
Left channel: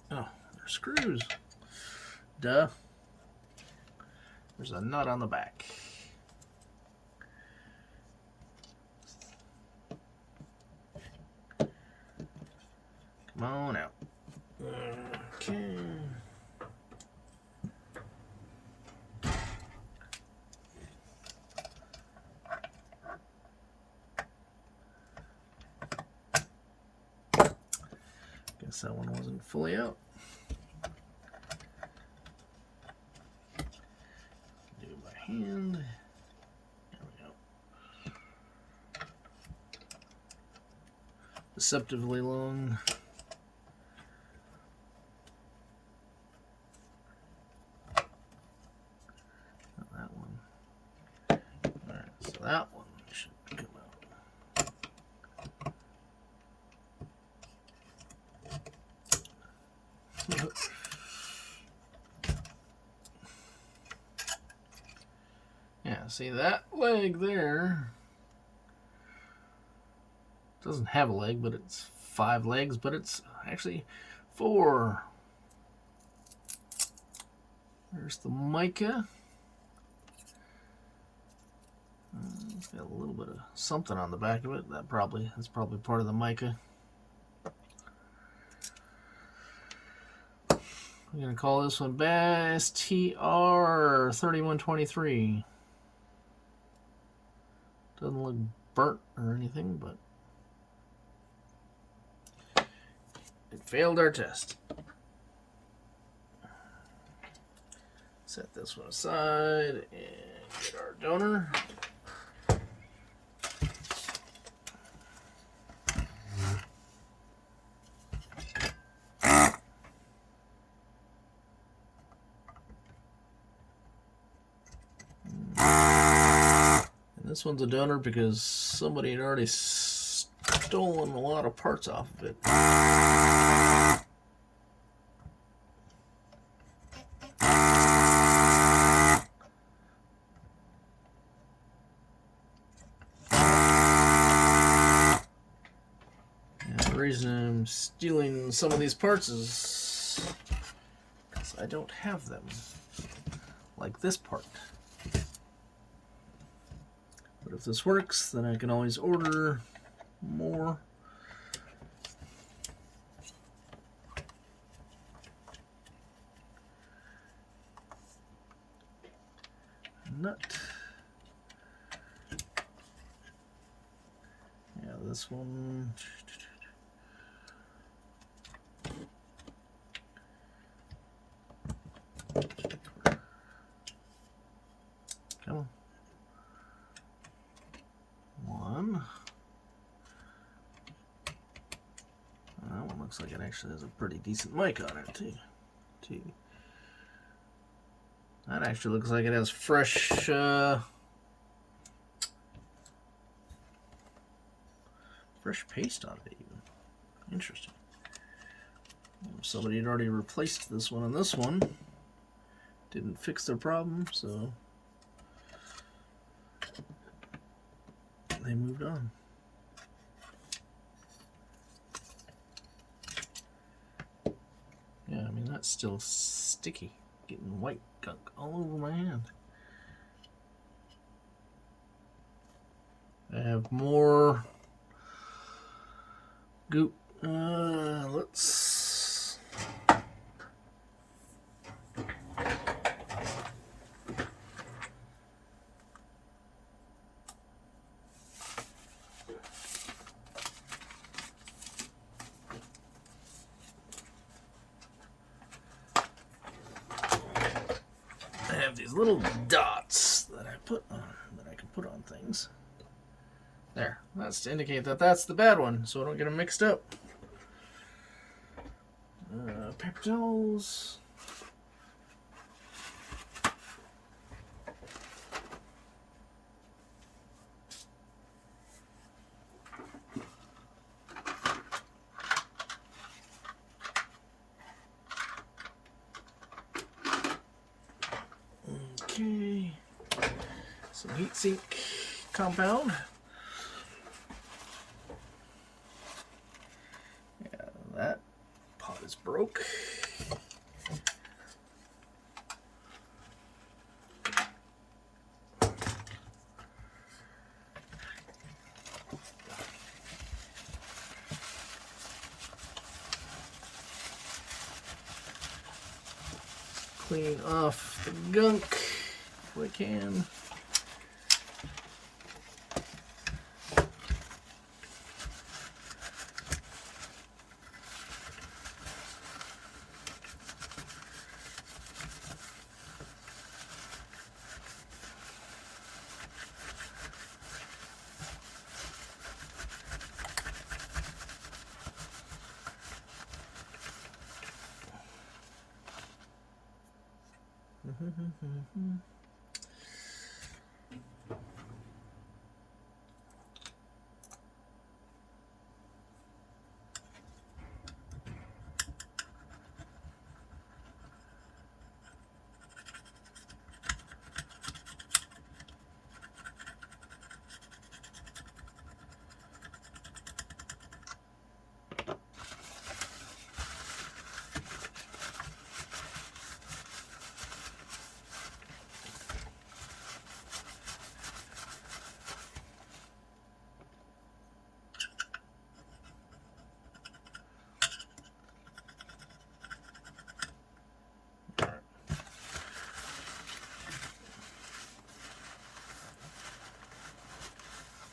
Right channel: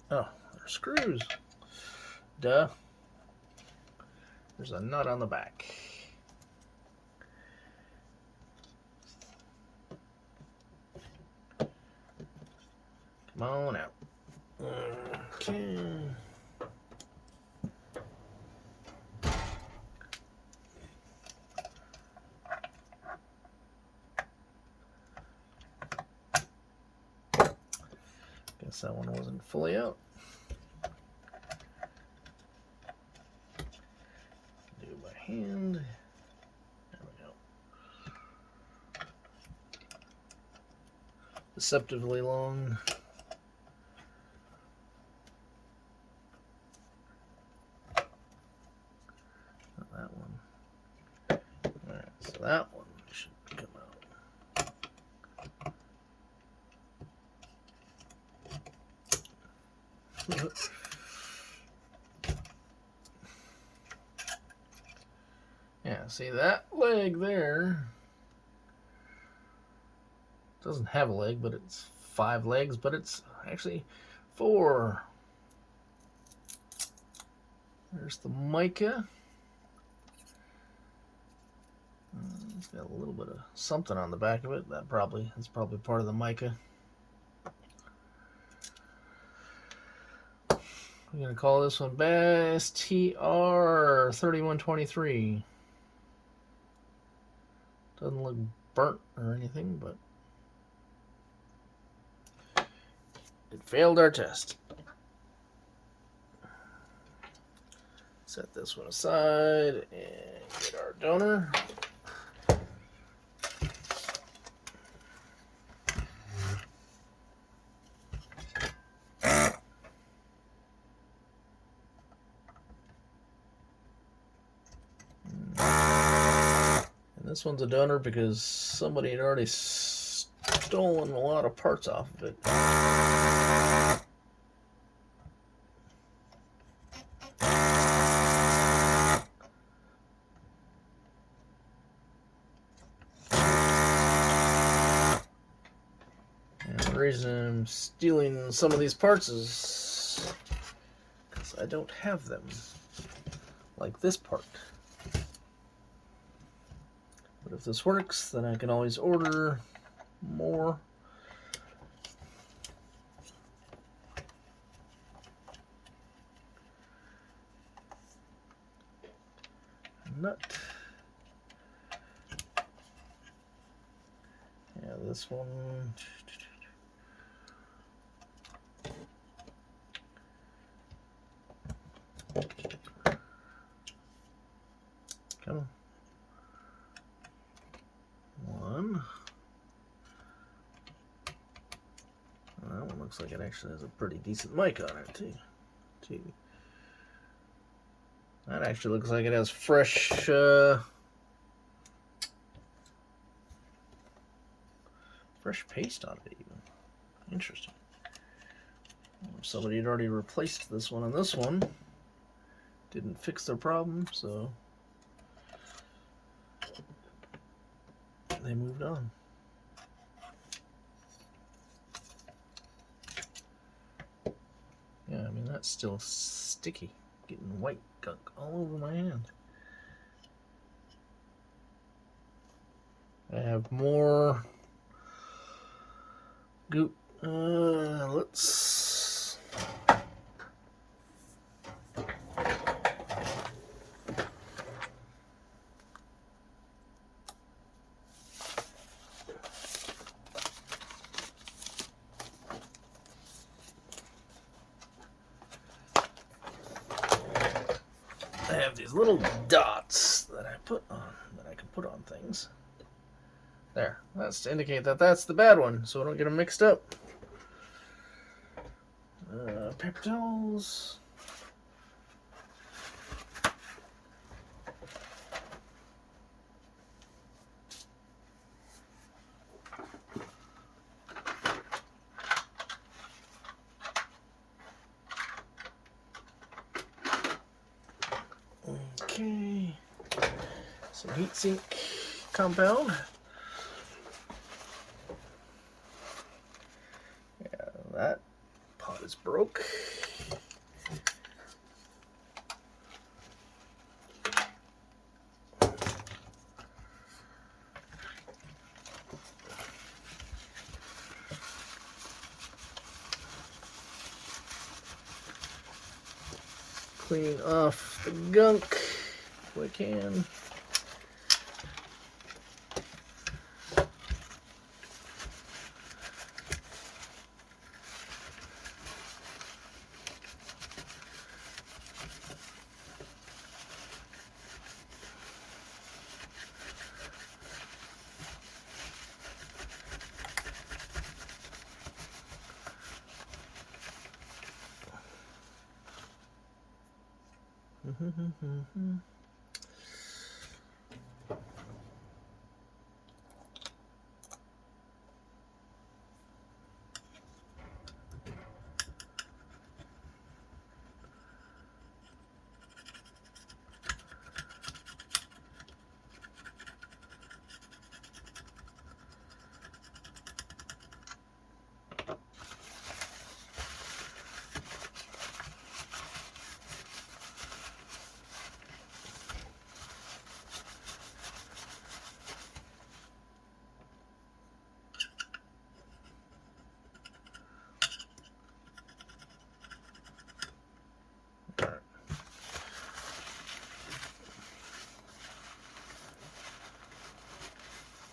Oh, there's screws. Duh. There's a nut on the back. Come on out. Okay. guess that one wasn't fully out. Do it by hand. There we go. Deceptively long. Not that one. Alright, so that one should come out. Yeah, see that leg there doesn't have a leg, but it's 5 legs, but it's actually 4. There's the mica. It's got a little bit of something on the back of it. That's probably part of the mica. We're gonna call this one Bass TR 3123. Doesn't look burnt or anything, but it failed our test. Set this one aside and get our donor. This one's a donor because somebody had already stolen a lot of parts off of it. And the reason I'm stealing some of these parts is because I don't have them. Like this part. But if this works, then I can always order more. Nut. Yeah, this one. Come on. One. And that one looks like it actually has a pretty decent mic on it too. That actually looks like it has fresh fresh paste on it even. Interesting. Somebody had already replaced this one and this one. Didn't fix their problem, so they moved on. Yeah, I mean, that's still sticky. Getting white gunk all over my hand. I have more goop. Let's I have these little dots that I put on, that I can put on things. There, that's to indicate that that's the bad one, so I don't get them mixed up. Paper towels. Okay, some heat sink compound. Yeah, that pot is broke. Clean off the gunk if we can.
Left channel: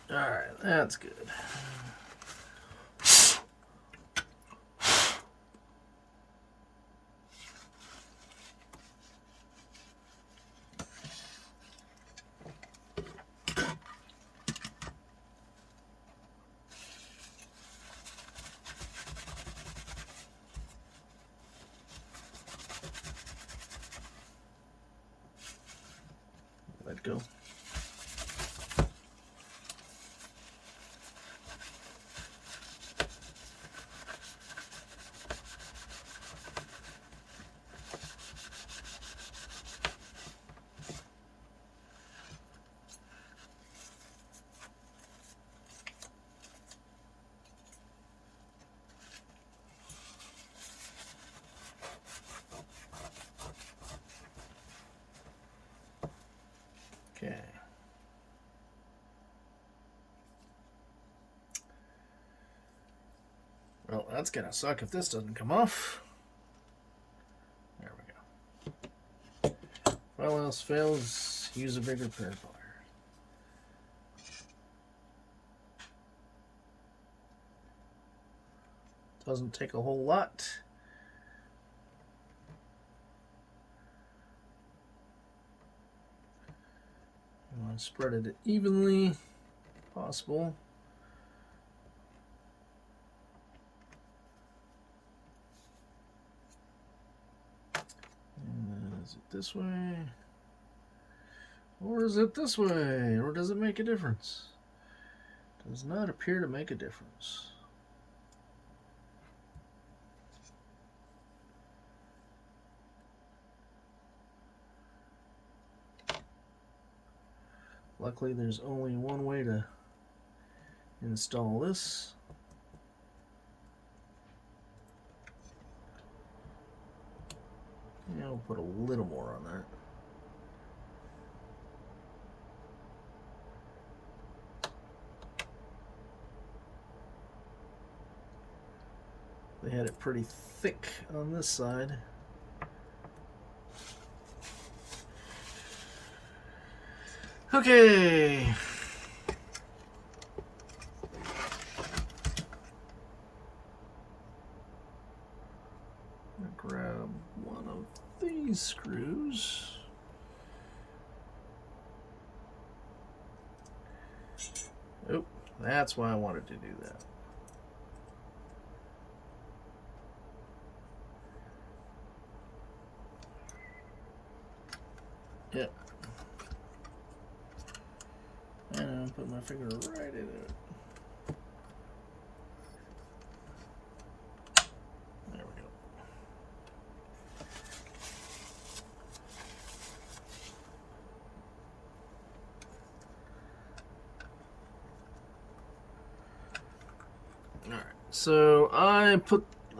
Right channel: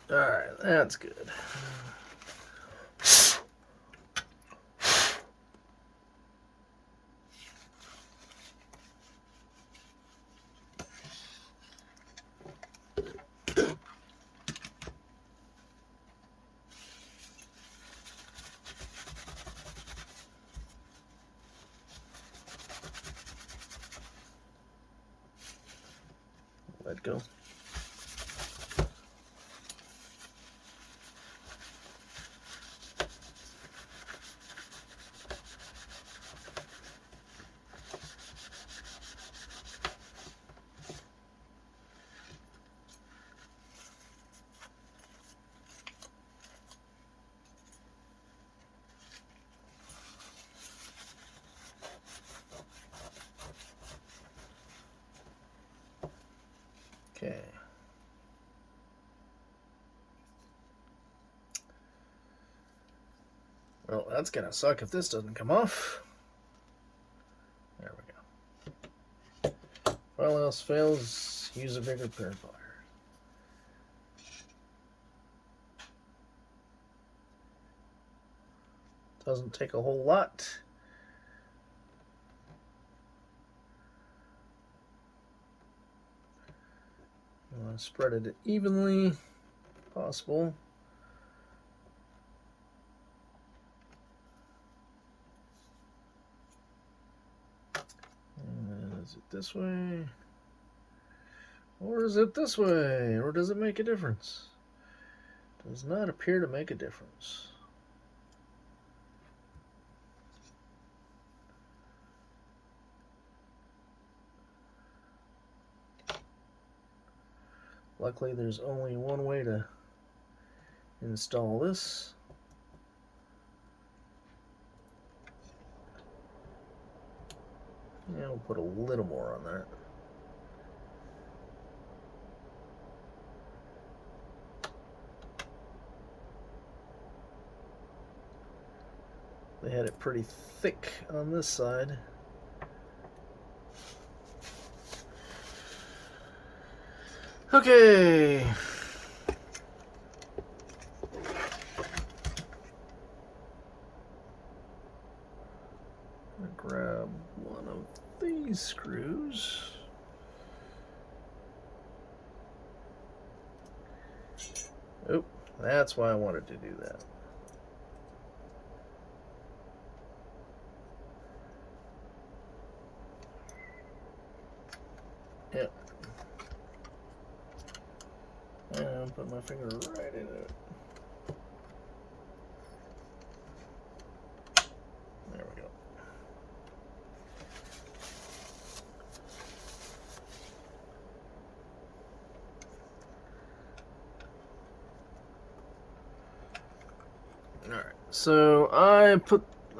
Alright, that's good. Let go. Okay. Well, that's gonna suck if this doesn't come off. There we go. If all else fails, use a bigger pair of pliers. Doesn't take a whole lot. I want to spread it evenly, if possible. Is it this way? Or is it this way? Or does it make a difference? Does not appear to make a difference. Luckily, there's only one way to install this. Yeah, we'll put a little more on that. They had it pretty thick on this side. Okay. Grab one of these screws. Oh, that's why I wanted to do that. Yep. And I'll put my finger right into it. There we go. Alright, so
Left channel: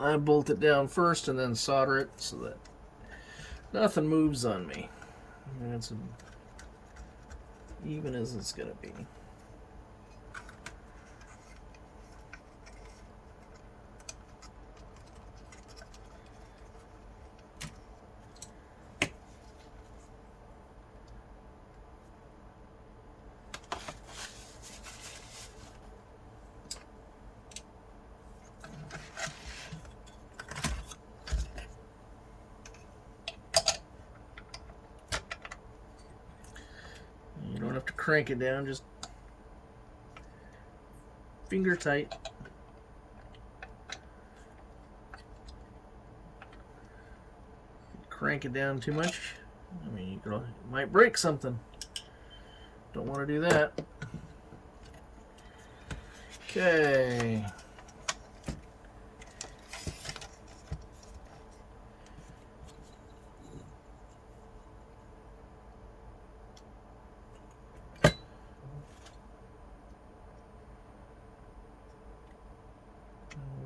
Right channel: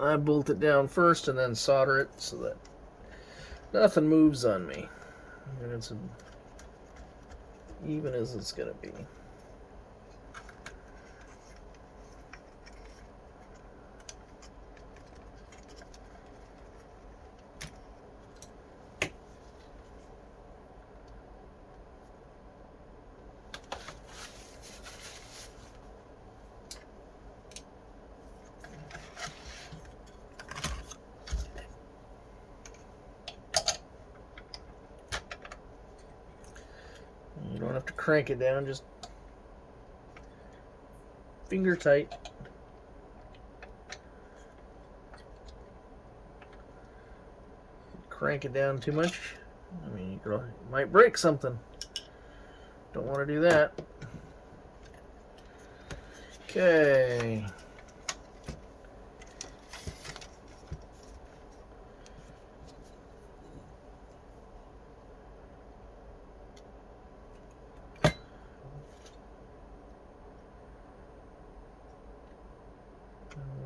I bolt it down first and then solder it so that nothing moves on me. And it's even as it's gonna be. To crank it down, just finger tight. Crank it down too much, I mean, you might break something. Don't want to do that. Okay.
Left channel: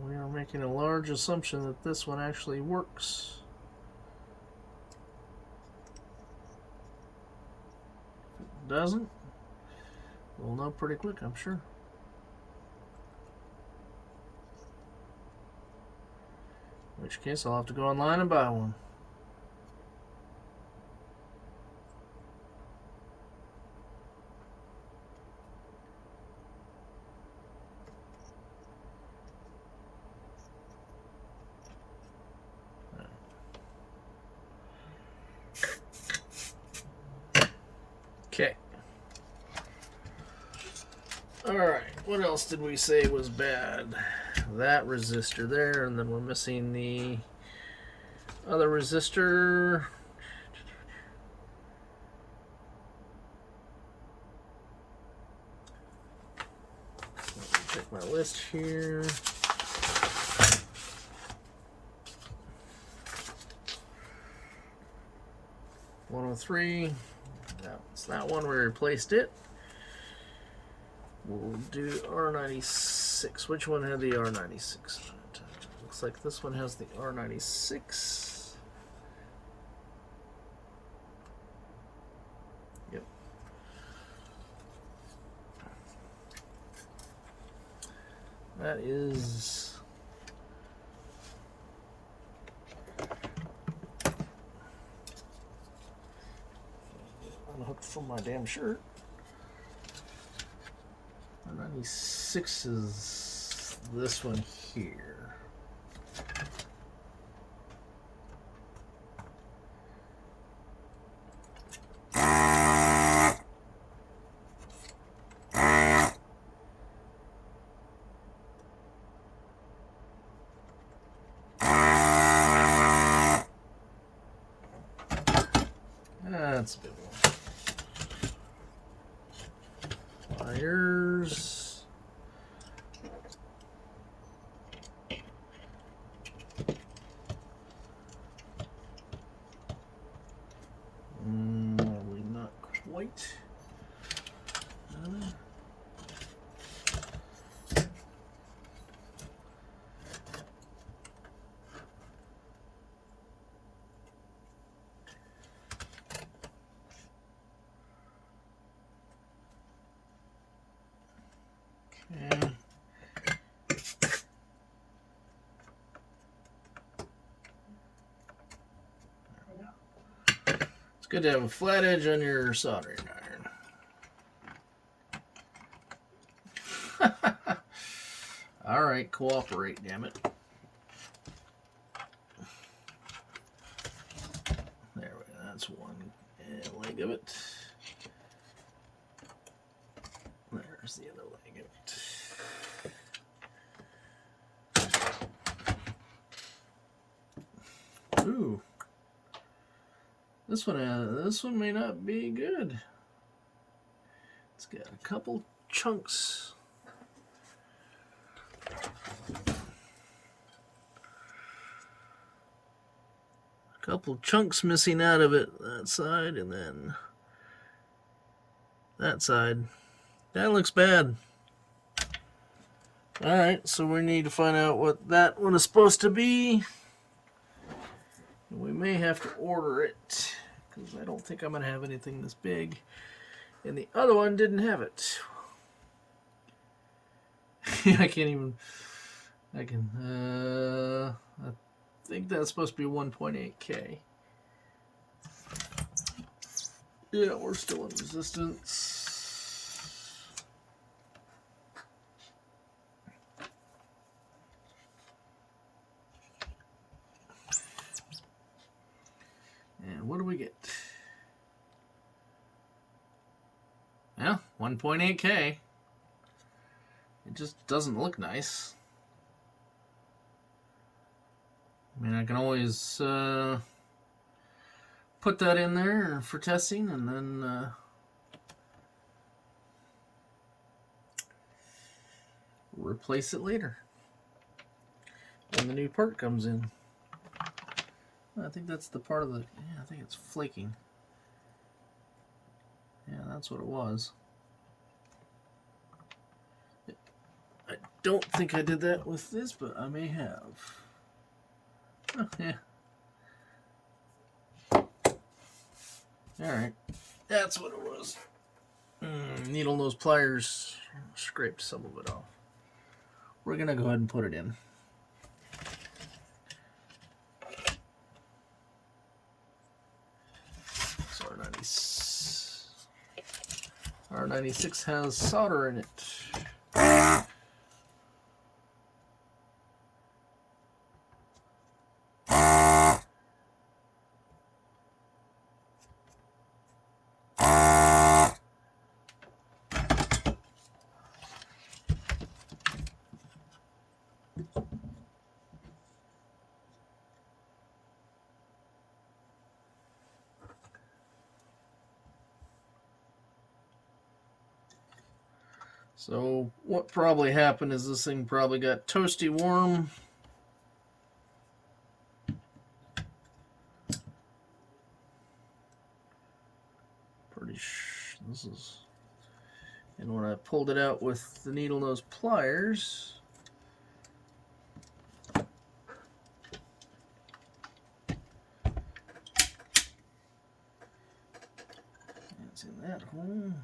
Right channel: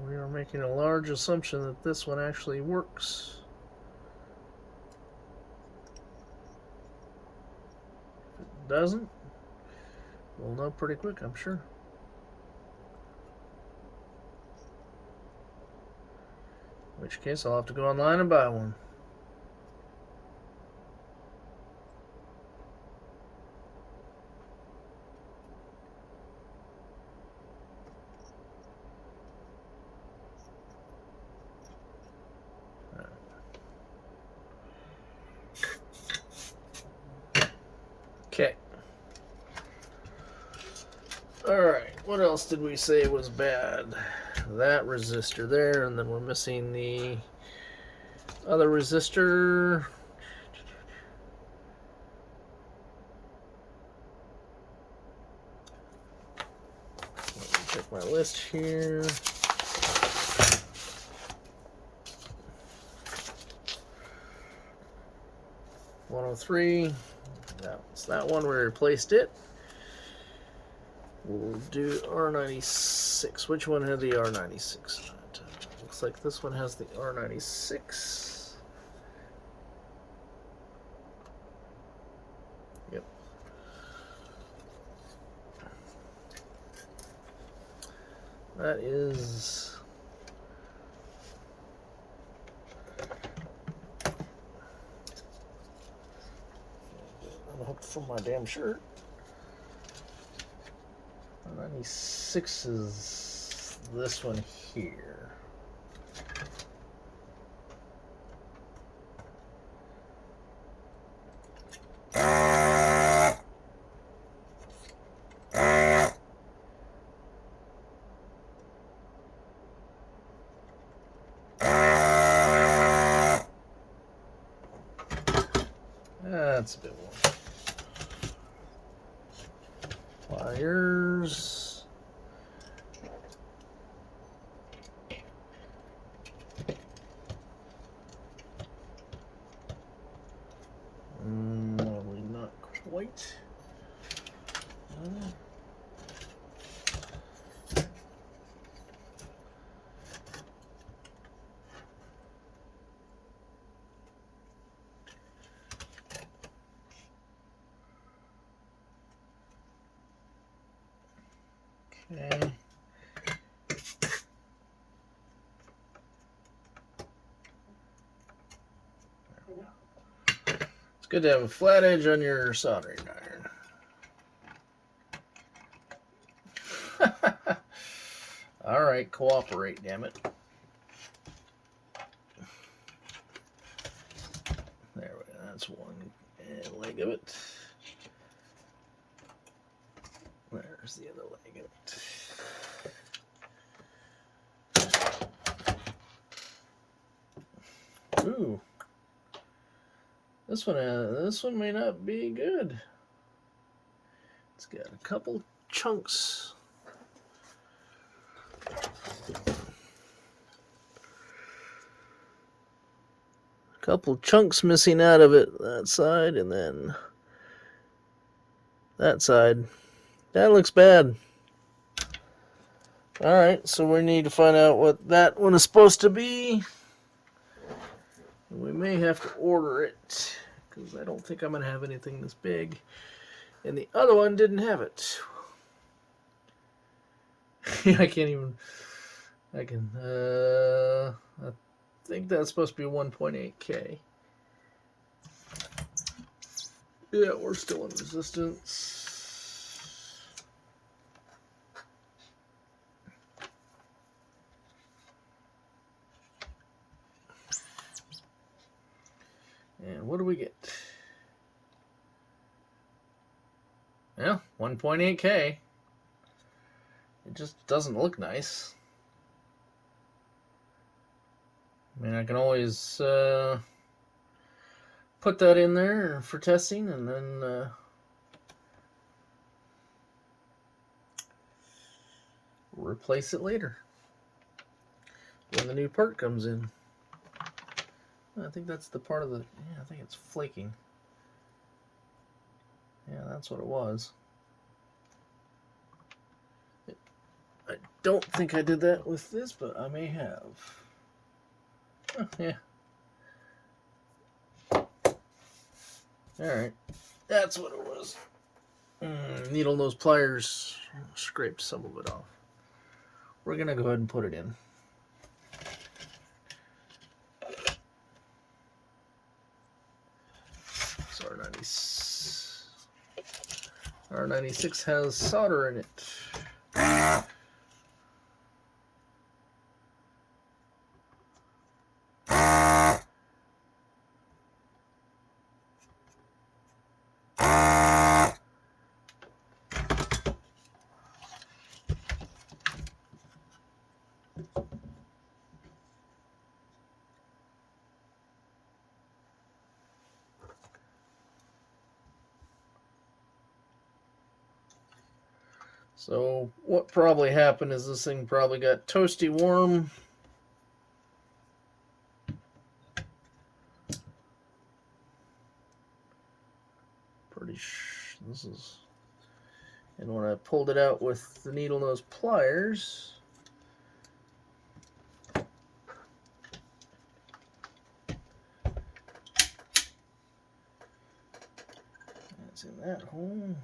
We are making a large assumption that this one actually works. If it doesn't, we'll know pretty quick, I'm sure. In which case, I'll have to go online and buy one. Okay. Alright, what else did we say was bad? That resistor there, and then we're missing the other resistor. Check my list here. $103. That's that one. We replaced it. We'll do R96. Which one had the R96 on it? Looks like this one has the R96. Yep. That is unhooked from my damn shirt. 96 is this one here. That's a bit more. Pliers. Probably not quite. Okay. It's good to have a flat edge on your soldering iron. All right, cooperate, damn it. There we go. That's one leg of it. There's the other leg of it. Ooh. This one may not be good. It's got a couple chunks. Couple chunks missing out of it. That side and then that side. That looks bad. Alright, so we need to find out what that one is supposed to be. We may have to order it, because I don't think I'm going to have anything this big. And the other one didn't have it. I can't even... I think that's supposed to be 1.8K. Yeah, we're still in resistance. And what do we get? Yeah, 1.8K. It just doesn't look nice. I mean, I can always put that in there for testing, and then replace it later when the new part comes in. I think that's the part of the, yeah, I think it's flaking. Yeah, that's what it was. I don't think I did that with this, but I may have. Oh, yeah. Alright, that's what it was. Needle nose pliers scraped some of it off. We're going to go ahead and put it in. So R96 has solder in it. So what probably happened is this thing probably got toasty warm. This is, and when I pulled it out with the needle nose pliers, it's in that hole.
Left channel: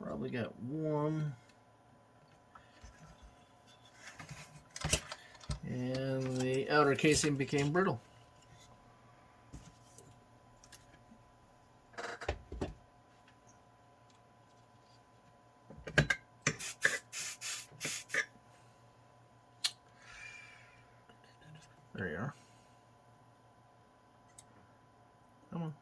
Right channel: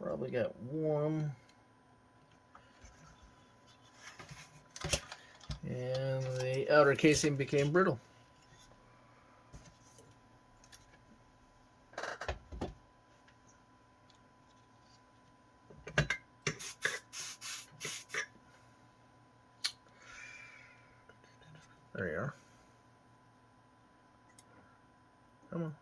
Probably got warm, and the outer casing became brittle. There you are. Come on.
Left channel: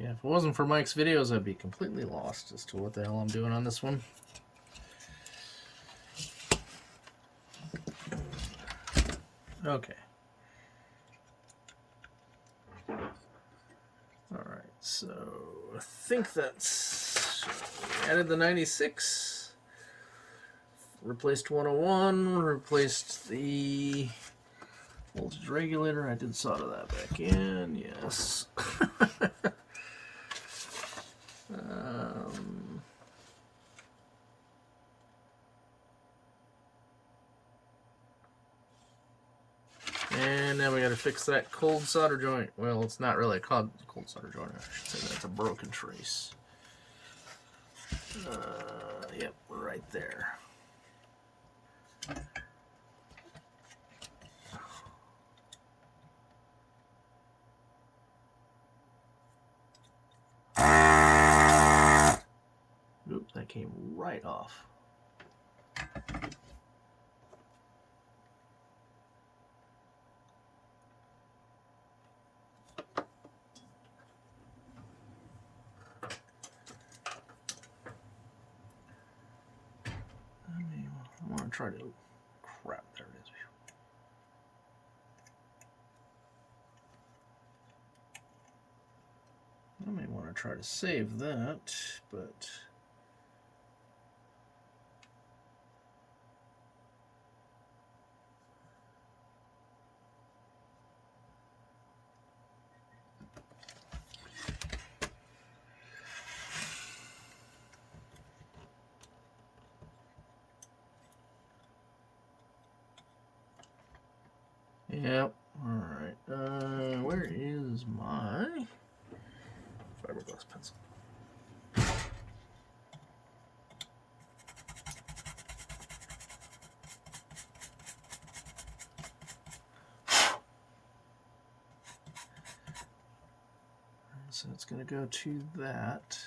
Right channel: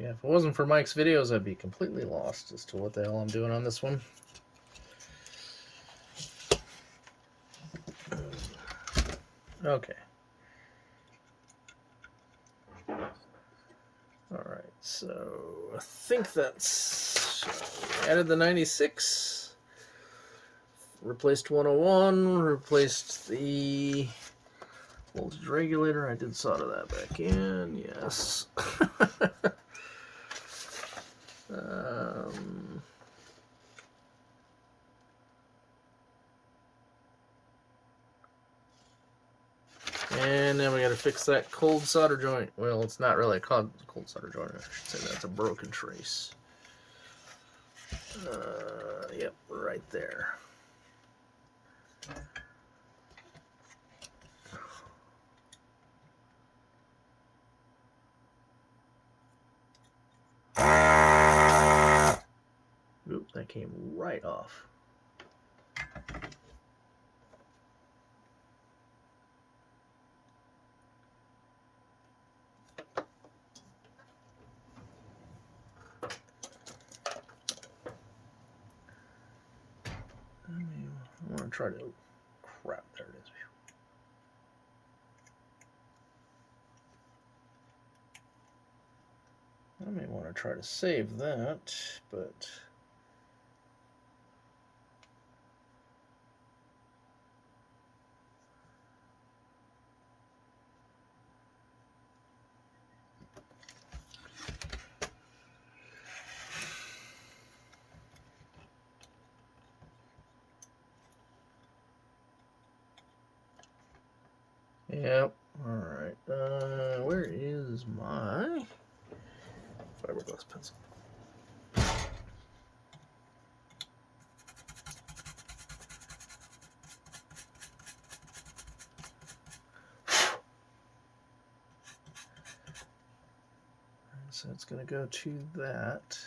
Yeah, if it wasn't for Mike's videos, I'd be completely lost as to what the hell I'm doing on this one. Okay. Alright, so I think that's... added the 96, replaced 101, replaced the voltage regulator. I did solder that back in, yes. And then we got to fix that cold solder joint. Well, it's not really a cold solder joint. I should say that's a broken trace. Yep, right there. Oop, that came right off. I want to try to... crap, there it is. I may want to try to save that, but... Yep. Alright. Where is my fiberglass pencil? So it's going to go to that.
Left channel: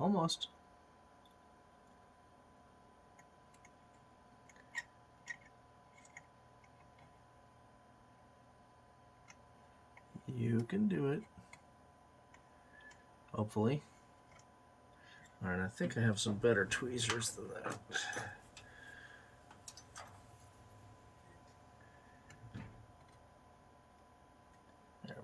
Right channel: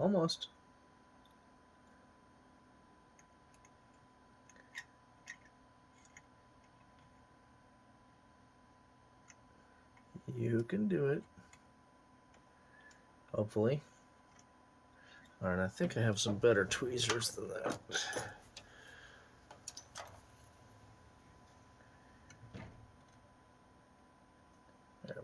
Almost. You can do it. Hopefully. Alright, I think I have some better tweezers than that. There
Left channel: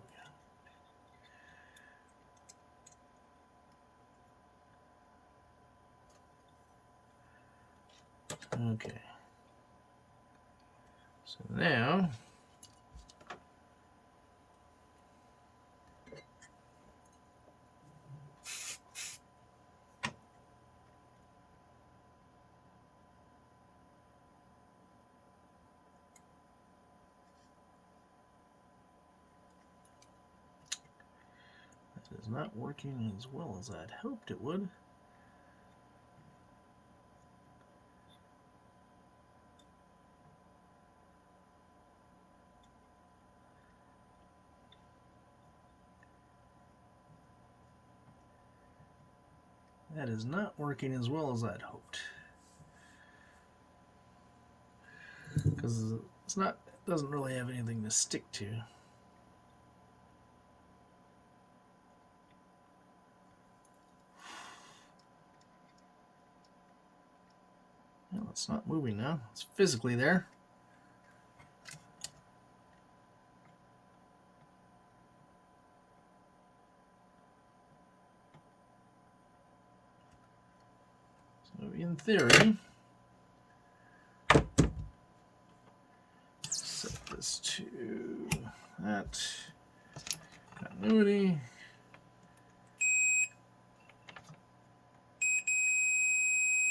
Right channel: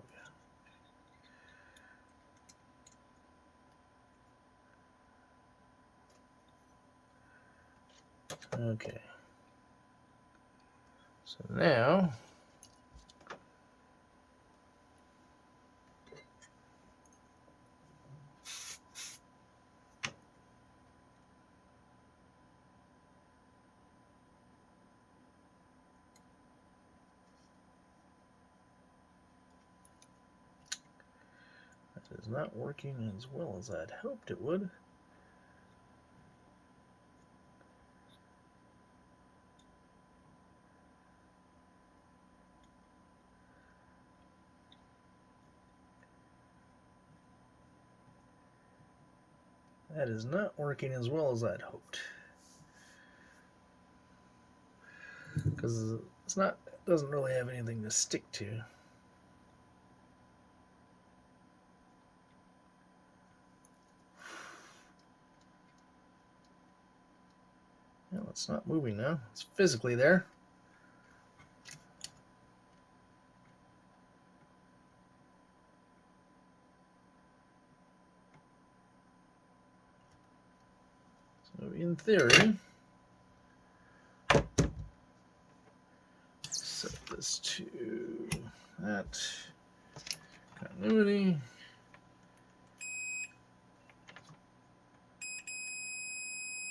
we go. Okay. So now that is not working as well as I'd hoped it would. That is not working as well as I'd hoped. Because it's not, it doesn't really have anything to stick to. Well, it's not moving now. It's physically there. So in theory, set this to that continuity.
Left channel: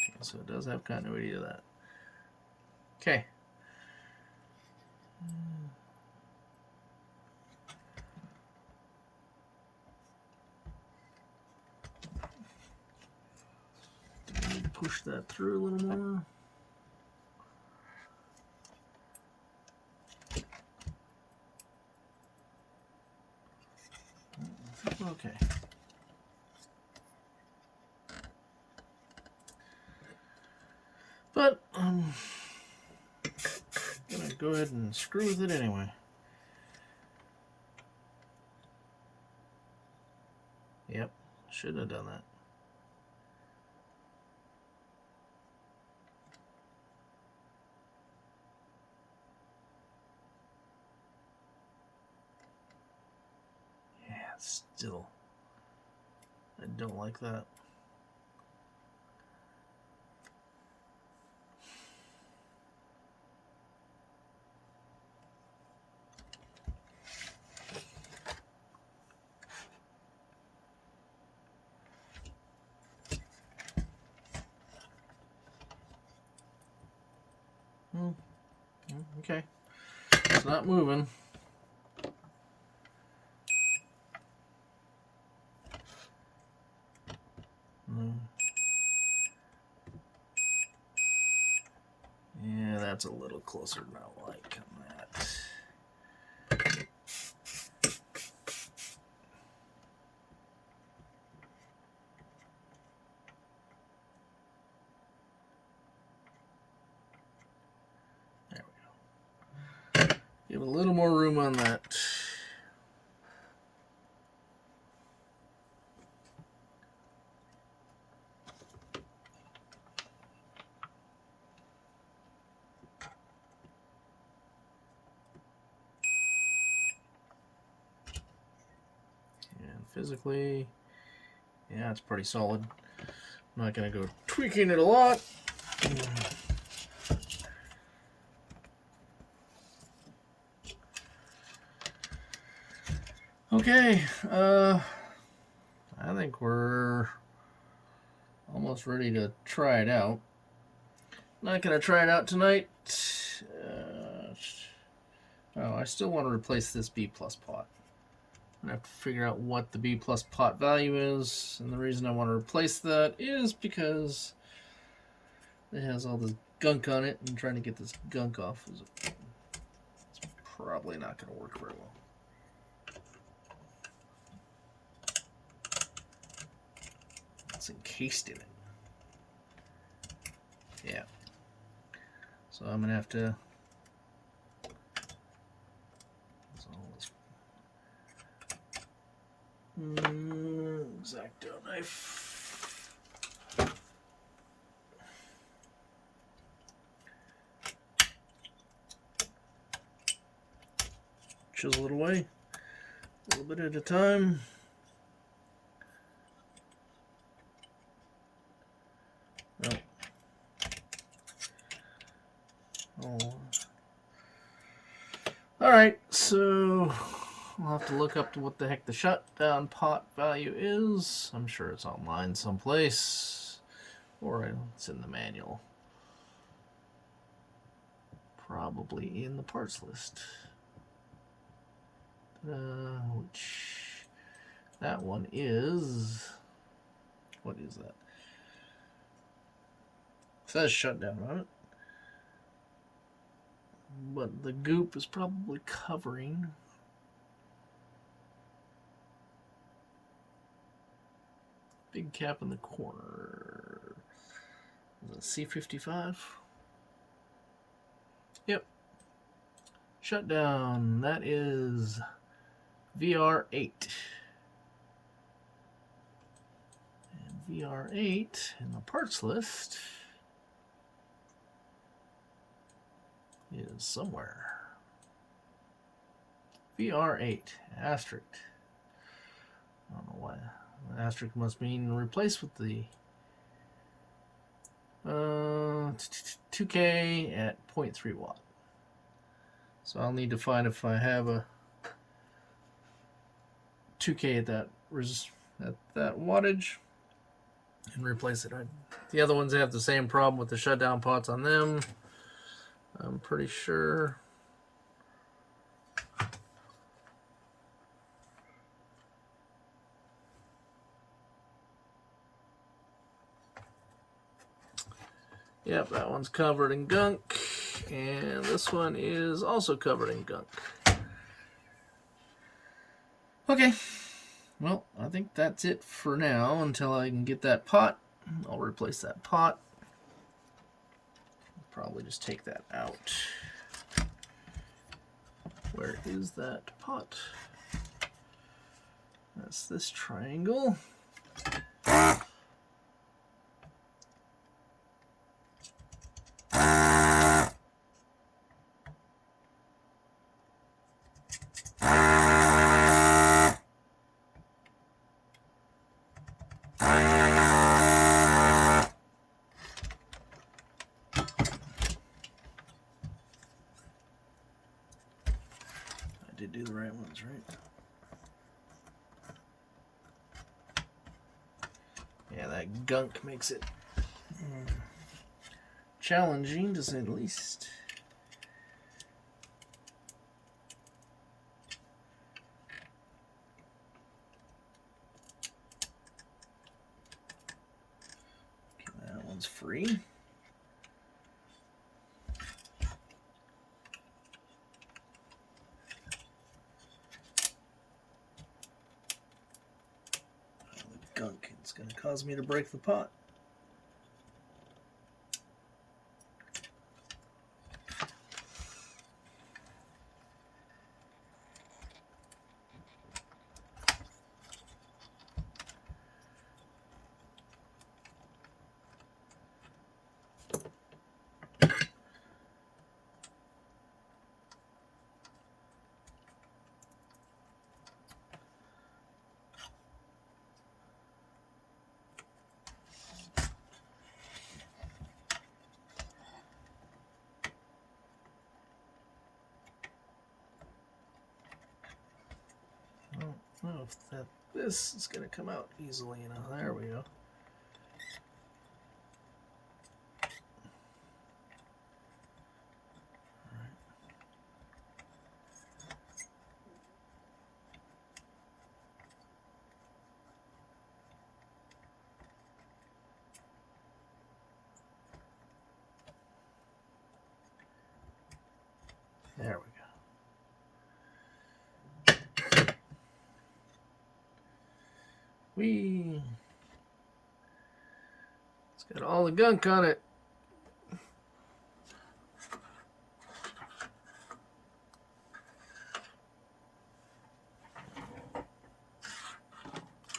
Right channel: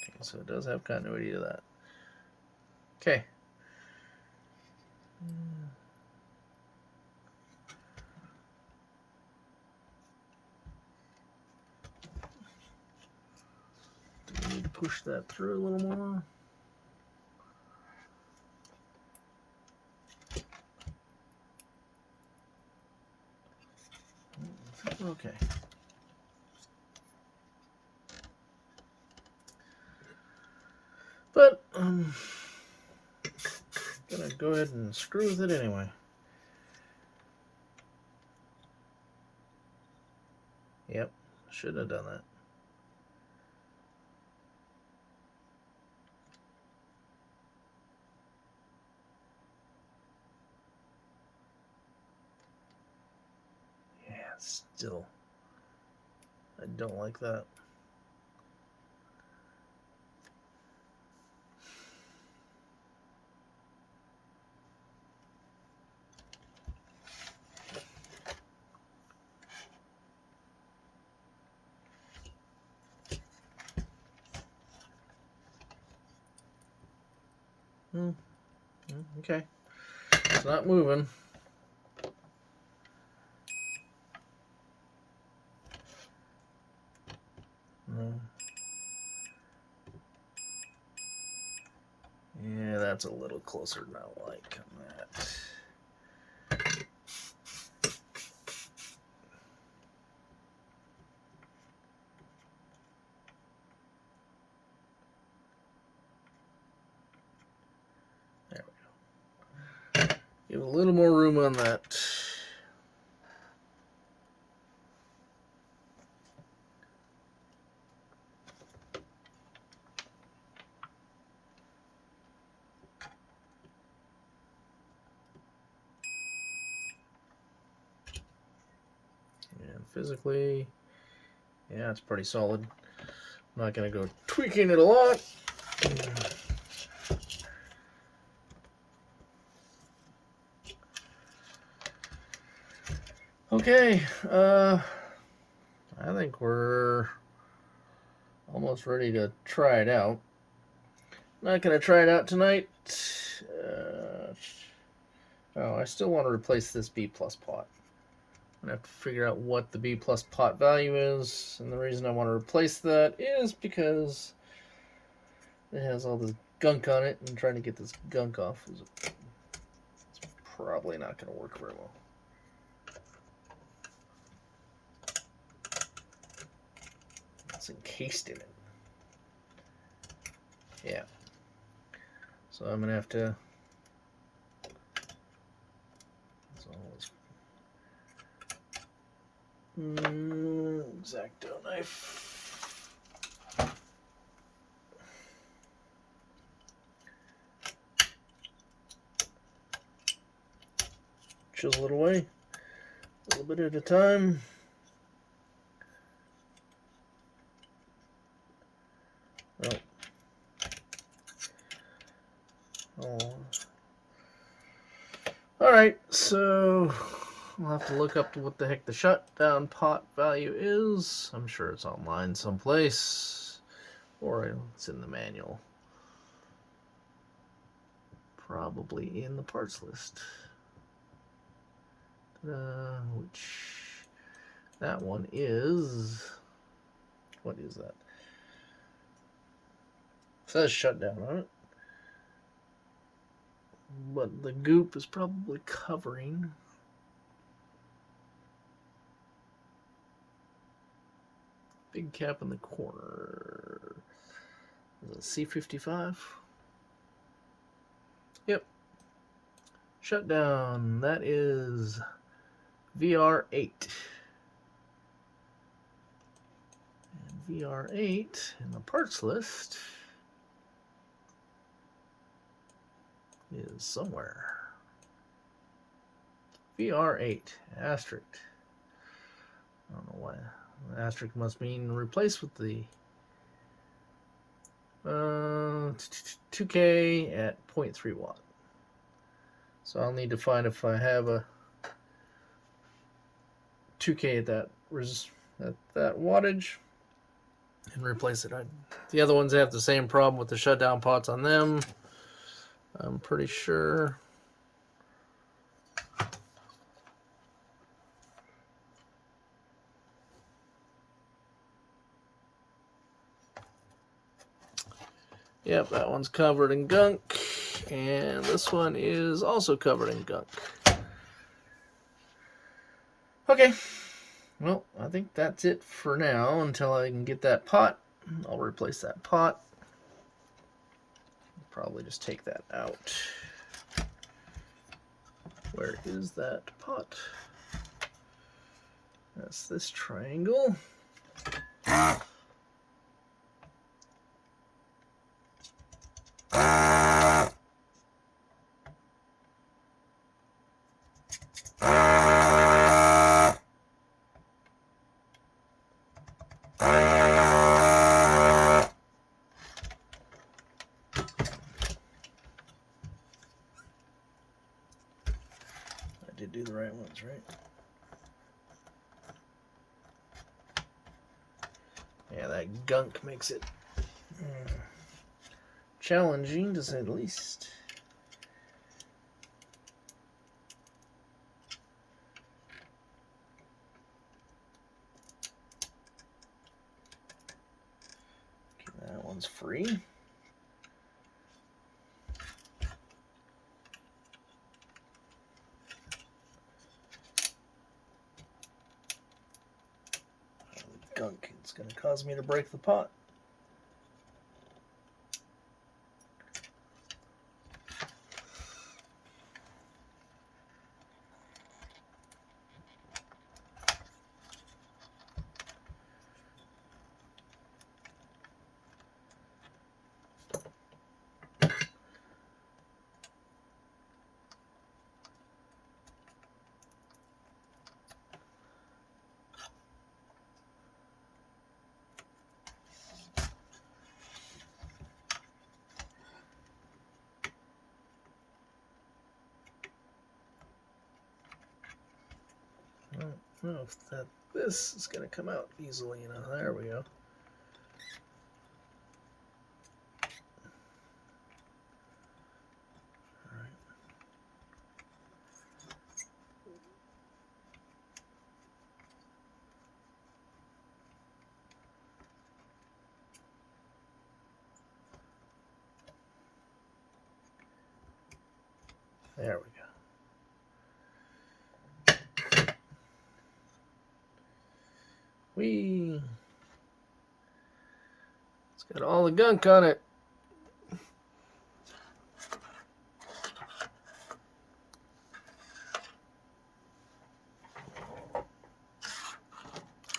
Okay, so it does have continuity to that. Okay. Need to push that through a little more. Okay. But I'm gonna go ahead and screw with it anyway. Yep, should have done that. Yeah, still, I don't like that. Okay, it's not moving. Yeah, that's a little closer than I like on that. There we go. Give a little more room on that. Physically, yeah, it's pretty solid. I'm not going to go tweaking it a lot. Okay, I think we're almost ready to try it out. Not going to try it out tonight. Oh, I still want to replace this B+ pot. I have to figure out what the B+ pot value is, and the reason I want to replace that is because it has all this gunk on it, and trying to get this gunk off is probably not going to work very well. It's encased in it. Yeah. So I'm gonna have to. X-Acto knife. Chisel it away a little bit at a time. Oh. Alright, so I'll have to look up to what the heck the shutdown pot value is. I'm sure it's online someplace, or it's in the manual. Probably in the parts list. Which that one is. What is that? It says shutdown on it, but the goop is probably covering. Big cap in the corner. Is it C55? Yep. Shutdown. That is VR8. And VR8 in the parts list is somewhere. VR8 asterisk. I don't know why. Asterisk must mean replace with the 2K at 0.3 watt. So I'll need to find if I have a 2K at that wattage and replace it. The other ones have the same problem with the shutdown pots on them, I'm pretty sure. Yep, that one's covered in gunk, and this one is also covered in gunk. Okay, well, I think that's it for now until I can get that pot. I'll replace that pot. Probably just take that out. Where is that pot? That's this triangle. Did do the right ones, right? Yeah, that gunk makes it challenging to say the least. Okay, that one's free. Gunk. It's going to cause me to break the pot. I don't know if this is going to come out easily enough. There we go. There we go. Got all the gunk on it.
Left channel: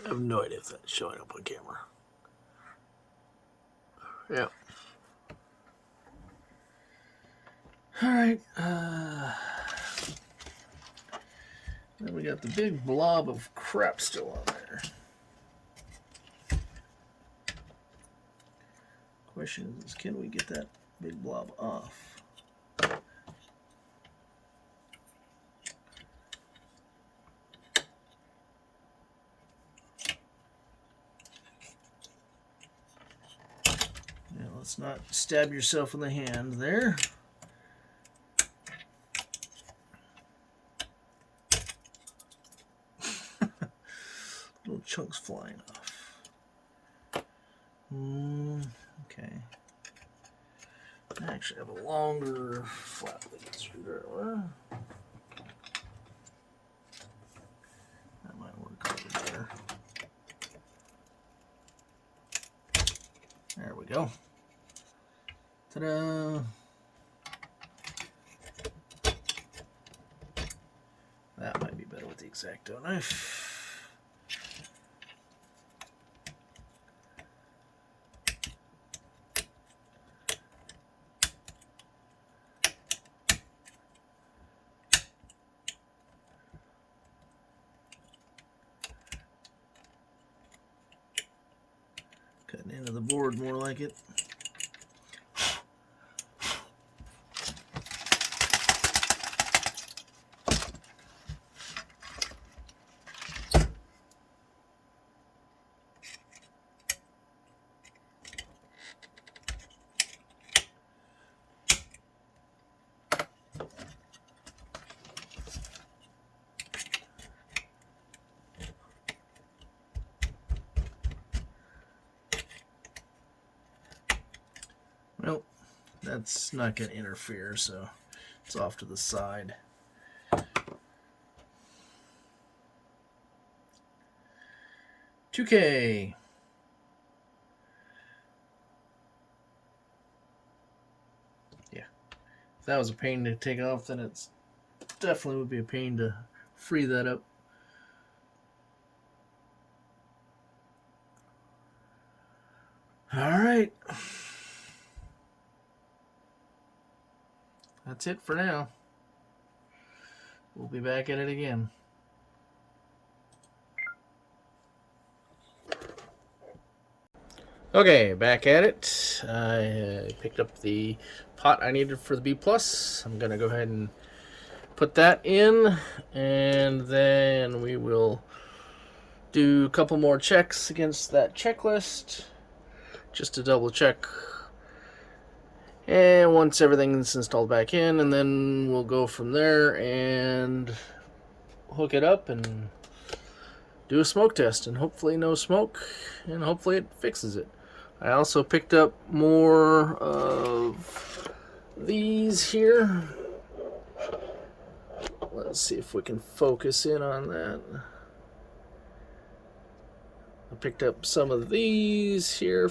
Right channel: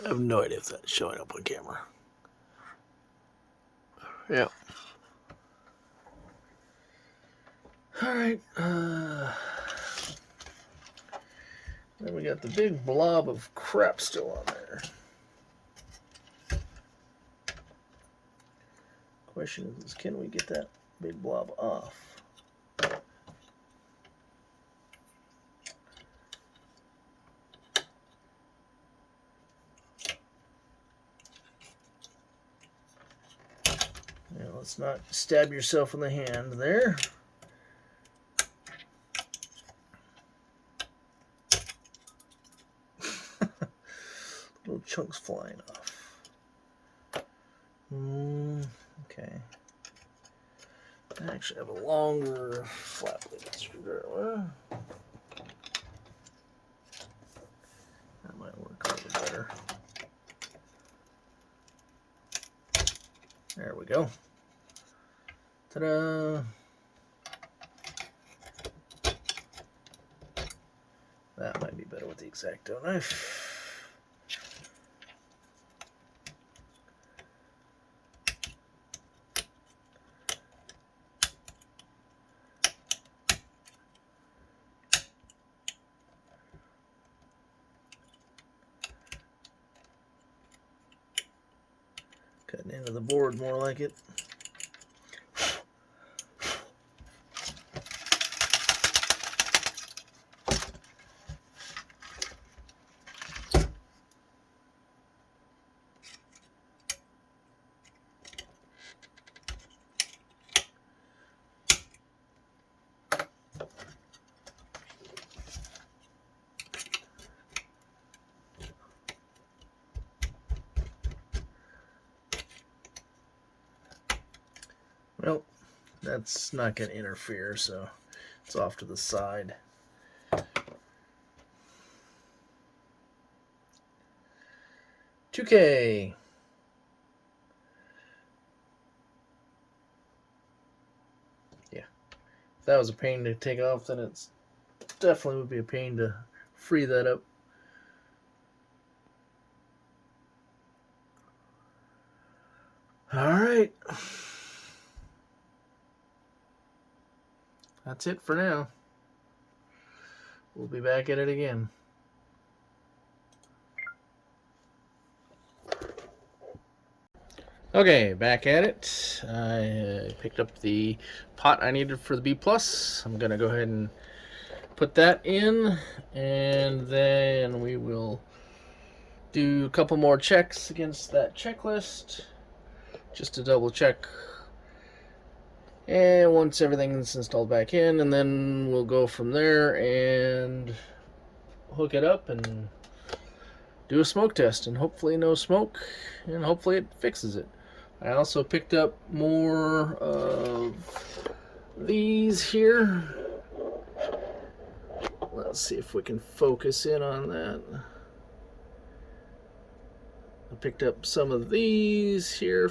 I have no idea if that's showing up on camera. Yeah. All right. Then we got the big blob of crap still on there. Question is, can we get that big blob off? Now, let's not stab yourself in the hand there. Little chunks flying off. Okay. I actually have a longer flat blade screwdriver. That might work a little better. There we go. Ta-da! That might be better with the X-Acto knife. Cutting into the board more like it. Well, that's not going to interfere, so it's off to the side. $2K. Yeah. If that was a pain to take off, then it's definitely would be a pain to free that up. All right. That's it for now. We'll be back at it again. Okay, back at it. I picked up the pot I needed for the B+. I'm going to go ahead and put that in, and then we will do a couple more checks against that checklist just to double check. And once everything's installed back in, and then we'll go from there and hook it up and do a smoke test, and hopefully no smoke, and hopefully it fixes it. I also picked up more of these here. Let's see if we can focus in on that. I picked up some of these here.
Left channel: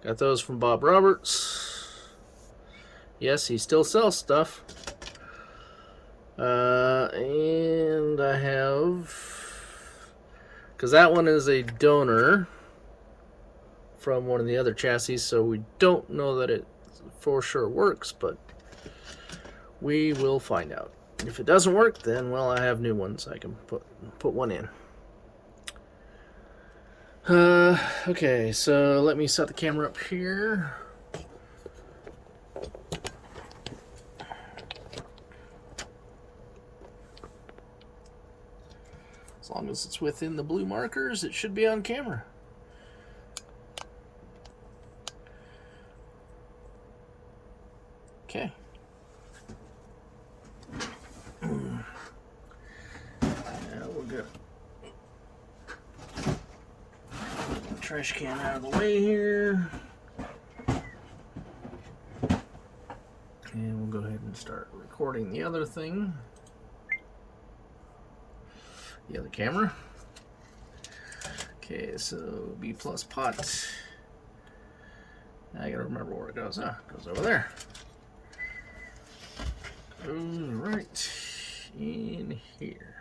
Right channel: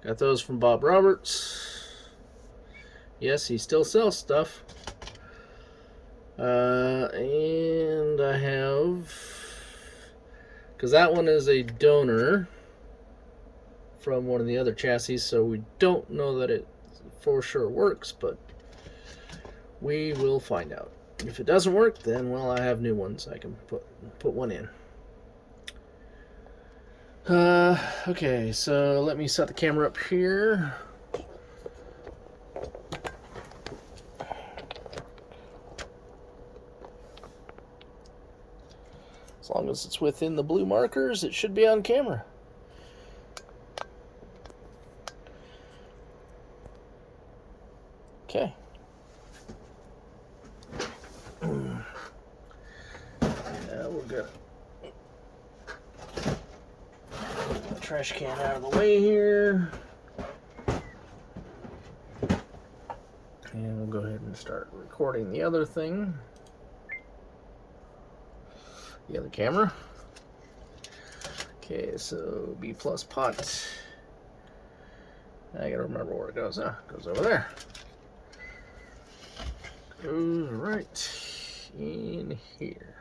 Got those from Bob Roberts. Yes, he still sells stuff. And I have, because that one is a donor from one of the other chassis, so we don't know that it for sure works, but we will find out. If it doesn't work, then, well, I have new ones. I can put one in. Okay, so let me set the camera up here. As long as it's within the blue markers, it should be on camera. Okay. Now we'll get the trash can out of the way here. And we'll go ahead and start recording the other thing. The other camera. Okay, so B+ pot I gotta remember where it goes. It goes over there. Goes right in here.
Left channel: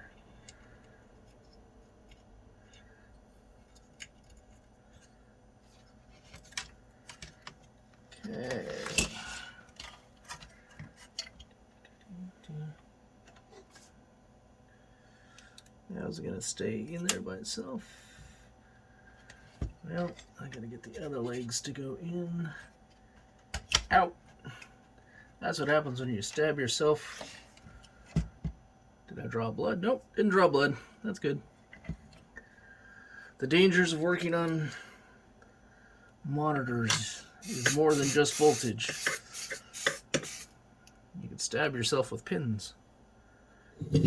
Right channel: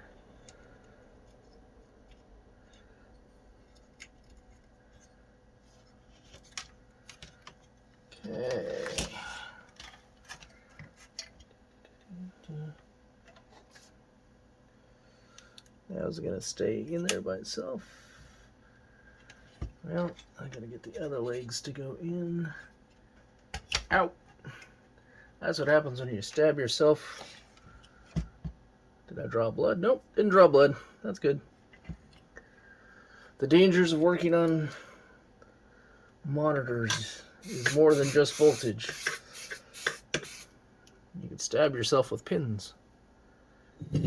Okay. How's it gonna stay in there by itself? Well, I gotta get the other legs to go in. Out! That's what happens when you stab yourself. Did I draw blood? Nope, didn't draw blood. That's good. The dangers of working on monitors is more than just voltage. You can stab yourself with pins. But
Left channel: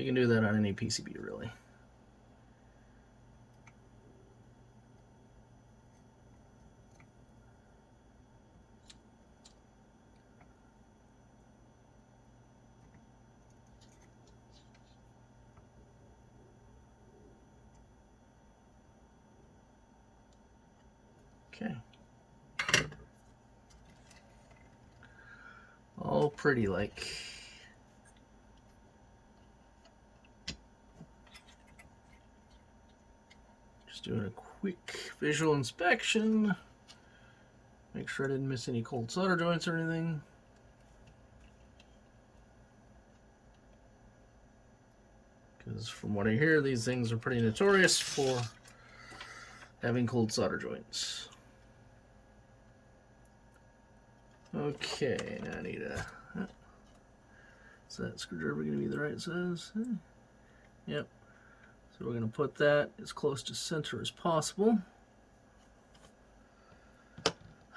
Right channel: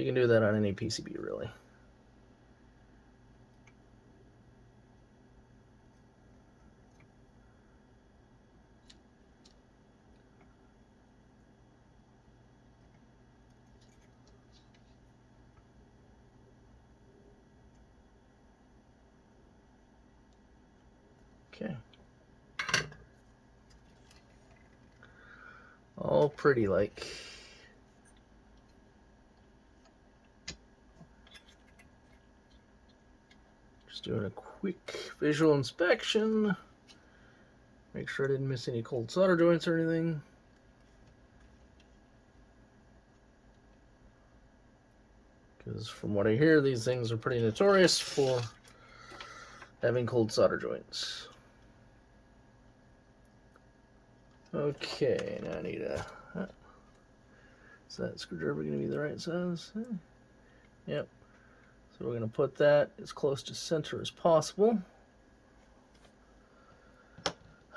you can do that on any PCB, really. Okay. All pretty like. Just doing a quick visual inspection. Make sure I didn't miss any cold solder joints or anything. Because from what I hear, these things are pretty notorious for having cold solder joints. Okay, now I need a... Is that screwdriver going to be the right size? Yep. So we're going to put that as close to center as possible.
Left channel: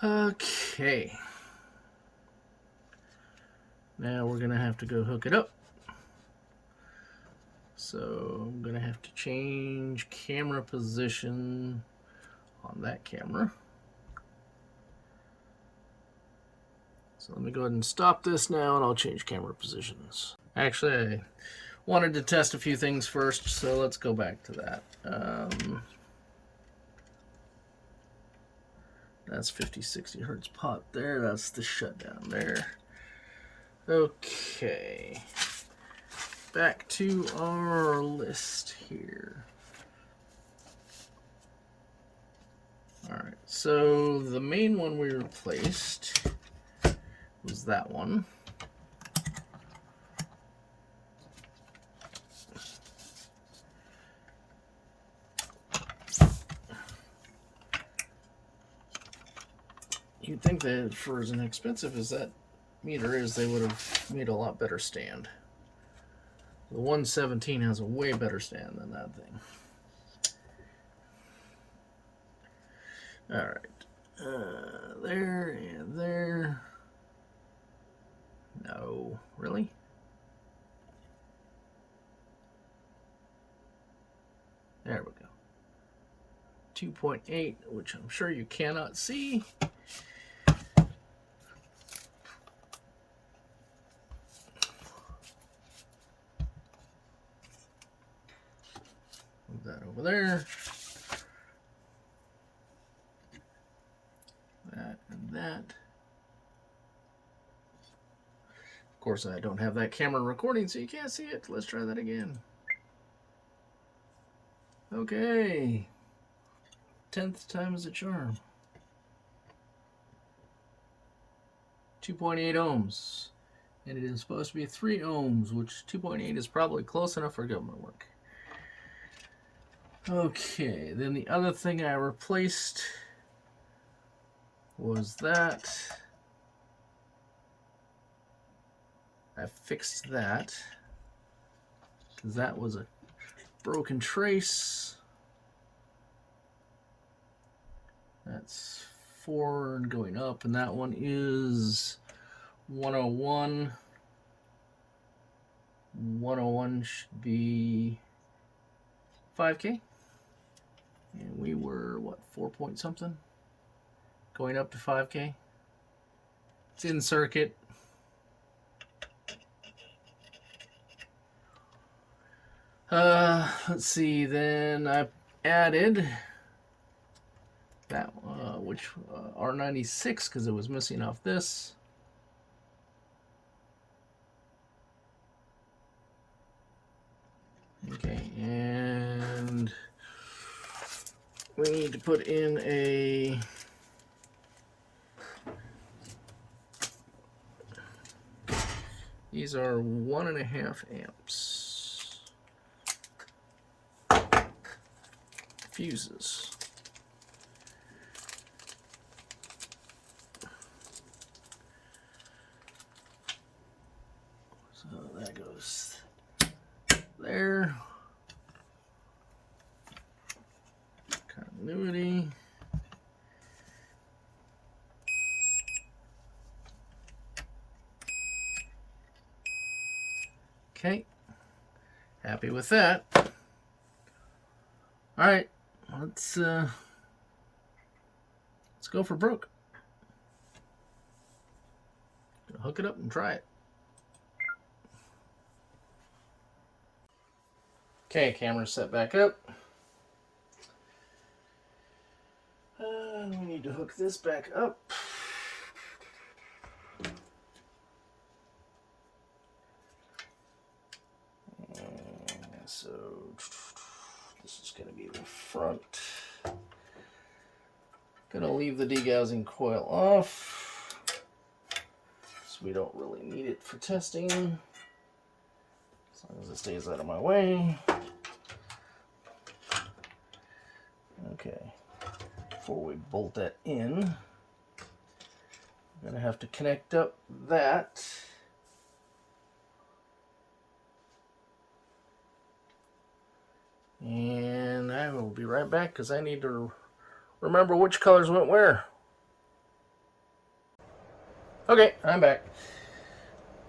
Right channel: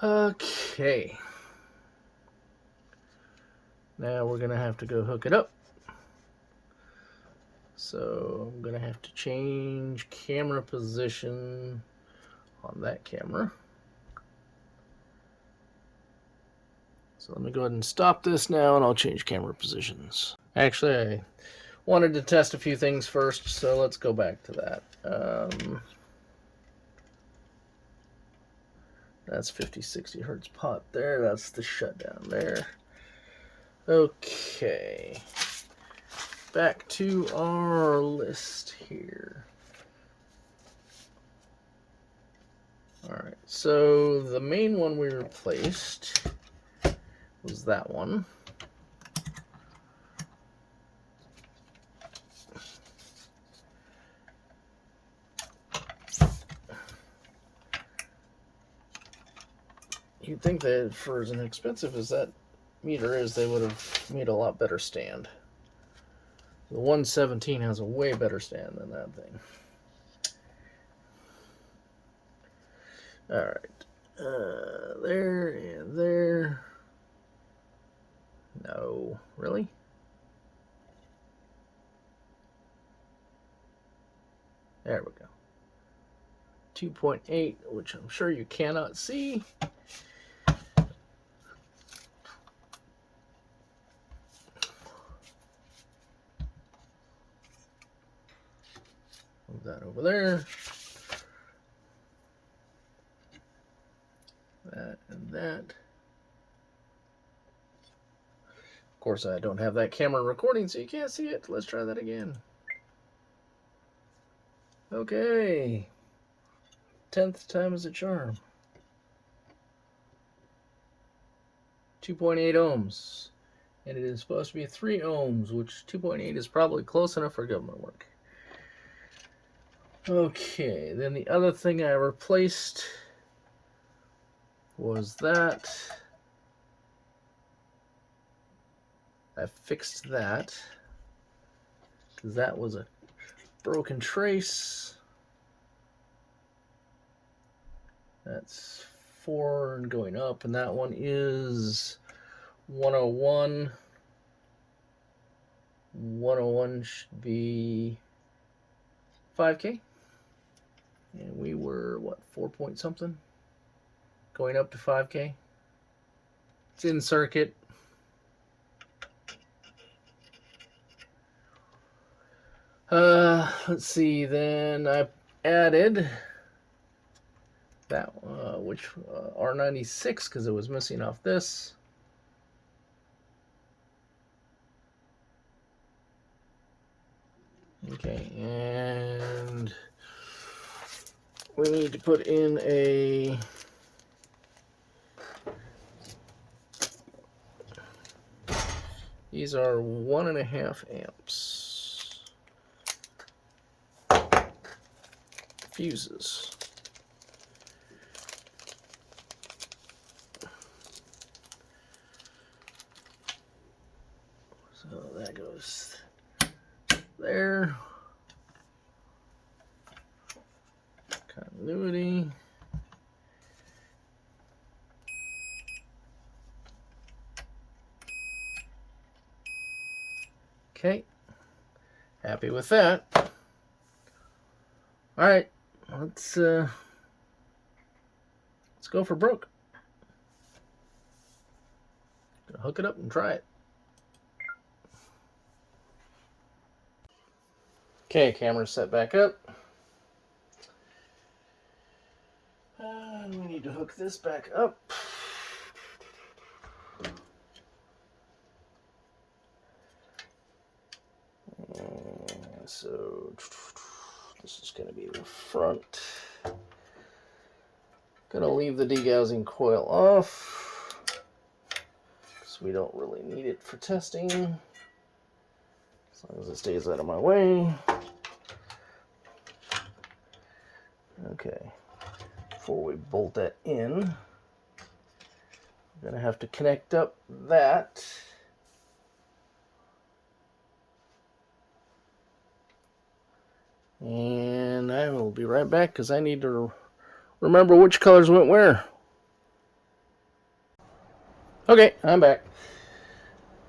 Okay. Now we're going to have to go hook it up. So I'm going to have to change camera position on that camera. So let me go ahead and stop this now, and I'll change camera positions. Actually, I wanted to test a few things first, so let's go back to that. That's 50-60 hertz pot there. That's the shutdown there. Okay. Back to our list here. Alright, so the main one we replaced was that one. You'd think that for as inexpensive as that meter is, they would have made a lot better stand. The 117 has a way better stand than that thing. Alright, there and there. No, really? There we go. 2.8, which I'm sure you cannot see. Move that over there. That and that. Of course, I don't have that camera recording, so you can't see it. Let's try that again. Okay. 10th time is a charm. 2.8 ohms. And it is supposed to be 3 ohms, which 2.8 is probably close enough for government work. Okay, then the other thing I replaced was that. I fixed that because that was a broken trace. That's 4 and going up, and that one is 101. 101 should be 5K. And we were, what, 4 point something? Going up to 5K. It's in circuit. Let's see, then I added that, which R96 because it was missing off this. Okay, and we need to put in a these are 1.5 amps fuses. So that goes there. Continuity. Okay. Happy with that. All right. Let's go for broke. Hook it up and try it. Okay, camera set back up. We need to hook this back up. So this is going to be the front. Gonna leave the degaussing coil off because we don't really need it for testing. As long as it stays out of my way. Okay. Before we bolt that in, we're gonna have to connect up that. And I will be right back because I need to remember which colors went where. Okay, I'm back.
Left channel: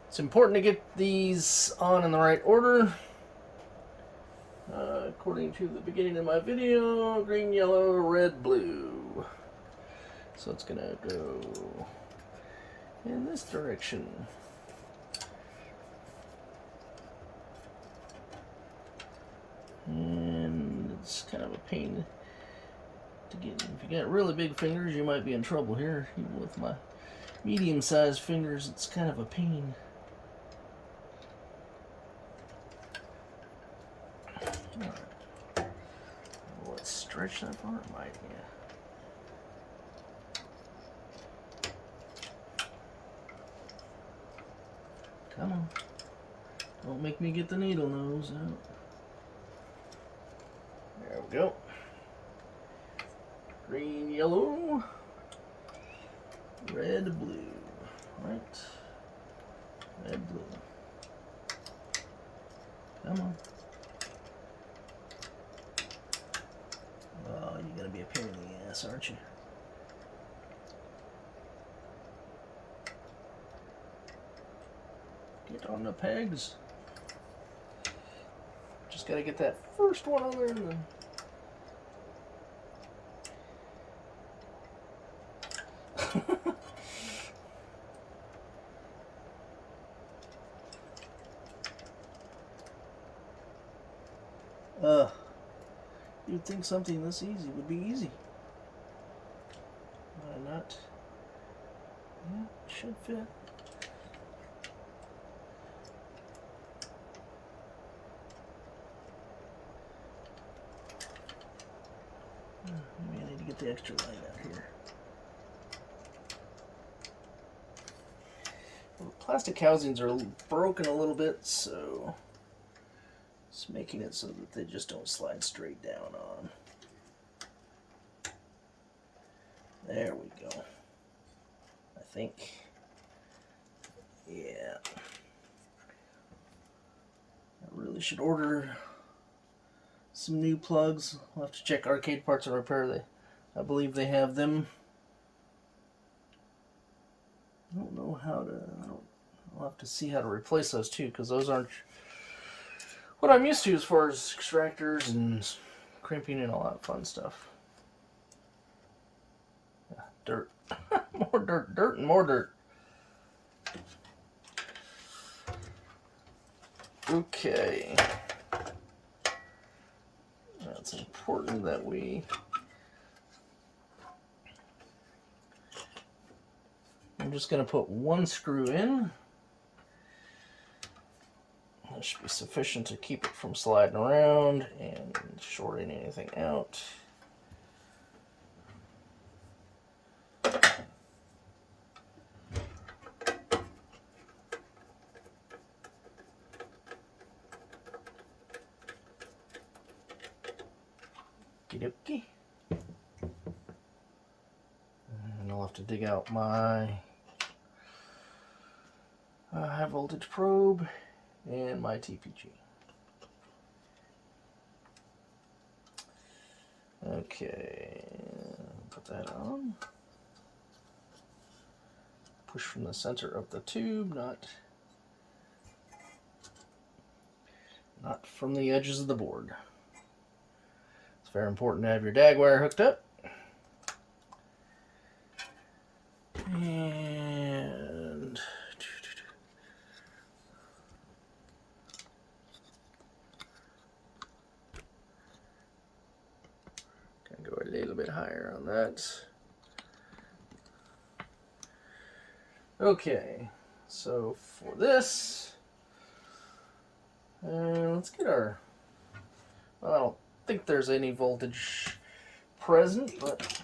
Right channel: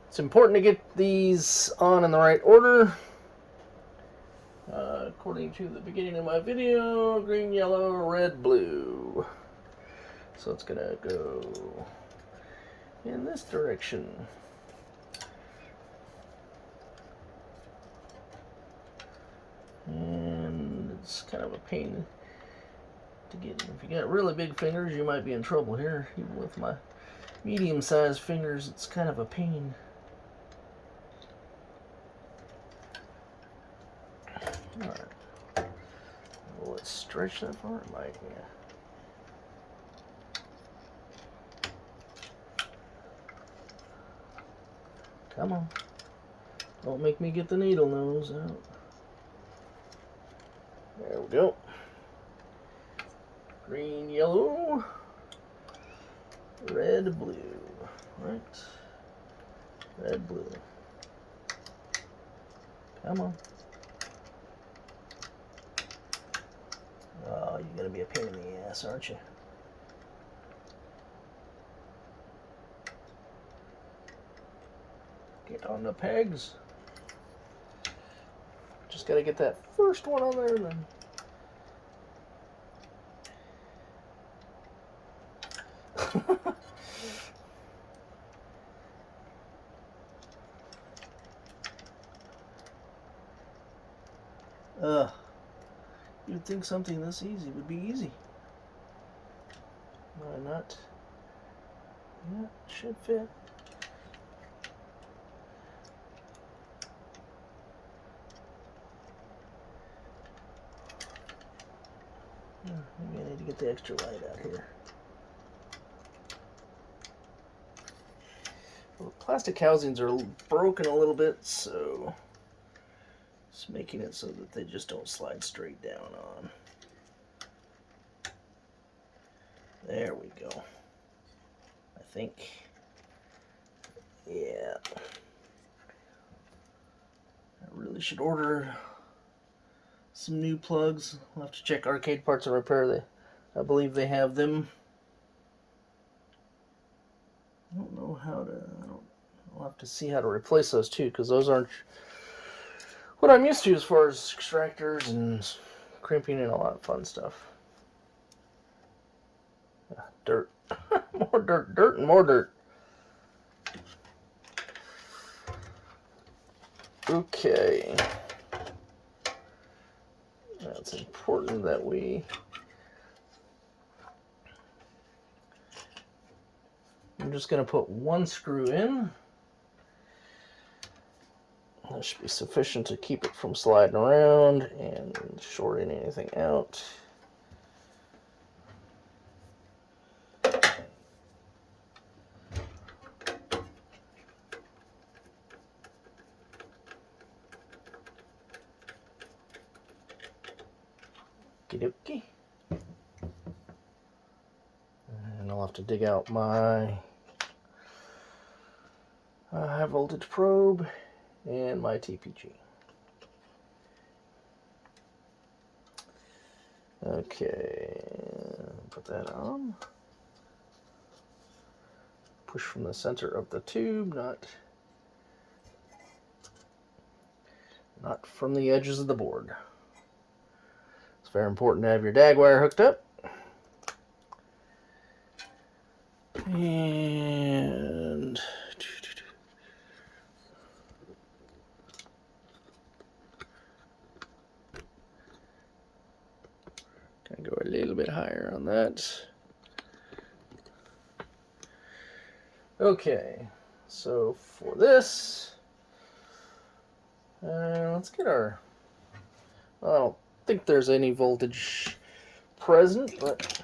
It's important to get these on in the right order. According to the beginning of my video, green, yellow, red, blue. So it's gonna go in this direction. And it's kind of a pain to get. If you got really big fingers, you might be in trouble here. Even with my medium-sized fingers, it's kind of a pain. All right. Well, let's stretch that far. It might, yeah. Come on. Don't make me get the needle nose out. There we go. Green, yellow, red, blue. Right? Red, blue. Come on. Oh, you're gonna be a pain in the ass, aren't you? Get on the pegs. Just gotta get that first one on there and then. You'd think something this easy would be easy. Why not? Yeah, should fit. Maybe I need to get the extra light out here. Well, the plastic housings are broken a little bit, so it's making it so that they just don't slide straight down on. There we go. I think. Yeah. I really should order some new plugs. I'll have to check Arcade Parts and Repair. I believe they have them. I don't know how to. I'll have to see how to replace those too, because those aren't what I'm used to as far as extractors and crimping and a lot of fun stuff. Yeah, dirt. More dirt. Dirt and more dirt. Okay. Now it's important that we I'm just going to put one screw in. That should be sufficient to keep it from sliding around and shorting anything out. Okie-dokie. And I'll have to dig out my high voltage probe and my TPG. Okay, put that on. Push from the center of the tube, not from the edges of the board. It's very important to have your DAG wire hooked up. And gonna go a little bit higher on that. Okay, so for this, let's get our, I don't think there's any voltage present, but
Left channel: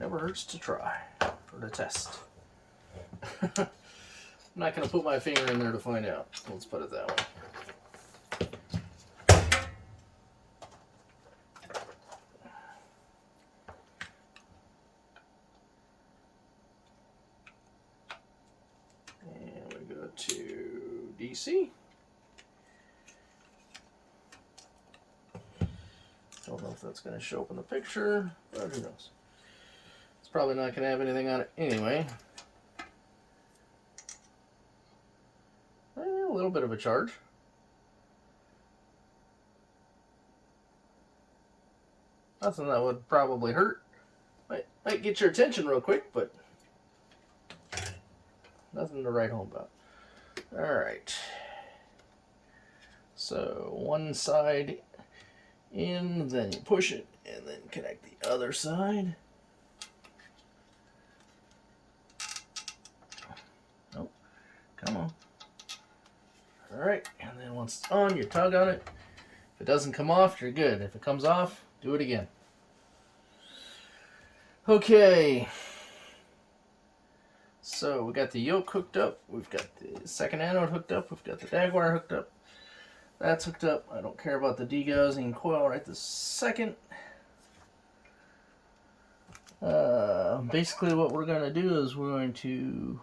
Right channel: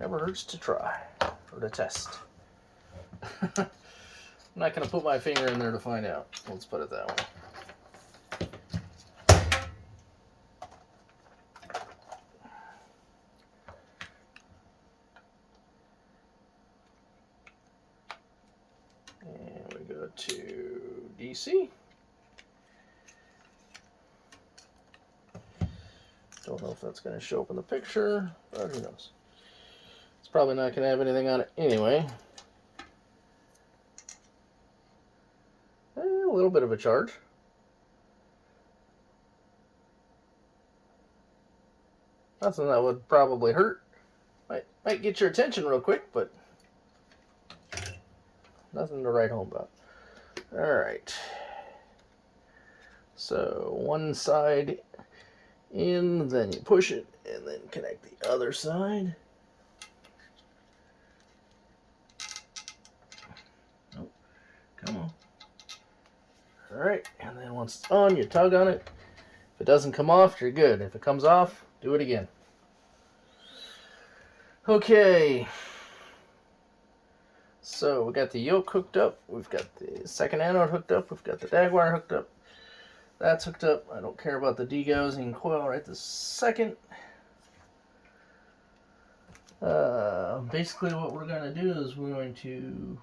never hurts to try or to test. I'm not going to put my finger in there to find out. Let's put it that way. And we go to DC. Don't know if that's going to show up in the picture, but who knows. It's probably not going to have anything on it anyway. A little bit of a charge. Nothing that would probably hurt. Might get your attention real quick, but nothing to write home about. Alright. So one side in, then you push it, and then connect the other side. Nope. Come on. Alright, and then once it's on, you tug on it. If it doesn't come off, you're good. If it comes off, do it again. Okay. So we got the yoke hooked up. We've got the second anode hooked up. We've got the DAG wire hooked up. That's hooked up. I don't care about the degaussing coil right this second. Basically what we're going to do is we're going to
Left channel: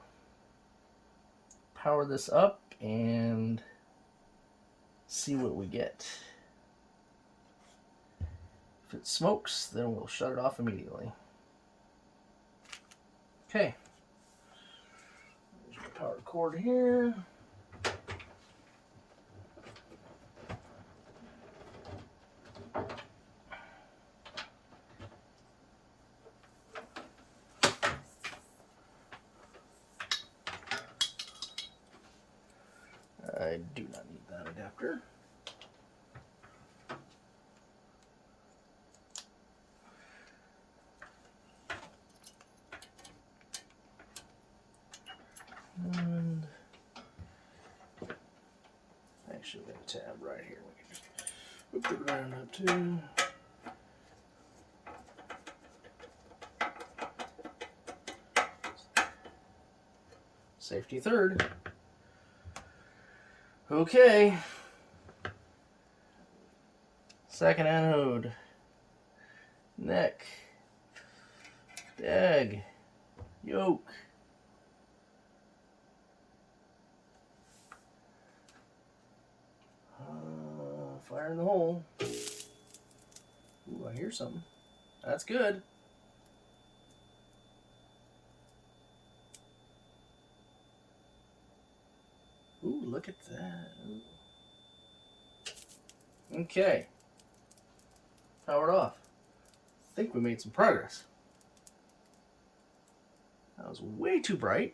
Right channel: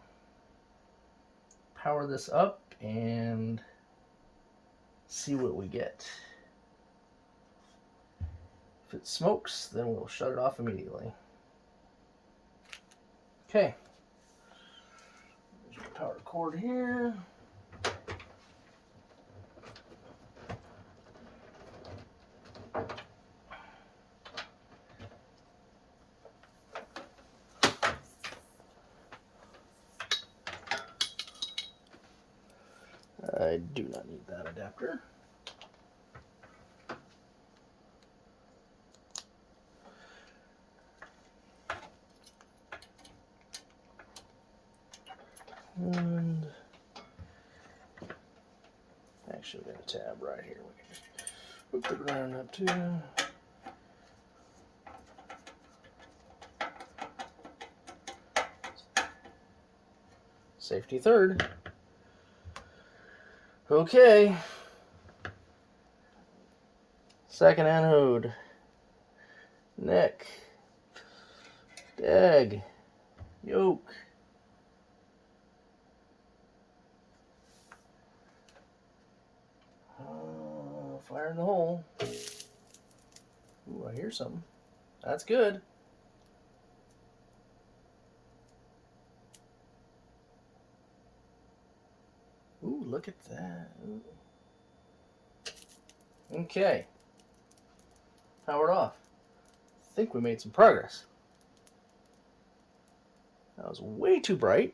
power this up and see what we get. If it smokes, then we'll shut it off immediately. Okay. There's the power cord here. I do not need that adapter. And actually, we got a tab right here. We can hook the ground up too. Safety third. Okay. Second anode. Neck. DAG. Yoke. Fire in the hole. Ooh, I hear something. That's good. Ooh, look at that. Ooh. Okay. Powered off. I think we made some progress. That was way too bright.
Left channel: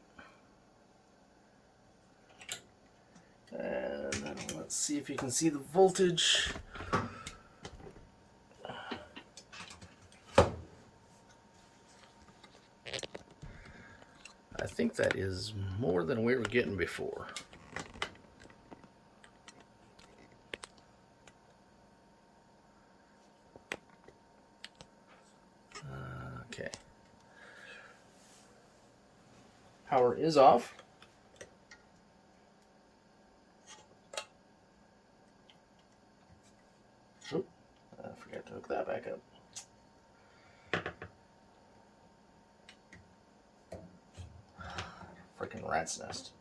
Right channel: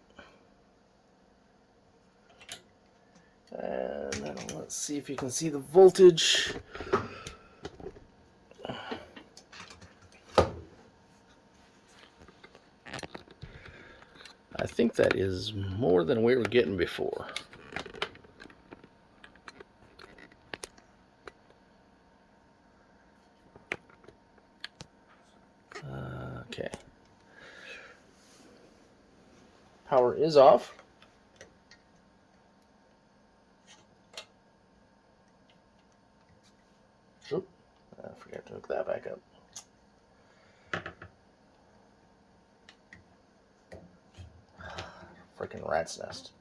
And then let's see if you can see the voltage. think that is more than we were getting before. Okay. Power is off. Oop, I forgot to hook that back up. Freaking rat's nest.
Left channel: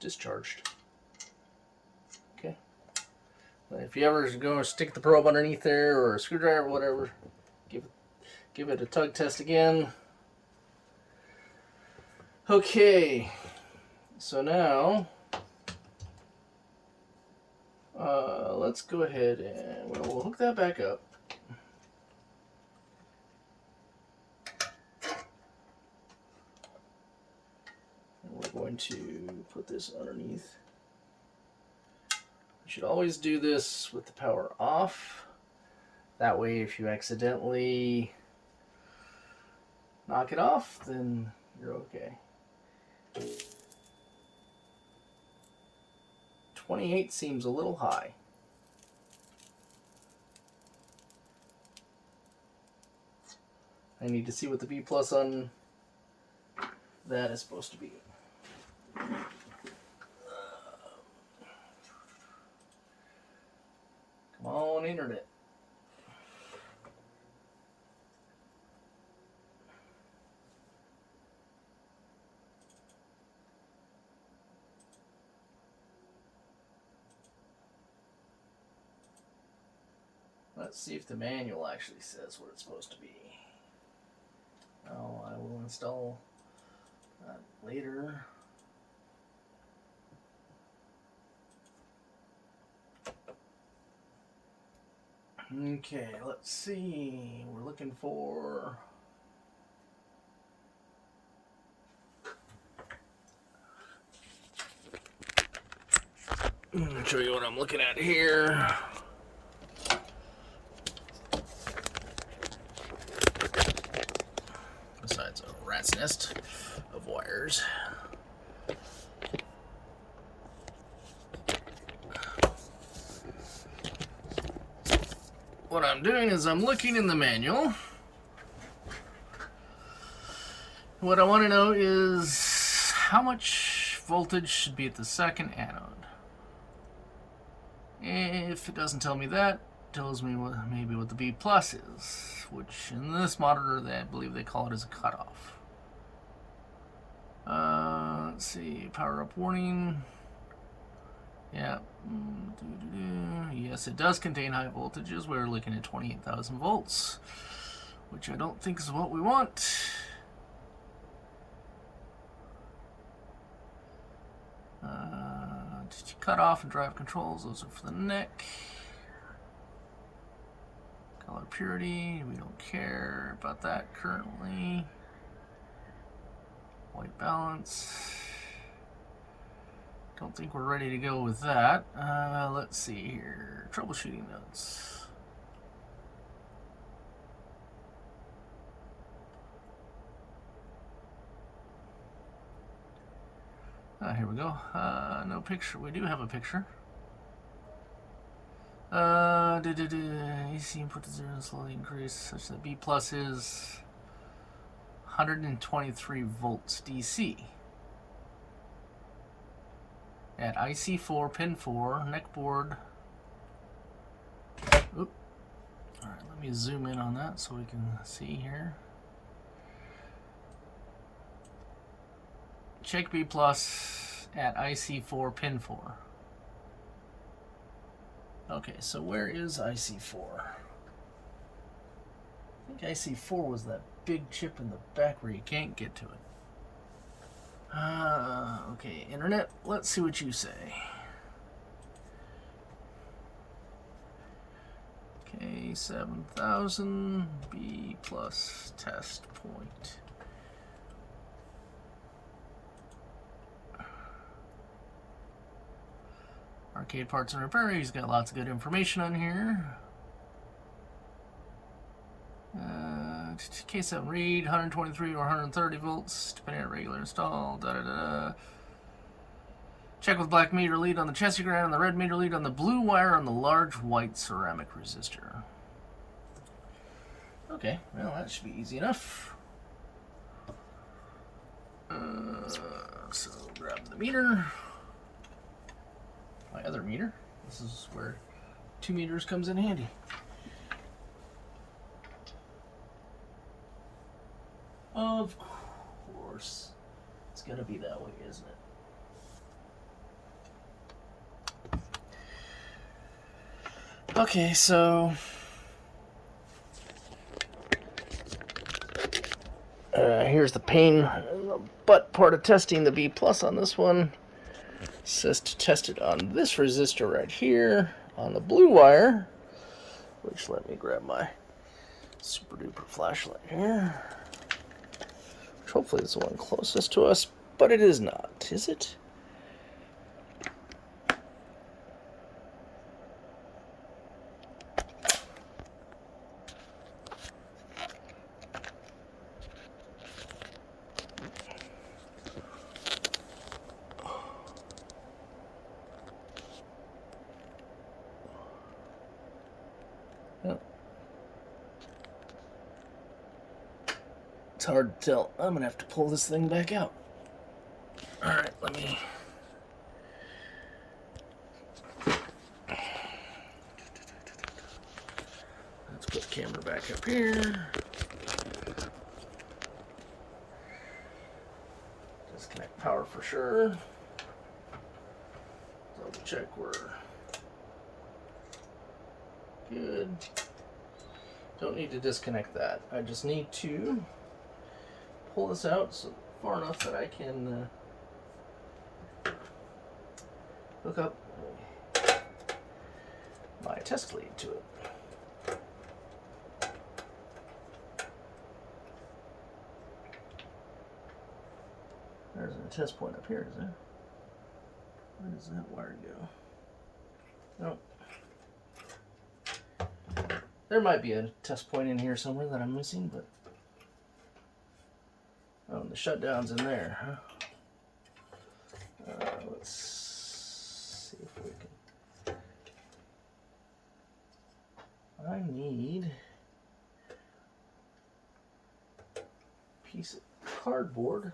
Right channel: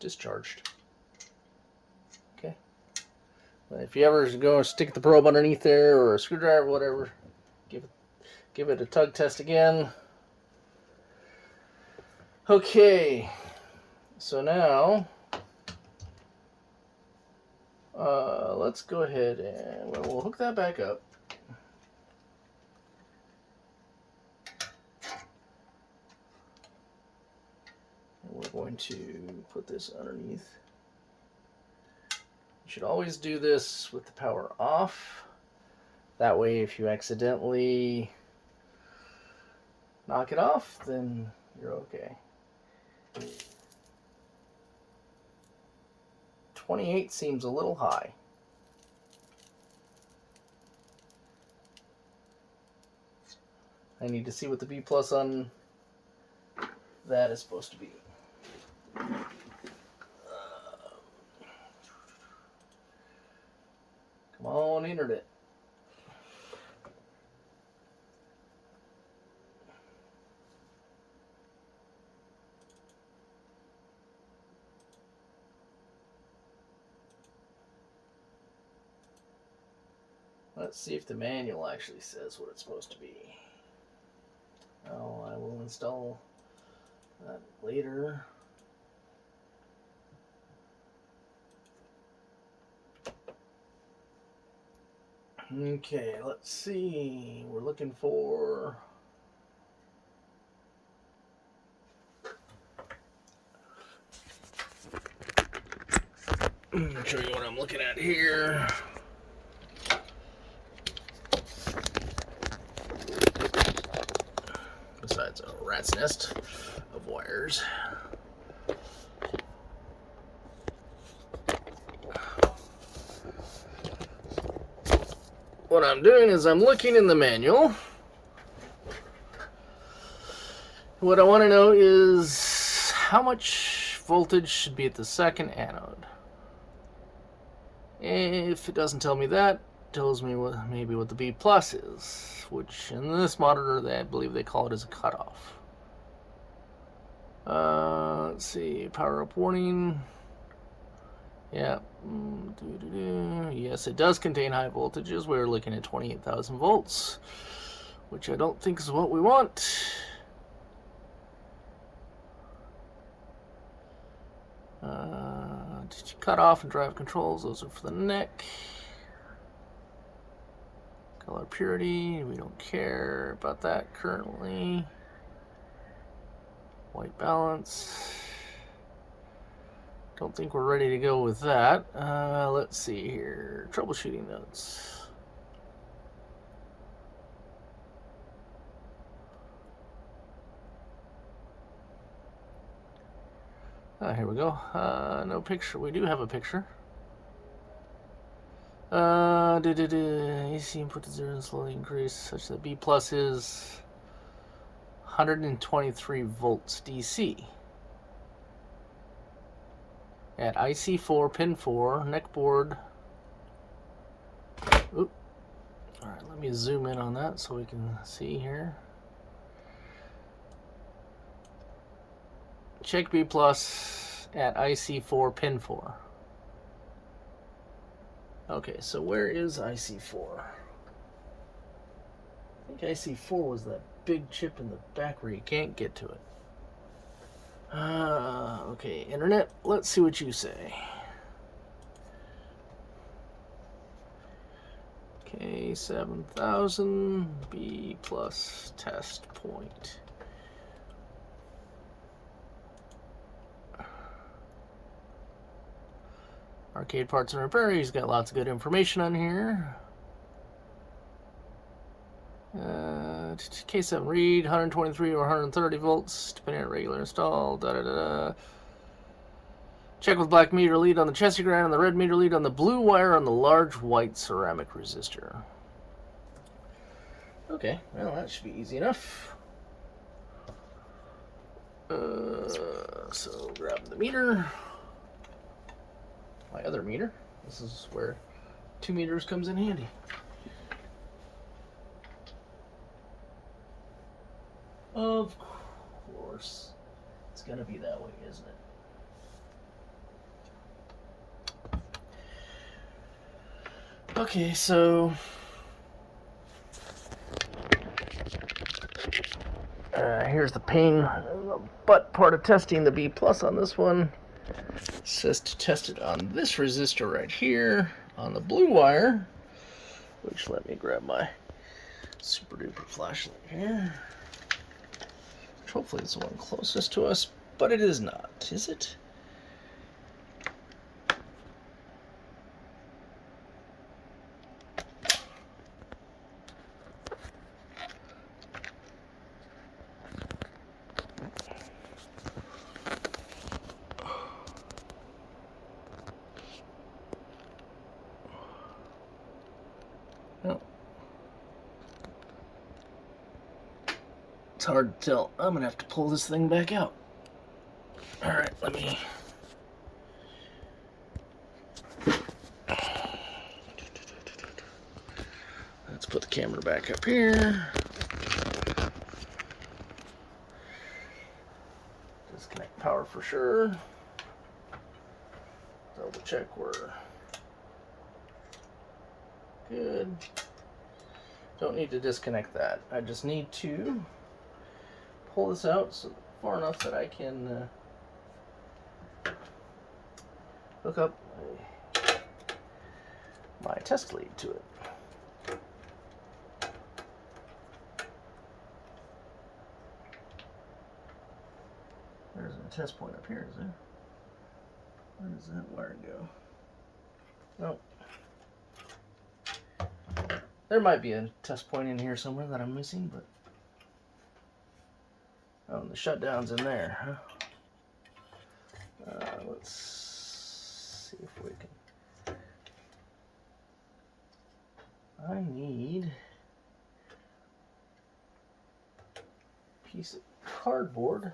Discharged. Okay. If you ever go stick the probe underneath there or a screwdriver, whatever, give it a tug test again. Okay. So now let's go ahead and we'll hook that back up. We're going to put this underneath. You should always do this with the power off. That way, if you accidentally knock it off, then you're okay. 28 seems a little high. I need to see what the V plus on that is supposed to be. Come on, internet. Let's see if the manual actually says what it's supposed to be. Oh, I will install that later. Okay, let's see. We're looking for I'll show you what I'm looking at here. Besides a rat's nest of wires. What I'm doing is I'm looking in the manual. What I want to know is how much voltage should be at the second anode. If it doesn't tell me that, it tells me maybe what the V plus is, which in this monitor I believe they call it as a cutoff. Let's see, power up warning. Yeah. Yes, it does contain high voltages. We're looking at 28,000 volts, which I don't think is what we want. Cut off and drive controls. Those are for the neck. Color purity. We don't care about that currently. White balance. Don't think we're ready to go with that. Let's see here. Troubleshooting notes. Here we go. No picture. We do have a picture. AC input to 0 slowly increase such that B plus is 123 volts DC. At IC4, pin 4, neck board. Oop. Alright, let me zoom in on that so we can see here. Check B plus at IC4, pin 4. Okay, so where is IC4? I think IC4 was that big chip in the back where you can't get to it. Okay, internet, let's see what you say. K7000 B plus test point. Arcade Parts and Repair. He's got lots of good information on here. K7 read 123 or 130 volts depending on regular install. Check with black meter lead on the chassis ground and the red meter lead on the blue wire on the large white ceramic resistor. Okay, well that should be easy enough. So grab the meter, my other meter. This is where 2 meters comes in handy. Of course, it's gonna be that way, isn't it? Okay, so here's the pain butt part of testing the B plus on this one. It says to test it on this resistor right here on the blue wire, which let me grab my super duper flashlight here. Which hopefully is the one closest to us, but it is not, is it? No. It's hard to tell. I'm gonna have to pull this thing back out. Alright, let me... Let's put the camera back up here. Disconnect power for sure. Double check we're good. Don't need to disconnect that. I just need to pull this out so far enough that I can hook up my test lead to it. There's a test point up here, is there? Where does that wire go? Oh. There might be a test point in here somewhere that I'm missing, but... Oh, and the shutdown's in there, huh? Let's see if we can... I need a piece of cardboard.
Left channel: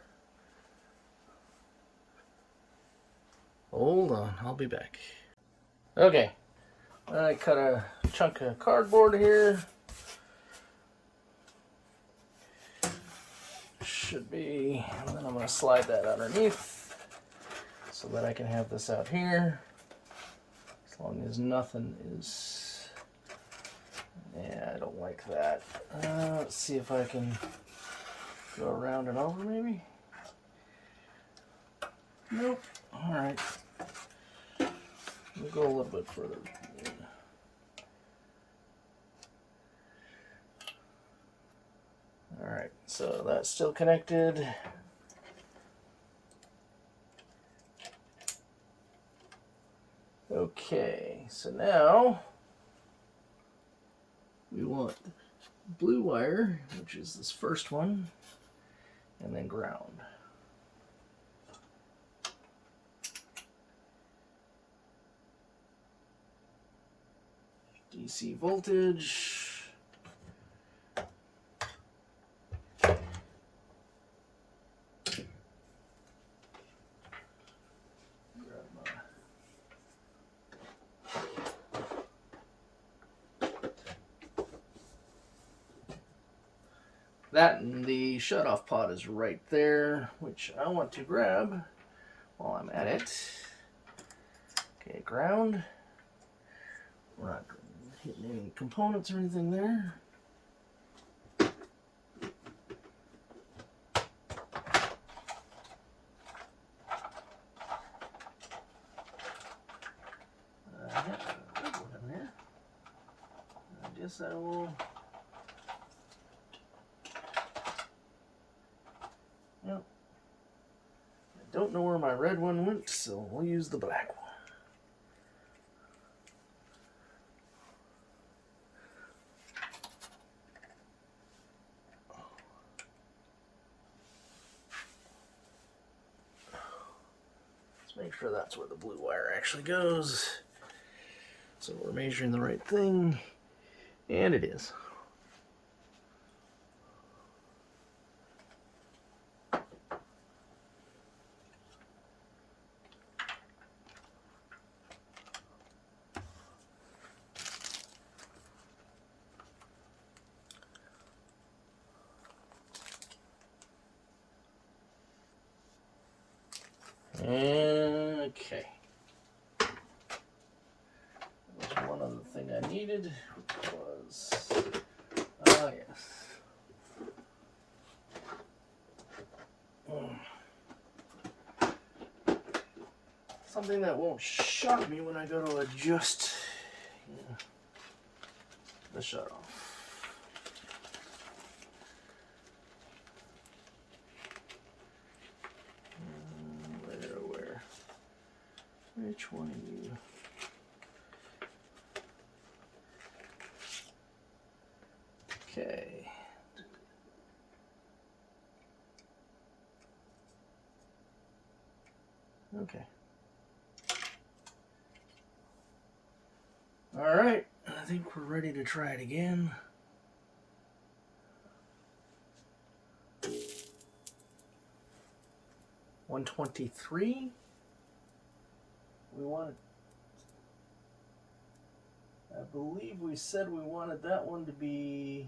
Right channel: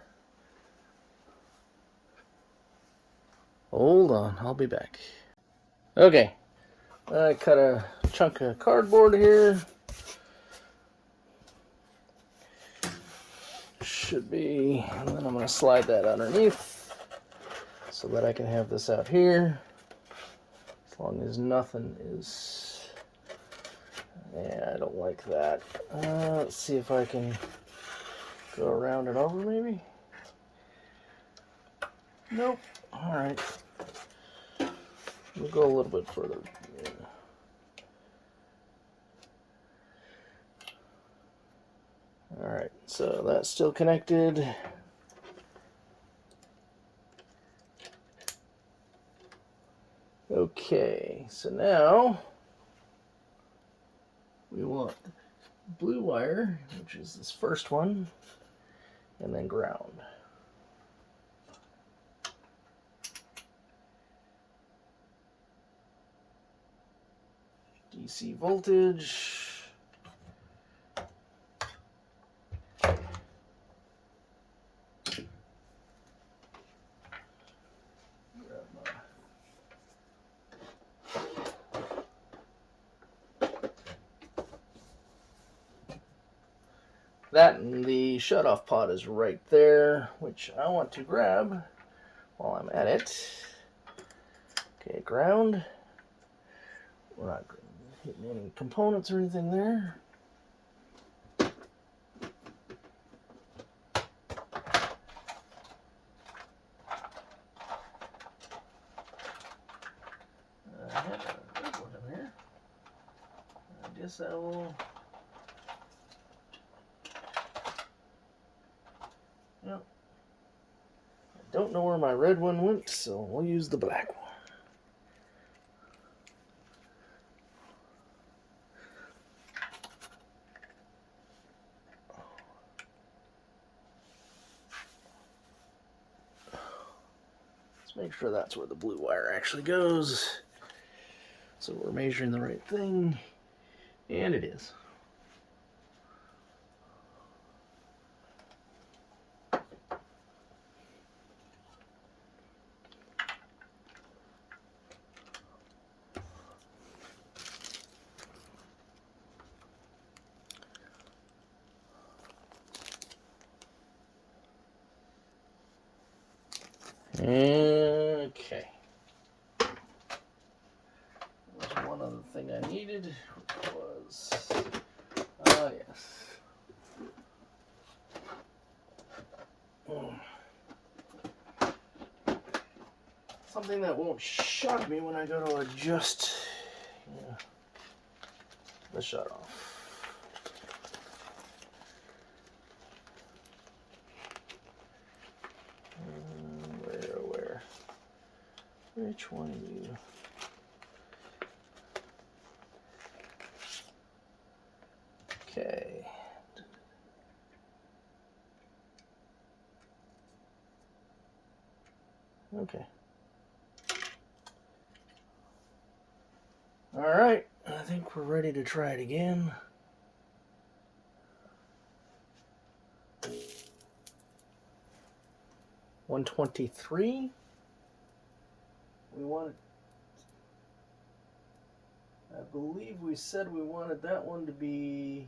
Hold on, I'll be back. Okay, I cut a chunk of cardboard here. Should be, and then I'm going to slide that underneath so that I can have this out here. As long as nothing is... Yeah, I don't like that. Let's see if I can go around it over maybe. Nope. Alright. We'll go a little bit further. Alright, so that's still connected. Okay, so now we want blue wire, which is this first one, and then ground. DC voltage. That and the shutoff pot is right there, which I want to grab while I'm at it. Okay, ground. We're not hitting any components or anything there. I have a big one in there. I guess I will. Yep. I don't know where my red one went, so we'll use the black one. make sure that's where the blue wire actually goes. So we're measuring the right thing, and it is. Okay. There's one other thing I needed, which was, oh yes. Something that won't shock me when I go to adjust the shut off. Where? Which one are you? Okay. Okay. All right, I think we're ready to try it again. $123. We wanted, I believe we said we wanted that one to be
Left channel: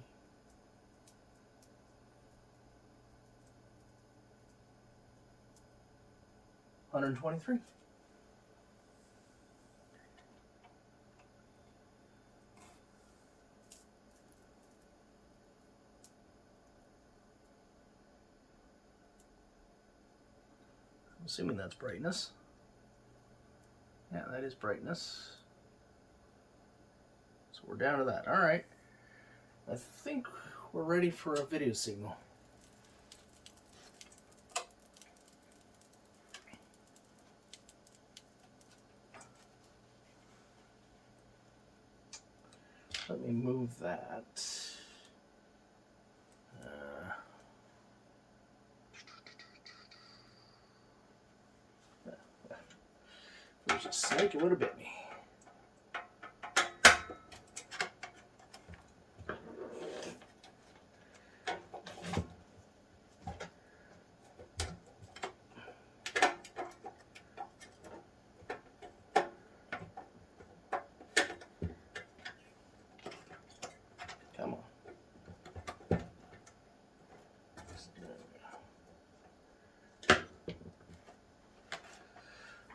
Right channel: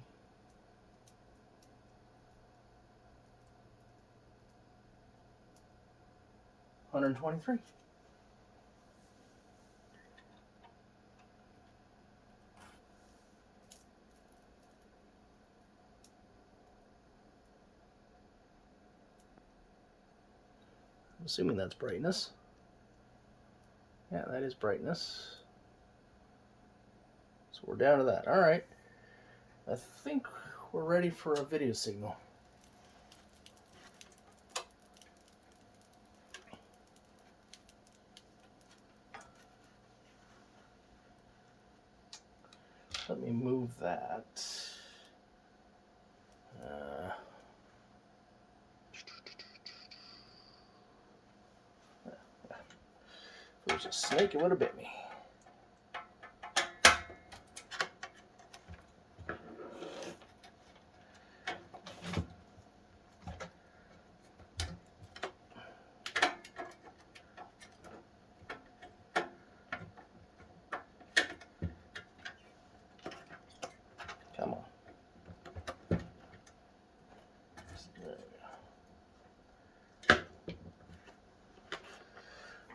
$123. I'm assuming that's brightness. Yeah, that is brightness. So we're down to that. All right. I think we're ready for a video signal. Let me move that. If there's a snake, it would have bit me. Come on.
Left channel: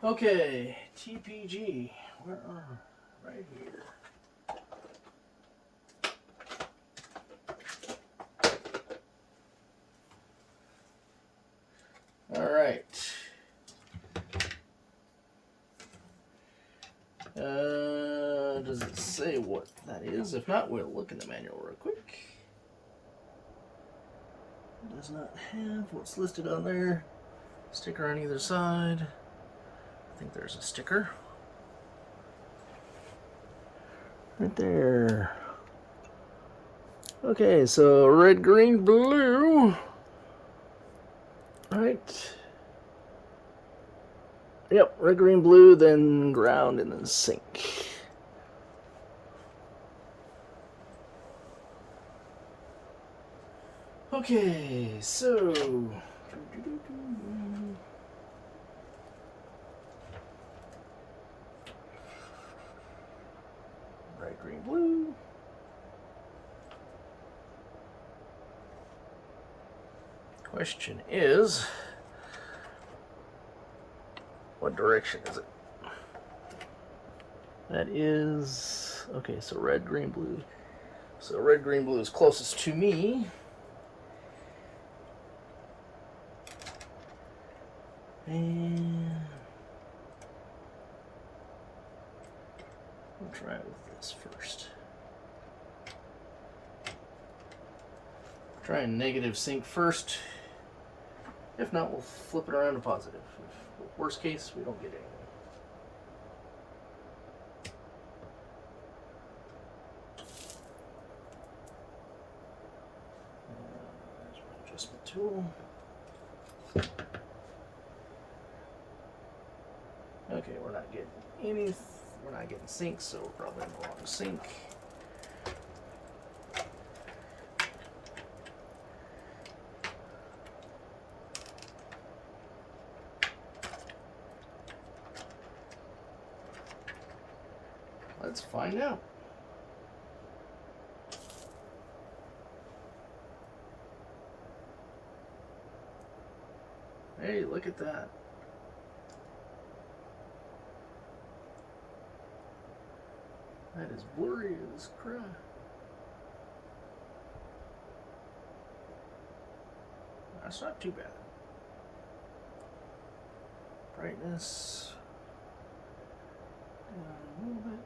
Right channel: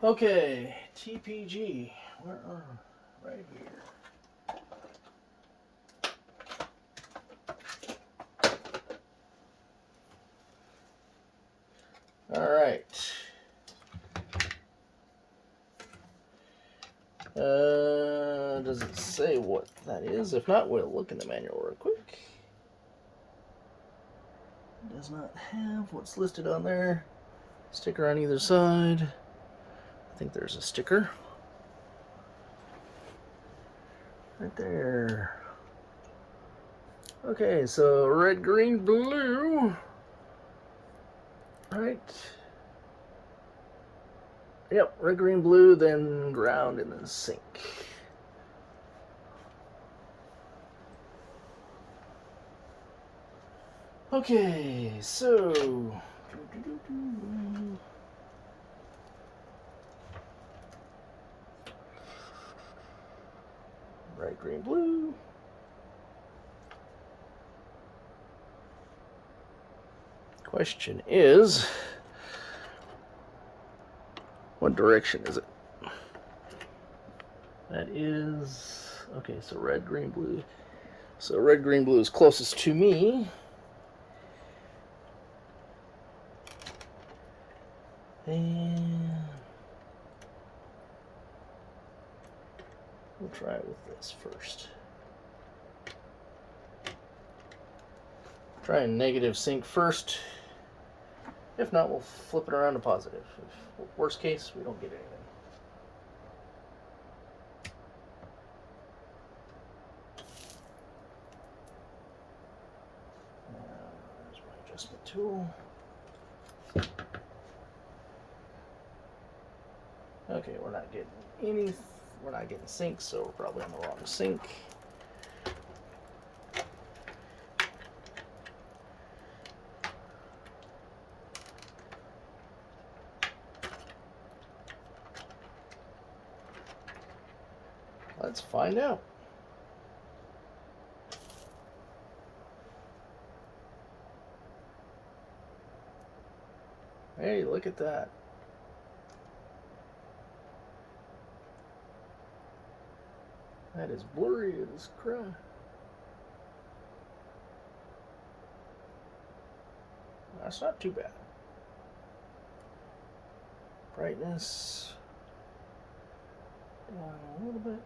Okay, TPG. Where are we? Right here. All right. Does it say what that is? If not, we'll look in the manual real quick. It does not have what's listed on there. Sticker on either side. I think there's a sticker. Right there. Okay, so red, green, blue. Right. Yep, red, green, blue, then ground, and then sync. Okay, so red, green, blue. Question is, what direction is it? That is, okay, so red, green, blue. So red, green, blue is closest to me. And we'll try it with this first. Try and negative sync first. If not, we'll flip it around to positive. If, worst case, we don't get anything. There's my adjustment tool. get any. We're not getting sync, so we're probably on the wrong sync. Let's find out. Hey, look at that. That is blurry as crap. That's not too bad. Brightness down a little bit.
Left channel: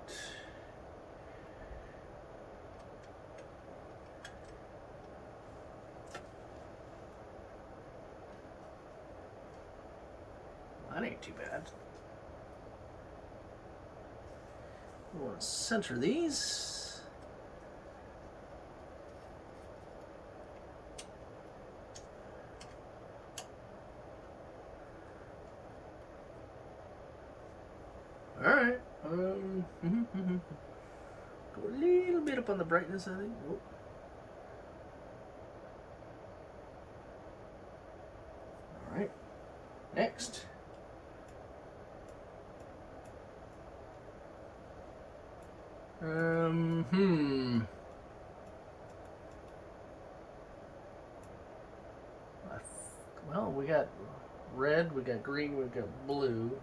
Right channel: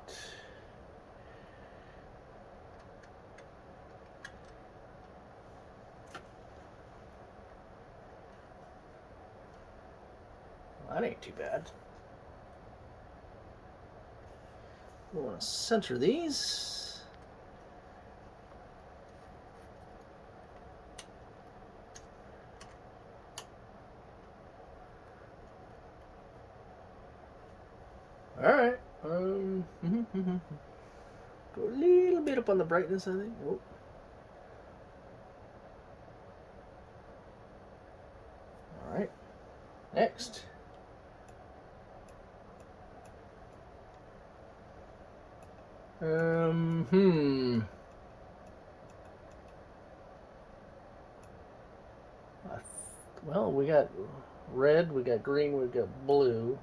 Well, that ain't too bad. We'll want to center these. All right. Go a little bit up on the brightness, I think. Whoa. All right. Next. Well, we got red, we got green, we got blue.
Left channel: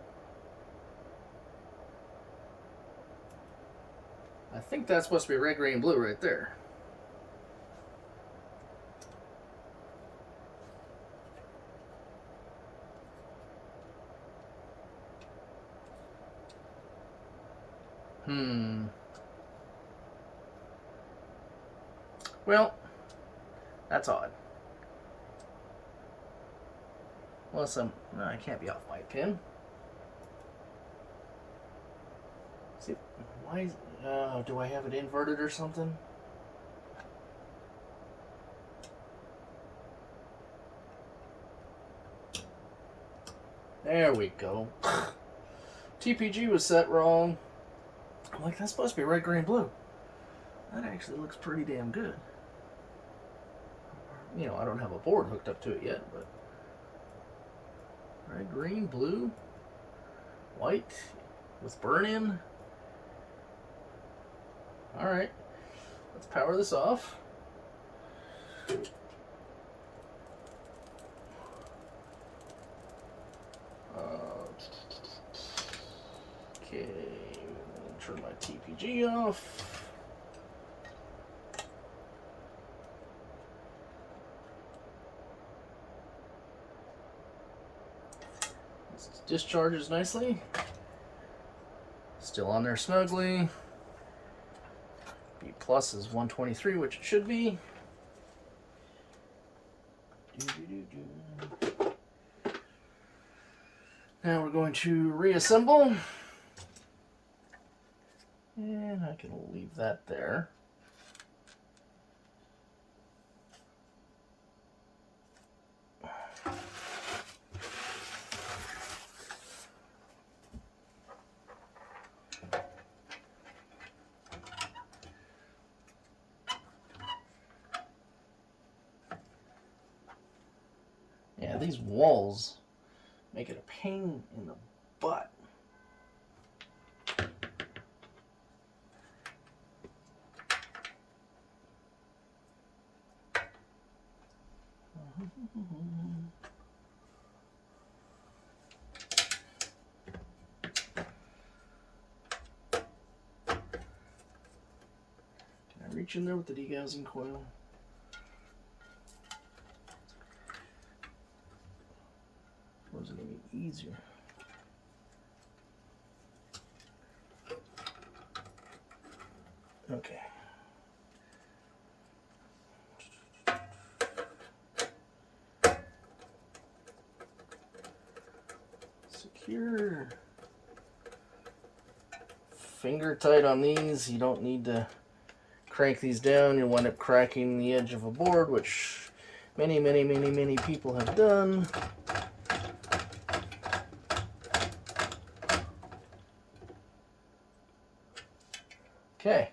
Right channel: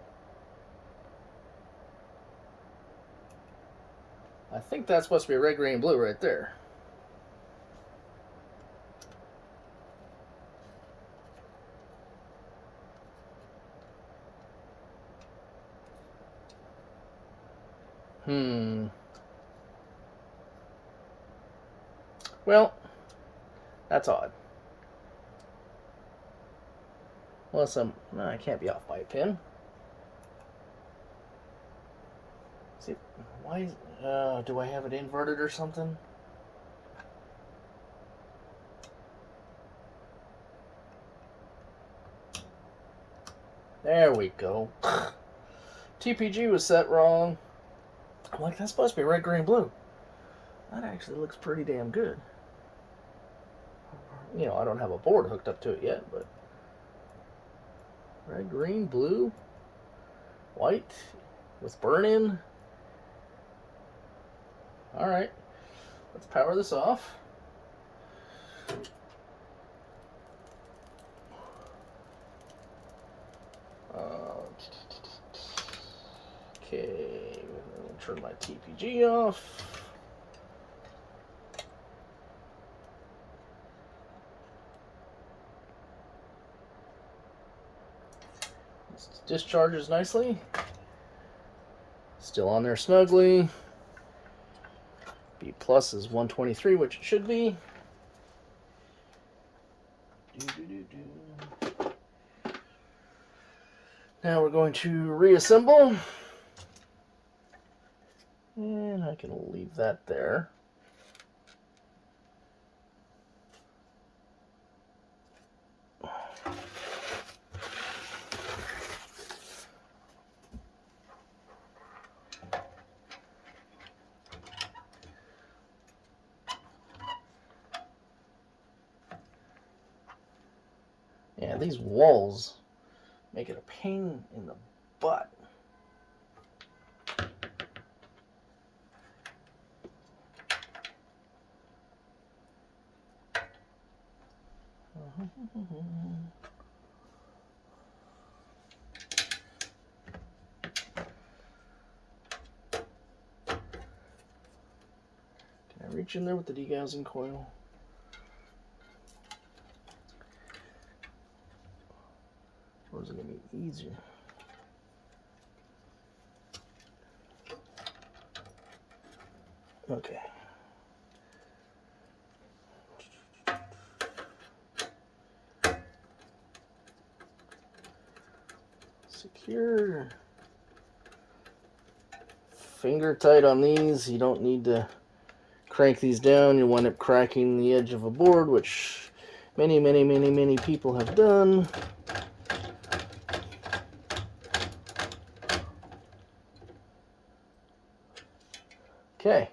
I think that's supposed to be red, green, blue right there. Well, that's odd. Unless no, I can't be off by a pin. See, why is, do I have it inverted or something? There we go. TPG was set wrong. I'm like, that's supposed to be red, green, blue. That actually looks pretty damn good. You know, I don't have a board hooked up to it yet, but red, green, blue, white with burn-in. All right, let's power this off. Okay, turn my TPG off. Discharges nicely. Still on there snugly. B plus is 123, which it should be. Now we're going to reassemble. And I can leave that there. Yeah, these walls make it a pain in the butt. Can I reach in there with the degaussing coil? Or is it going to be easier? Okay. Secure. Finger tight on these. You don't need to crank these down. You wind up cracking the edge of a board, which many people have done. Okay.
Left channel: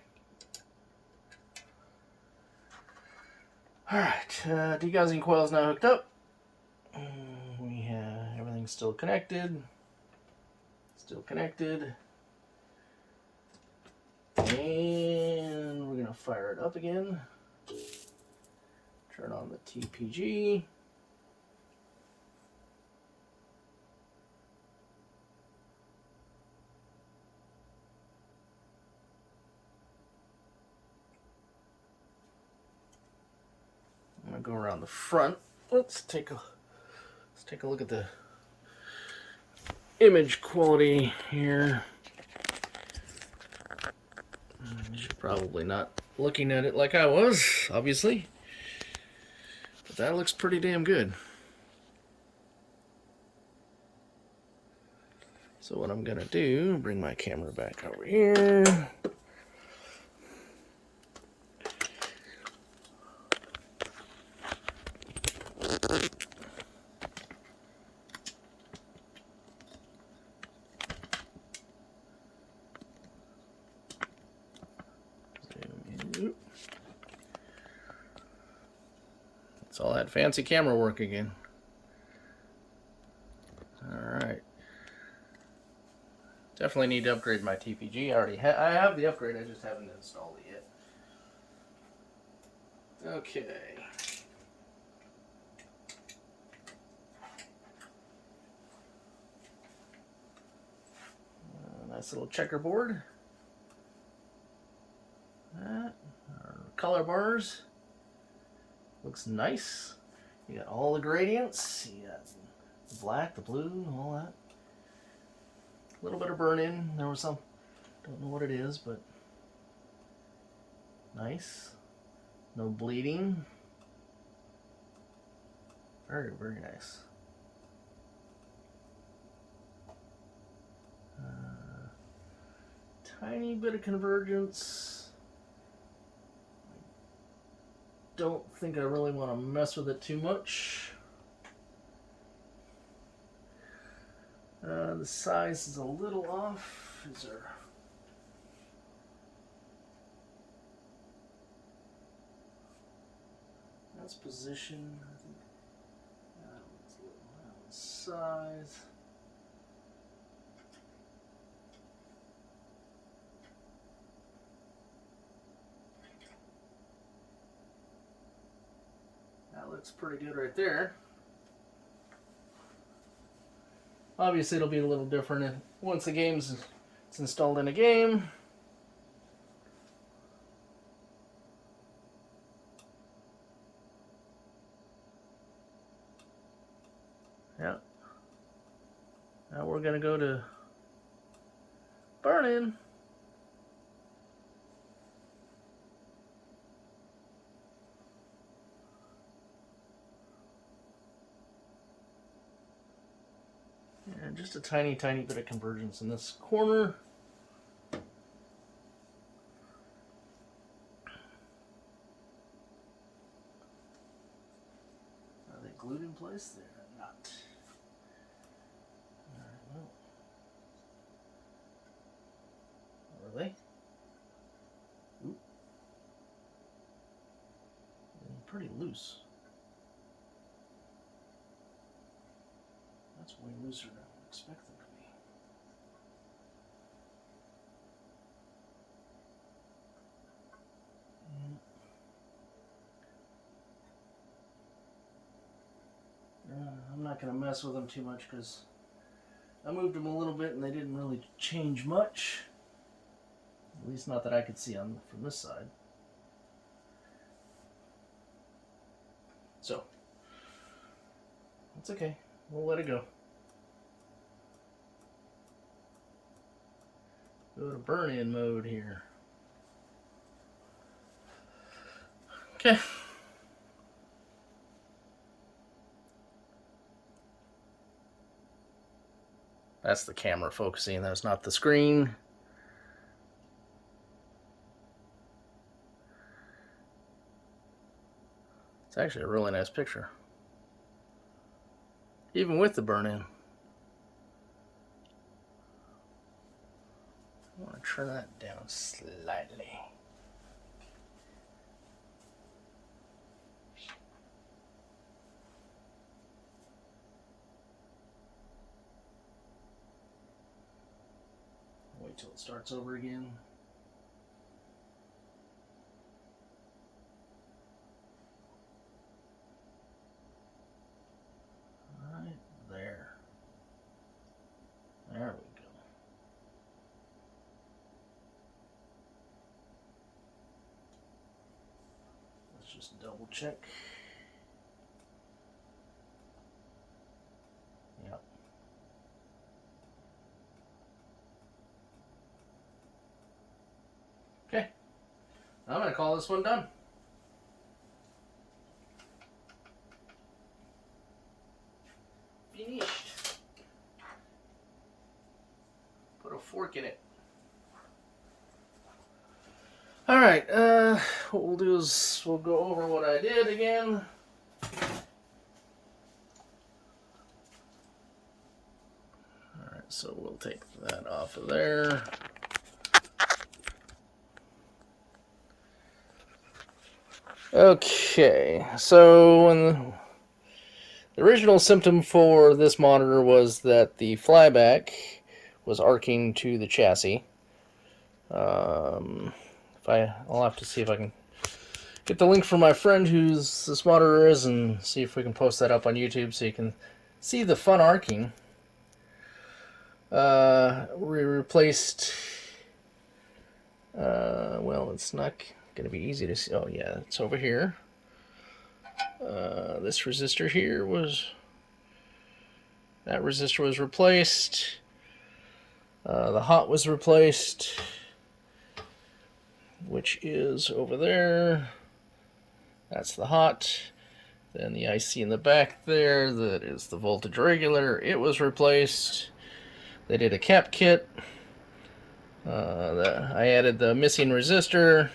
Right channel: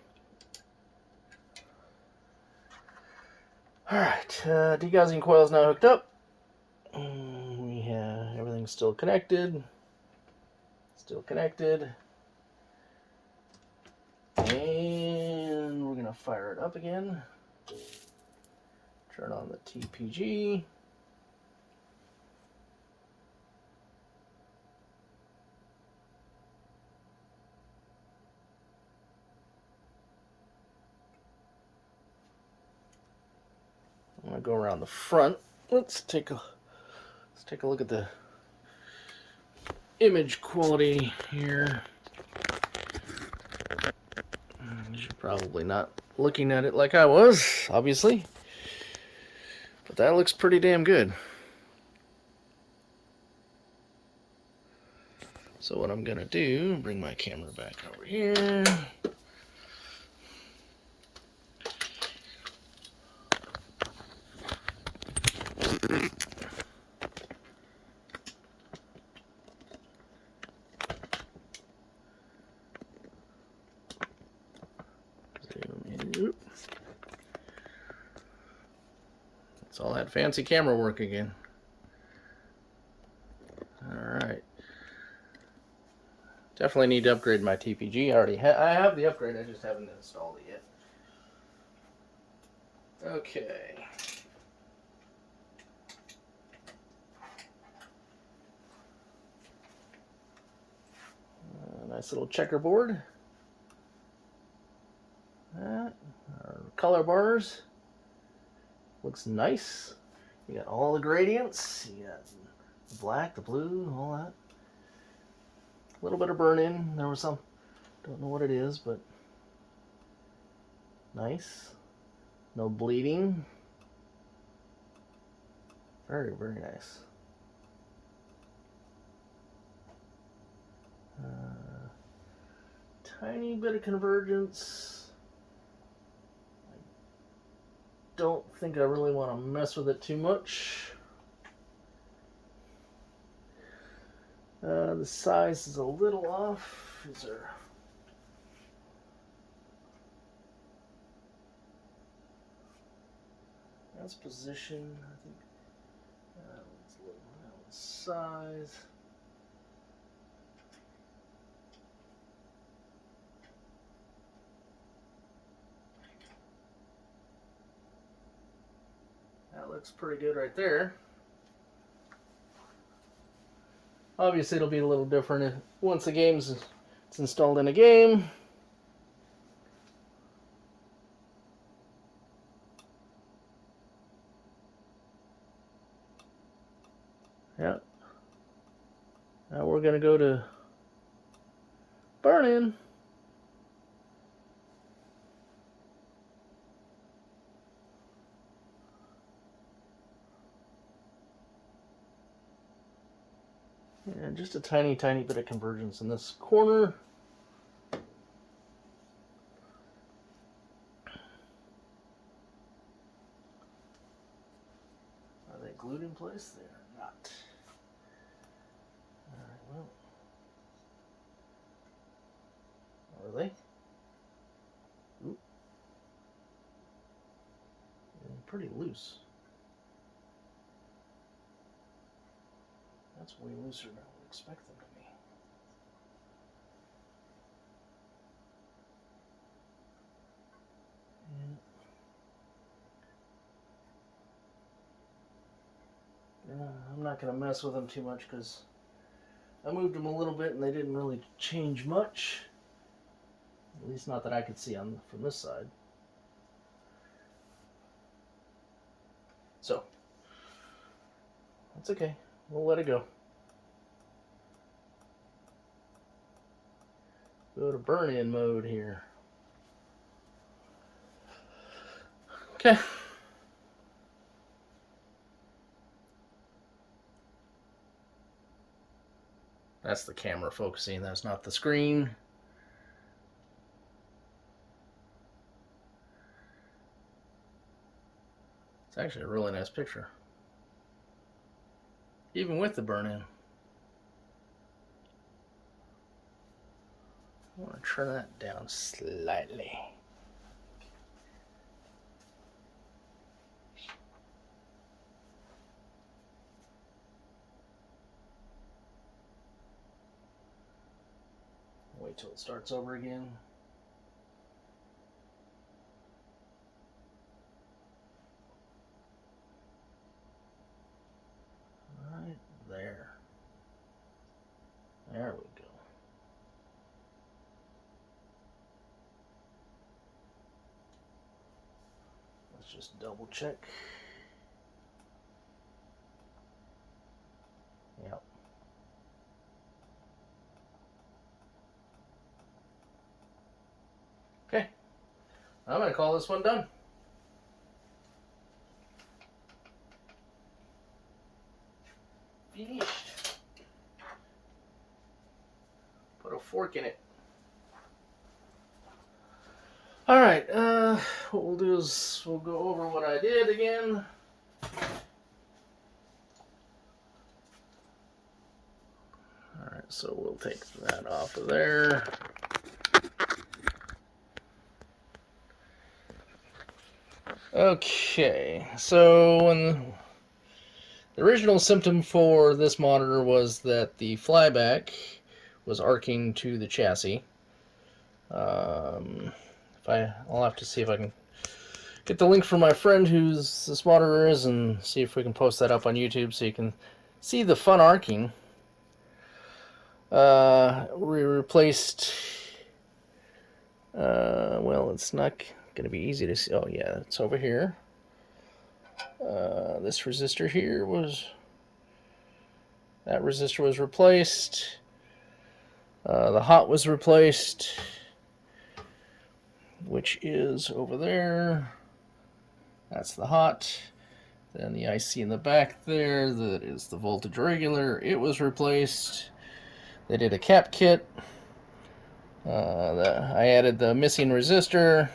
Alright, degaussing coil is now hooked up. We have everything still connected. Still connected. And we're going to fire it up again. Turn on the TPG. I'm going to go around the front. Let's take a look at the image quality here. You're probably not looking at it like I was, obviously. But that looks pretty damn good. So what I'm going to do, bring my camera back over here. It's all that fancy camera work again. Alright. Definitely need to upgrade my TPG. I have the upgrade, I just haven't installed it yet. Okay. Nice little checkerboard. That. Our color bars. Looks nice. You got all the gradients. You got the black, the blue, all that. A little bit of burn-in. There was some, don't know what it is, but nice. No bleeding. Very, very nice. Tiny bit of convergence. Don't think I really want to mess with it too much. The size is a little off. That's position. I think that one's a little size. That looks pretty good right there. Obviously, it'll be a little different once the game's it's installed in a game. Yeah. Now we're gonna go to burn-in. And just a tiny, tiny bit of convergence in this corner. Are they glued in place? They are not. Alright, well. Are they? Ooh. They're pretty loose. That's way looser than I would expect them to be. I'm not going to mess with them too much because I moved them a little bit and they didn't really change much. At least not that I could see from this side. So, that's okay. We'll let it go. Go to burn-in mode here. Okay. That's the camera focusing. That's not the screen. It's actually a really nice picture. Even with the burn-in. I want to turn that down slightly. Wait till it starts over again. Right there. There we go. Let's just double check. Yep. Okay. I'm going to call this one done. Finished. Put a fork in it. Alright, what we'll do is we'll go over what I did again. Alright, so we'll take that off of there. Okay, so when the original symptom for this monitor was that the flyback was arcing to the chassis. I'll have to see if I can get the link from my friend whose this monitor is and see if we can post that up on YouTube so you can see the fun arcing. We replaced, well, it's not going to be easy to see. Oh yeah, it's over here. This resistor here that resistor was replaced. The hot was replaced, which is over there. That's the hot. Then the IC in the back there, that is the voltage regulator. It was replaced. They did a cap kit. I added the missing resistor.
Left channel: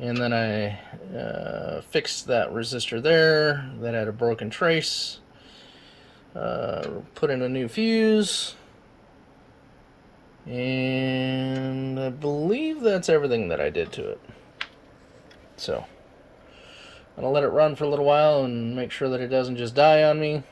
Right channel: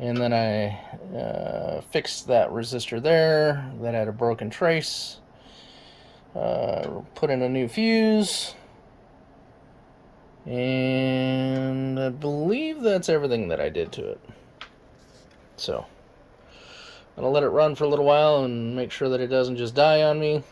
And then I fixed that resistor there that had a broken trace. Put in a new fuse. And I believe that's everything that I did to it. So, I'm going to let it run for a little while and make sure that it doesn't just die on me.